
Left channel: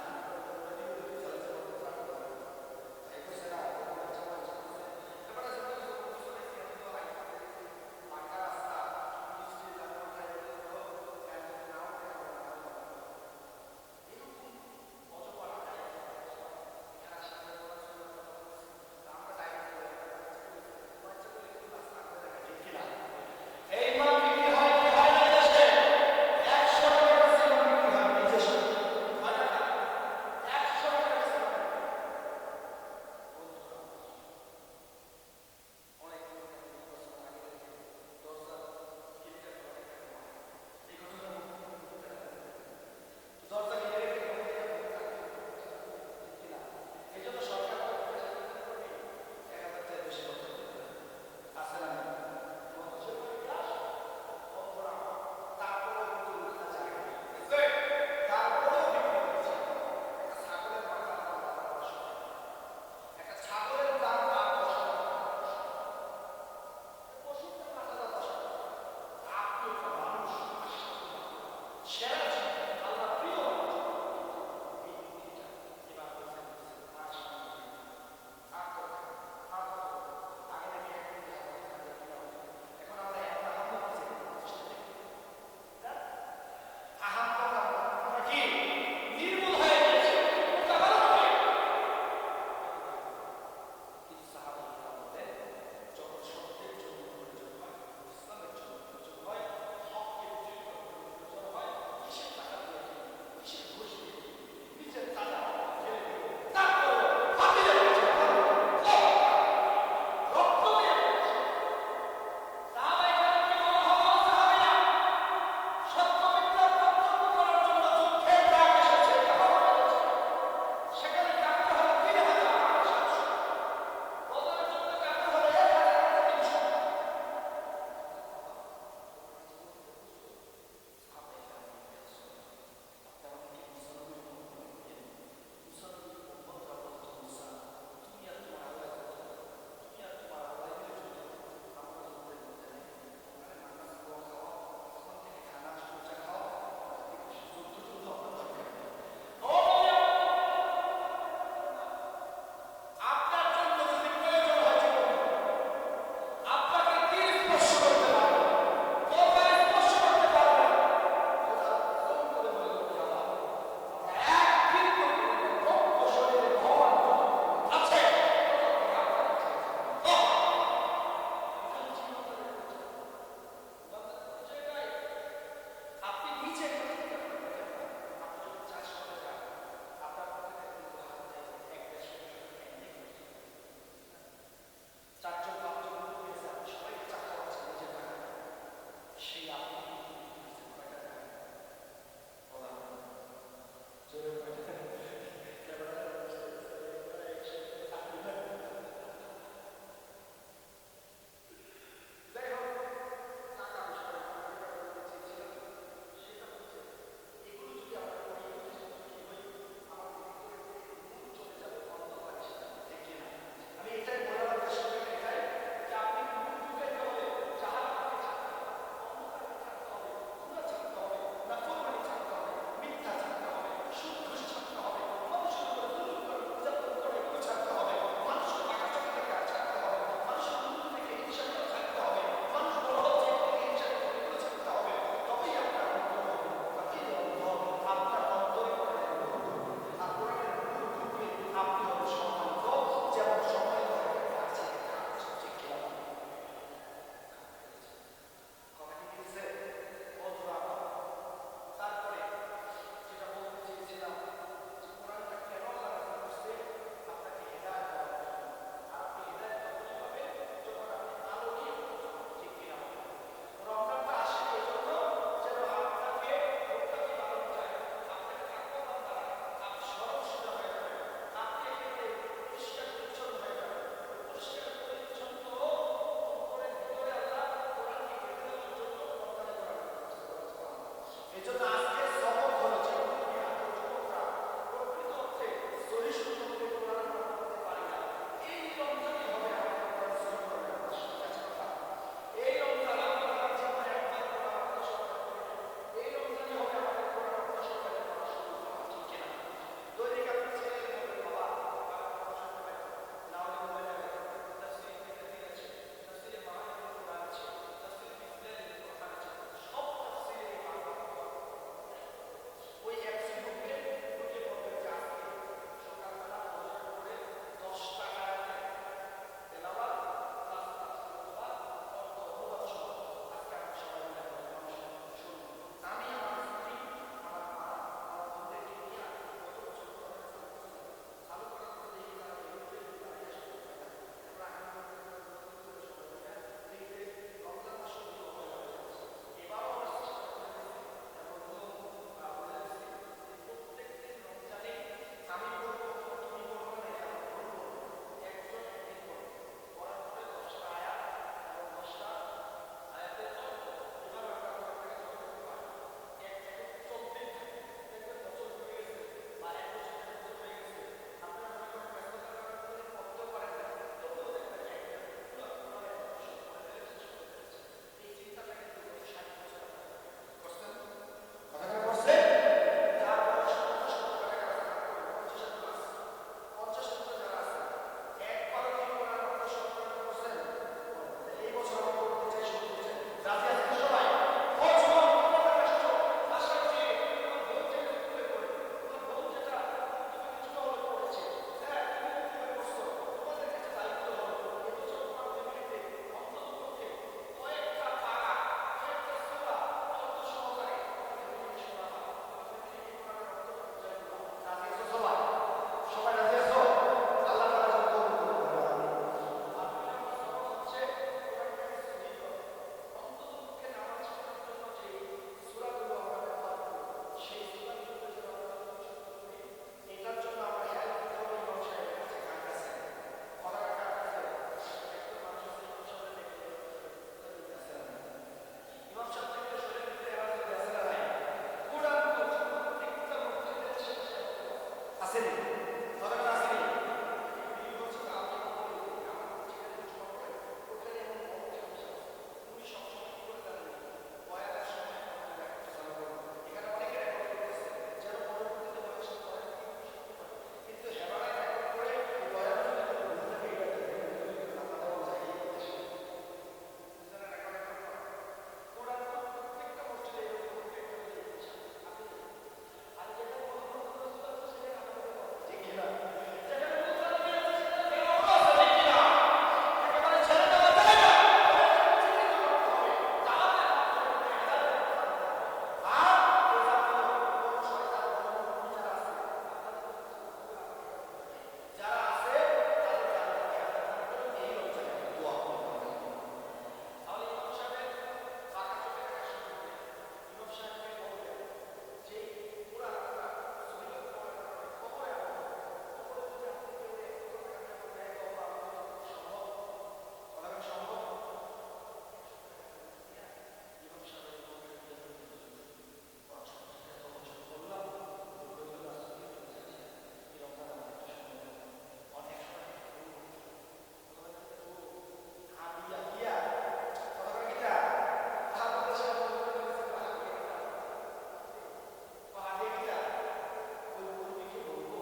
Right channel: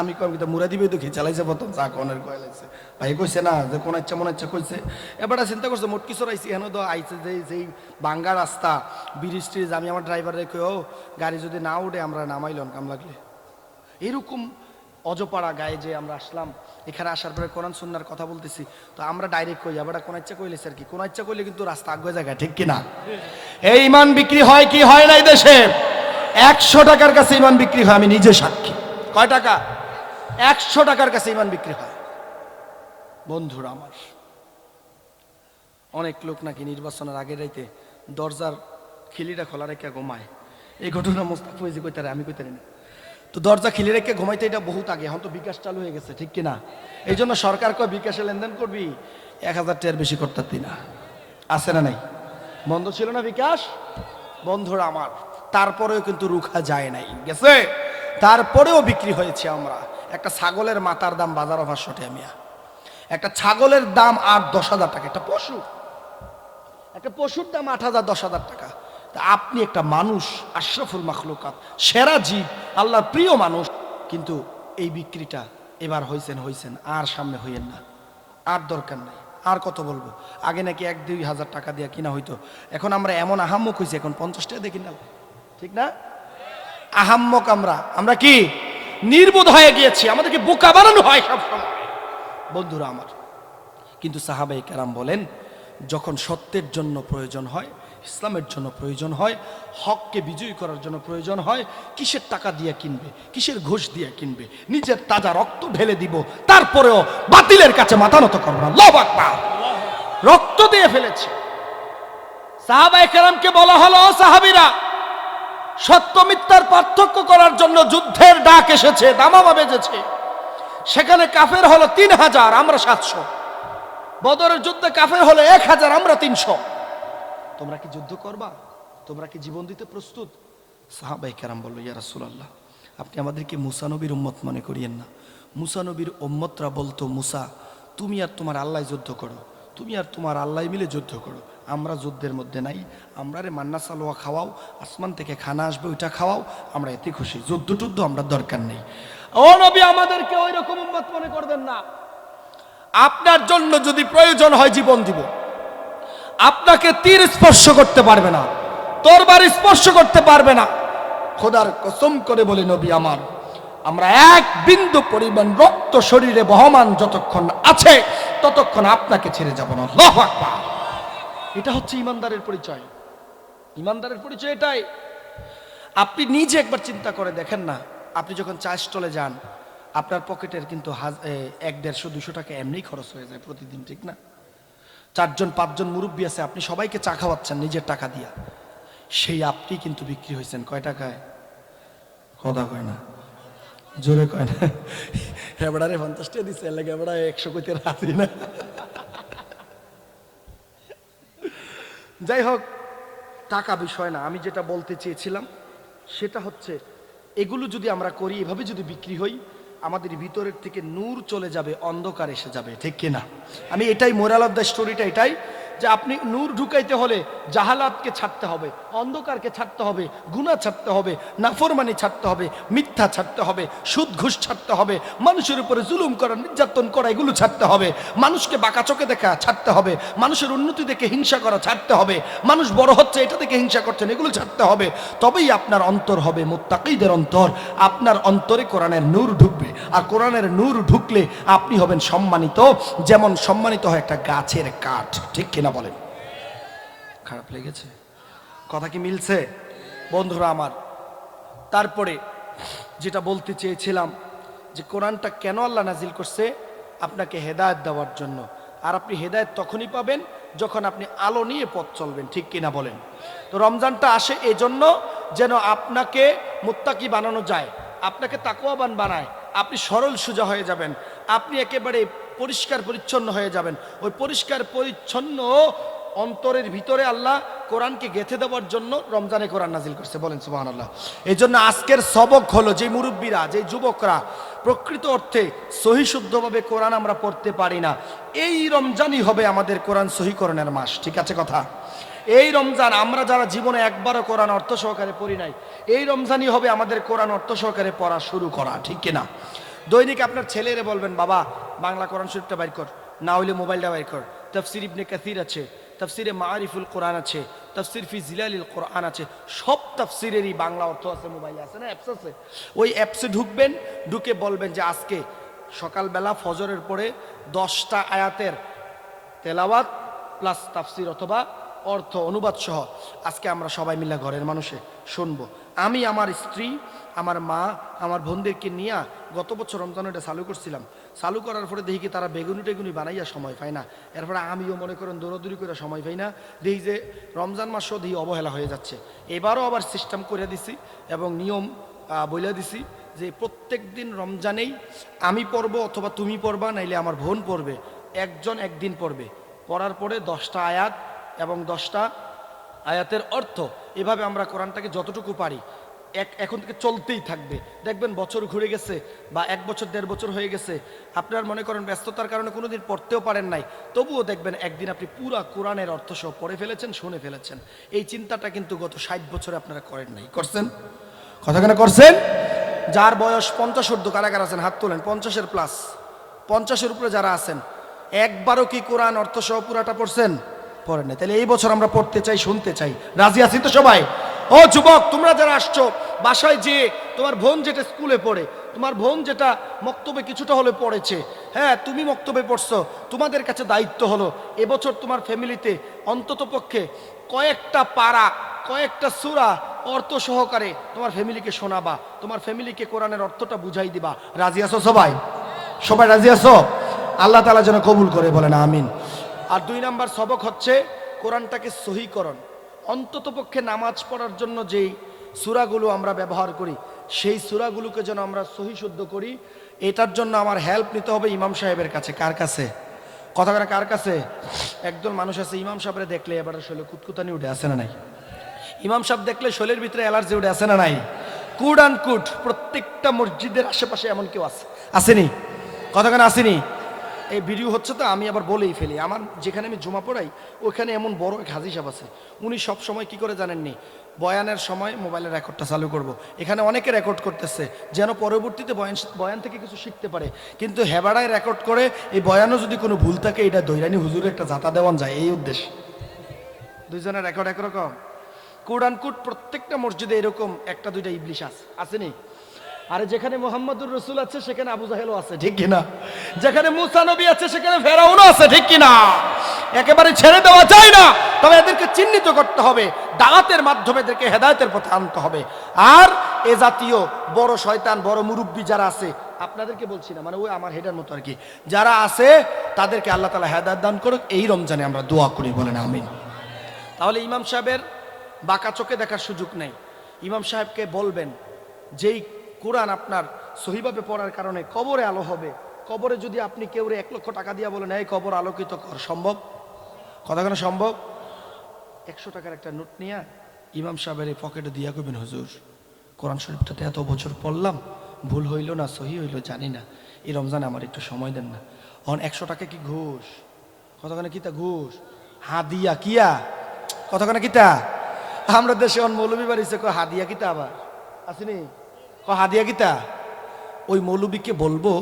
আমি কম কিন্তু মুরা দিবে তো খেয়ে চালাইছে প্রথম চা কনের কয়েছে ভাই কইছে না যে কোন ইচ্ছা মনে ইচ্ছা কইছে। এবারে চিন্তা করছে মোটকি চড়াইছি হেন তো আইছে যেই বাঙ্গা রাস্তা ব্রিজ ট্রিজ, আমি আমার ড্রাইভার রেখে ও গাড়ি যদি না উঠে আমরা নামাইলাম কাম লাগলে। এরকম অজপাড়া গায়ে যে আমরা আসলাম, এখানে আসার পরে কোরআন সুন্নাহর কথা বলতেছি, তো আমরা ডাইরেক্ট কই আবার কোন ইচ্ছা কইলেছে আর কি, কোন ইচ্ছা কইলে কিন্তু রাস্তা আগে জায়গায়, ঠিক কিনা? এই ইমান বিক্রি হয় কি হয় না এই দেশে? 100 টাকার কাছে ইমান বিক্রি হয়, আমি নিজে সাক্ষী। কয় টাকা? 100 টাকার কাছে ইমান বিক্রি হয়। বন্ধুরা আমার, অনেক লোক নাকি নির্বাচনের আগের রাইতে দরজার খিলিটা খোলা রেখে ঘুমায়। এই ঘটনা মোস্তাফা ফৈজি কইতারে, আমি কইতারি না। তো দরজা খিলি রেখে ঘুমাইতে এটা বহুত আগে, এখন তো বিকাশ চালু হয়ে গেছে, ঠিক কিনা? এই জন্য সরকার কয় বিকাশে লেনদেন করবি 1000 টাকার বেশি করতে না, আছে না নাই? বন্ধ ছিল না বিকাশ? বন্ধুরা আমার, তারপরেও কিন্তু রুখা যায় নাই, গেছে, তারপরেও বিক্রি হয়েছে আমরা। একটা ছাগলের মাথার দাম বাজারে 500 টাকা মিয়া, একটা ছাগলের দাম 8-10 হাজার টাকা, একটা পশুর দাম 8,000-10,000 টাকা। তা আপনি একটা মানুষ, আশরাফুল মাখলুকাত, সেরা জীব, আল্লাহর প্রিয় মানুষ, কিন্তু এই বিক্রিটা এবার হয়েছেন, আর সামনে হইয়েন না, আর দরকার নেই। আর কত বলবো? আগে নাকি 1-2 হাজার টাকা দিয়ে কিনা হইতো, এখন আমরা এমন আহাম্মক হয়েছি, এখন 50 টাকা দিয়ে কিনা, ঠিক না? আহাম্মক আমরা কি নির্বোধ হয়ে গিয়েছি, আমাদেরকে বোকা বানানো হয় সবসময়। বন্ধুরা আমার, কিন্তু সাহাবায়ে কেরাম বলেন, যখন সত্যের জন্য প্রয়োজন হয়, ইসলামের জন্য প্রয়োজন হয়, হককে বিজয়ী করার জন্য প্রয়োজন হয়, কিসের টাকা দিয়ে কিনবে, কিসের ঘুষ দিয়ে কিনবে, নিজের তাজা রক্ত ঢেলে দিব, তারপরেও বাতিলের কাছে মাথা নত করব না। আল্লাহু আকবার। রক্ত দিয়ে ফেলেছে। সাহাবায়ে কেরামকে বলা হলো, সাহাবীরা, সত্য মিথ্যার পার্থক্য করার জন্য যুদ্ধের ডাক এসেছে, দামামা বেজেছে। সেখানে কাফের হলো 3000, আমরা 700। বদরের যুদ্ধে কাফের হলো 1000, আমরা 300। তোমরা কি যুদ্ধ করবা? তোমরা কি জীবন দিতে প্রস্তুত? সাহাবায়ে কেরাম বলল, ইয়া রাসূলুল্লাহ, আপনি আমাদেরকে মুসা নবীর উম্মত মনে করিয়েন না। মুসা নবীর উম্মতরা বলতো, মুসা, তুমি আর তোমার আল্লাহ যুদ্ধ করো, তুমি আর তোমার আল্লাহ মিলে যুদ্ধ করো, আমরা যুদ্ধের মধ্যে নাই। আমরা রে মান্না সালোয়া খাওয়াও, আসমান থেকে খানা আসবে ওইটা খাওয়াও, আমরা এতে খুশি, যুদ্ধ টুদ্ধ আমরা দরকার নেই। ও নবী, আমাদেরকে ওই রকম উম্মত মনে করবেন না। আপনার জন্য যদি প্রয়োজন হয় জীবন দিব। আপনাকে তীর স্পর্শ করতে পারবে না, তরবারি স্পর্শ করতে পারবে না। খোদার কসম করে বলি নবী আমার, আমরা এক বিন্দু পরিমাণ রক্ত শরীরে বহমান যতক্ষণ আছে ততক্ষণ আপনাকে ছেড়ে যাব না। আল্লাহু আকবার। এটা হচ্ছে ইমানদারের পরিচয়। ইমানদারের পরিচয় এটাই। আপনি নিজে একবার চিন্তা করে দেখেন না, আপনি যখন চা স্টলে যান, আপনার পকেটের কিন্তু 100-150-200 টাকা এমনি খরচ হয়ে যায় প্রতিদিন, ঠিক না? 4-5জন মুরব্বী আছে, আপনি সবাইকে চা খাওয়াচ্ছেন নিজের টাকা দিয়া। সেই আপনি কিন্তু বিক্রি হয়েছেন কয় টাকায়? কথা কয় না, জোরে কয় না। এবারে 50 টাকা দিচ্ছে, এবারে 100 কইতে রাজি না। যাই হোক, টাকা বিষয় না। আমি যেটা বলতে চেয়েছিলাম সেটা হচ্ছে, এগুলো যদি আমরা করি, এভাবে যদি বিক্রি হই, আমাদের ভিতরের থেকে নূর চলে যাবে, অন্ধকার এসে যাবে, ঠিক কিনা? আমি এটাই মোরাল অফ দ্য স্টোরিটা এটাই, যে আপনি নূর ঢুকাইতে হলে জাহালাতকে ছাড়তে হবে, অন্ধকারকে ছাড়তে হবে, গুনাহ ছাড়তে হবে, নাফরমানি ছাড়তে হবে, মিথ্যা ছাড়তে হবে, সুদ ঘুষ ছাড়তে হবে, মানুষের উপরে জুলুম করা, নির্যাতন করা, এগুলো ছাড়তে হবে, মানুষকে বাঁকা চোখে দেখা ছাড়তে হবে, মানুষের উন্নতি দেখে হিংসা করা ছাড়তে হবে, মানুষ বড় হচ্ছে এটা দেখে হিংসা করছেন এগুলো ছাড়তে হবে। তবেই আপনার অন্তর হবে মুত্তাকিদের অন্তর। আপনার অন্তরে কোরআনের নূর ঢুকবে, আর কোরআনের নূর ঢুকলে আপনি হবেন সম্মানিত, যেমন সম্মানিত হয় একটা গাছের কাঠ, ঠিক কিনা বলেন? খারাপ লেগেছে? কথা কি মিলছে বন্ধুরা আমার? তারপরে যেটা বলতে চেয়েছিলাম, যে কোরআনটা কেন আল্লাহ নাজিল করছে? আপনাকে হেদায়েত দেওয়ার জন্য। আর আপনি হেদায়েত তখনই পাবেন যখন আপনি আলো নিয়ে পথ চলবেন, ঠিক কিনা বলেন? তো রমজানটা আসে এই জন্য যেন আপনাকে মুত্তাকি বানানো যায়, আপনাকে তাকওয়াবান বানায়, আপনি সরল সোজা হয়ে যাবেন, আপনি একেবারে পরিষ্কার পরিচ্ছন্ন হয়ে যাবেন। ওই পরিষ্কার পরিচ্ছন্ন অন্তরের ভিতরে আল্লাহ কোরআনকে গেঁথে দেওয়ার জন্য রমজানে কোরআন নাজিল করছে, বলেন সুবহানাল্লাহ। এই জন্য আজকের সবক হলো, যে মুরব্বীরা, যে যুবকরা প্রকৃত অর্থে সহি শুদ্ধভাবে কোরআন আমরা পড়তে পারি না, এই রমজানই হবে আমাদের কোরআন সহিকরণের মাস, ঠিক আছে কথা? এই রমজান, আমরা যারা জীবনে একবারও কোরআন অর্থ সহকারে পড়ি নাই, এই রমজানই হবে আমাদের কোরআন অর্থ সহকারে পড়া শুরু করা, ঠিক কিনা? দৈনিক আপনার ছেলেরে বলবেন, বাবা বাংলা কোরআন শরীফটা বাইর কর, না হইলে মোবাইলটা বাইর কর, তাফসির ইবনে কাসির আছে, তাফসিরে মাআরিফুল কোরআন আছে, তাফসির ফি জিলালিল কোরআন আছে, সব তাফসিরেরই বাংলা অর্থ আছে, মোবাইলে আছে না, অ্যাপস আছে। ওই অ্যাপসে ঢুকবেন, ঢুকে বলবেন যে আজকে সকালবেলা ফজরের পরে 10টা আয়াতের তেলাওয়াত প্লাস তাফসির অথবা অর্থ অনুবাদ সহ আজকে আমরা সবাই মিলে ঘরের মানুষে শুনবো। আমি আমার স্ত্রী, আমার মা, আমার বোনদেরকে নিয়ে গত বছর রমজান এটা চালু করছিলাম। চালু করার পরে দেখি কি তারা বেগুনি টেগুনি বানাইয়া সময় পায় না, এরপরে আমিও মনে করেন দৌড়াদৌড়ি করে সময় পাই না, দেখি যে রমজান মাসও দেখি অবহেলা হয়ে যাচ্ছে। এবারও আবার সিস্টেম করে দিছি এবং নিয়ম বলে দিছি যে প্রত্যেক দিন রমজানেই আমি পড়বো অথবা তুমি পড়বা, নাইলে আমার বোন পড়বে, একজন একদিন পড়বে, পড়ার পরে 10টা আয়াত এবং 10টা আয়াতের অর্থ, এভাবে আমরা কোরআনটাকে যতটুকু পারি এখন থেকে চলতেই থাকবে। দেখবেন বছর ঘুরে গেছে বা 1 বছর 1.5 বছর হয়ে গেছে, আপনার মনে করেন ব্যস্ততার কারণে কোনোদিন পড়তেও পারেন নাই, তবুও দেখবেন একদিন আপনি পুরা কোরআনের অর্থ সহ পড়ে ফেলেছেন, শুনে ফেলেছেন। এই চিন্তাটা কিন্তু গত 60 বছরে আপনারা করেন নাই, করছেন? কথা কেন করছেন? যার বয়স 50 ঊর্ধ্ব কারাগার আছেন, হাত তোলেন। 50-এর প্লাস, 50-এর উপরে যারা আছেন, একবারও কি কোরআন অর্থ সহ পুরাটা পড়ছেন? পড়েন নাই। তাহলে এই বছর আমরা পড়তে চাই, শুনতে চাই। রাজি আছি তো সবাই? ও যুবক, তোমরা যারা আসছো, বাসায় যে তোমার বোন যেটা স্কুলে পড়ে, তোমার বোন যেটা মক্তবে কিছুটা হলে পড়েছে, হ্যাঁ তুমি মক্তবে পড়ছো, তোমাদের কাছে দায়িত্ব হলো এবছর তোমার ফ্যামিলিতে অন্তত পক্ষে কয়েকটা পারা, কয়েকটা সূরা অর্থ সহকারে তোমার ফ্যামিলিকে শোনাবা, তোমার ফ্যামিলিকে কোরআনের অর্থটা বুঝাই দিবা। রাজি আছো সবাই? সবাই রাজি আছো? আল্লাহ তাআলা যেন কবুল করে, বলেন আমিন। আর 2 নাম্বার সবক হচ্ছে কোরআনটাকে সহিকরণ। অন্তত পক্ষে নামাজ পড়ার জন্য যেই সূরাগুলো আমরা ব্যবহার করি, সেই সূরাগুলোকে যেন আমরা সহি শুদ্ধ করি। এটার জন্য আমার হেল্প নিতে হবে ইমাম সাহেবের কাছে। কার কাছে? কথা বলে কার কাছে? একজন মানুষ আছে, ইমাম সাহেবরে দেখলে এবার শরীরে কুতকুতানি উঠে, আসে না নাই? ইমাম সাহেব দেখলে শরীরের ভিতরে অ্যালার্জি উঠে, আসে না নাই? কুড অ্যান্ড কুড প্রত্যেকটা মসজিদের আশেপাশে এমন কেউ আছে, আসেনি? কথা কেন আসেনি? এই ভিডিও হচ্ছে তো আমি আবার বলেই ফেলি, আমার যেখানে আমি জুমা পড়াই ওখানে এমন বড় এক হাজি সাহেব আছে, উনি সব সময় কি করে জানেননি, বয়ানের সময় মোবাইলের রেকর্ডটা চালু করব, এখানে অনেকে রেকর্ড করতেছে যেন পরবর্তীতে বয়ান থেকে কিছু শিখতে পারে, কিন্তু হেবাড়ায় রেকর্ড করে এই বয়ানও যদি কোনো ভুল থাকে এটা দৈরানি হুজুরে একটা জাতা দেওয়ান যায়, এই উদ্দেশ্যে। দুইজনের রেকর্ড একরকম। কুড অ্যান্ড কুড প্রত্যেকটা মসজিদে এরকম 1-2টা ইবলিশ আসেনি? আরে যেখানে মোহাম্মদুর রসুল আছে সেখানে আবু জাহেলও আছে, ঠিক কিনা? যেখানে মুসা নবী আছে সেখানে ফেরাউনও আছে, ঠিক কিনা? একেবারে ছেড়ে দেওয়া যায় না, তবে এদেরকে চিহ্নিত করতে হবে, দাওয়াতের মাধ্যমে এদেরকে হেদায়েতের পথে আনতে হবে। আর এ জাতীয় বড় শয়তান, বড় মুরব্বী যারা আছে, আপনাদেরকে বলছি না, মানে ওই আমার হেডের মতো আর কি, যারা আছে তাদেরকে আল্লাহ তাআলা হেদায়েত দান করুক, এই রমজানে আমরা দোয়া করি, বলেন আমিন। তাহলে ইমাম সাহেবের বাঁকা চোখে দেখার সুযোগ নেই। ইমাম সাহেবকে বলবেন, যেই কোরআন আপনার সহিভাবে পড়ার কারণে কবরে আলো হবে, কবরে যদি আপনি কেউ 1 লক্ষ টাকা দিয়া বলেন এই কবর আলোকিত কর, সম্ভব? কথা কেন সম্ভব? 100 টাকার একটা নোট নিয়ে ইমাম সাহেবের এই পকেটে দিয়া করবেন, হুজুর কোরআন শরীফটাতে এত বছর পড়লাম, ভুল হইল না সহি হইল জানি না, এই রমজানে আমার একটু সময় দেন না। এখন 100 টাকা কি ঘুষ? কতখানে কিতা ঘুষ? হাদিয়া কিয়া? কতখানে কিতা? আমরা দেশে অন মৌলবী বাড়িছে হাদিয়া কিতা, আবার আসেনি হাদিয়া কিতা? ওই মৌলবীকে বলবো,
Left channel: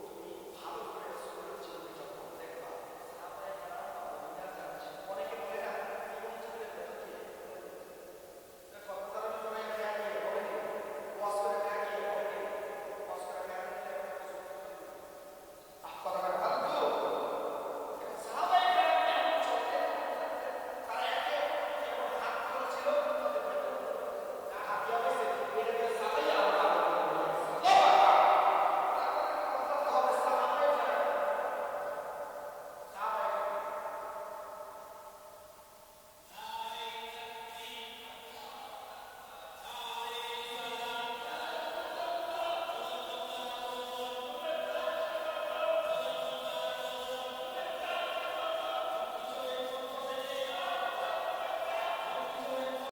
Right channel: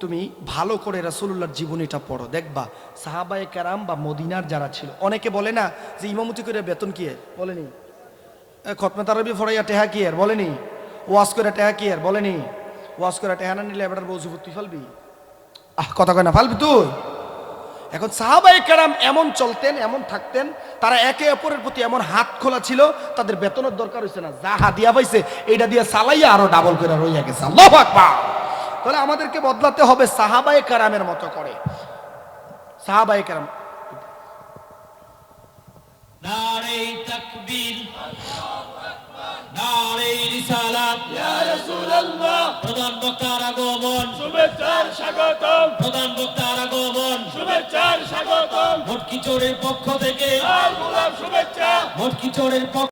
তুমি ভালো করে রাসূলুল্লাহর জীবনীটা পড়ো, দেখবা সাহাবায়ে কেরাম বা মদিনার যারা ছিল, অনেকে বলে না যে ইমামতি করে বেতন কি এর, বলেনি? খতমে তারাবি ফরাইয়া টেহা কি এর, বলেনি? ওয়াজ করে টেহা কি এর, বলেনি? ওয়াজ করে টেহা না নিলে এবার বউজু তুই ফালবি, কথা কয় না ফালবি তুই। এখন সাহাবায়ে কেরাম এমন চলতেন, এমন থাকতেন, তারা একে অপরের প্রতি এমন হাত খোলা ছিল, তাদের বেতনের দরকার হইছে না, যা হাদিয়া পাইছে এইটা দিয়ে চালাইয়া আরো ডাবল করে রইয়া গেছে। আল্লাহু আকবার। তাহলে আমাদেরকে বদলাতে হবে সাহাবায়ে কেরামের মতো করে। সাহাবায়ে কেরাম, নারে তাকবীর, নারে রিসালাত, ইয়া রাসূলুল্লাহ। প্রধান বক্তার আগমন, শুভেচ্ছার স্বাগতম, প্রধান বক্তার আগমন, শুভেচ্ছার স্বাগতম, ভটকি চোরের পক্ষ থেকে, লাল গোলাপ শুভেচ্ছা। ভটকি চোরের পক্ষ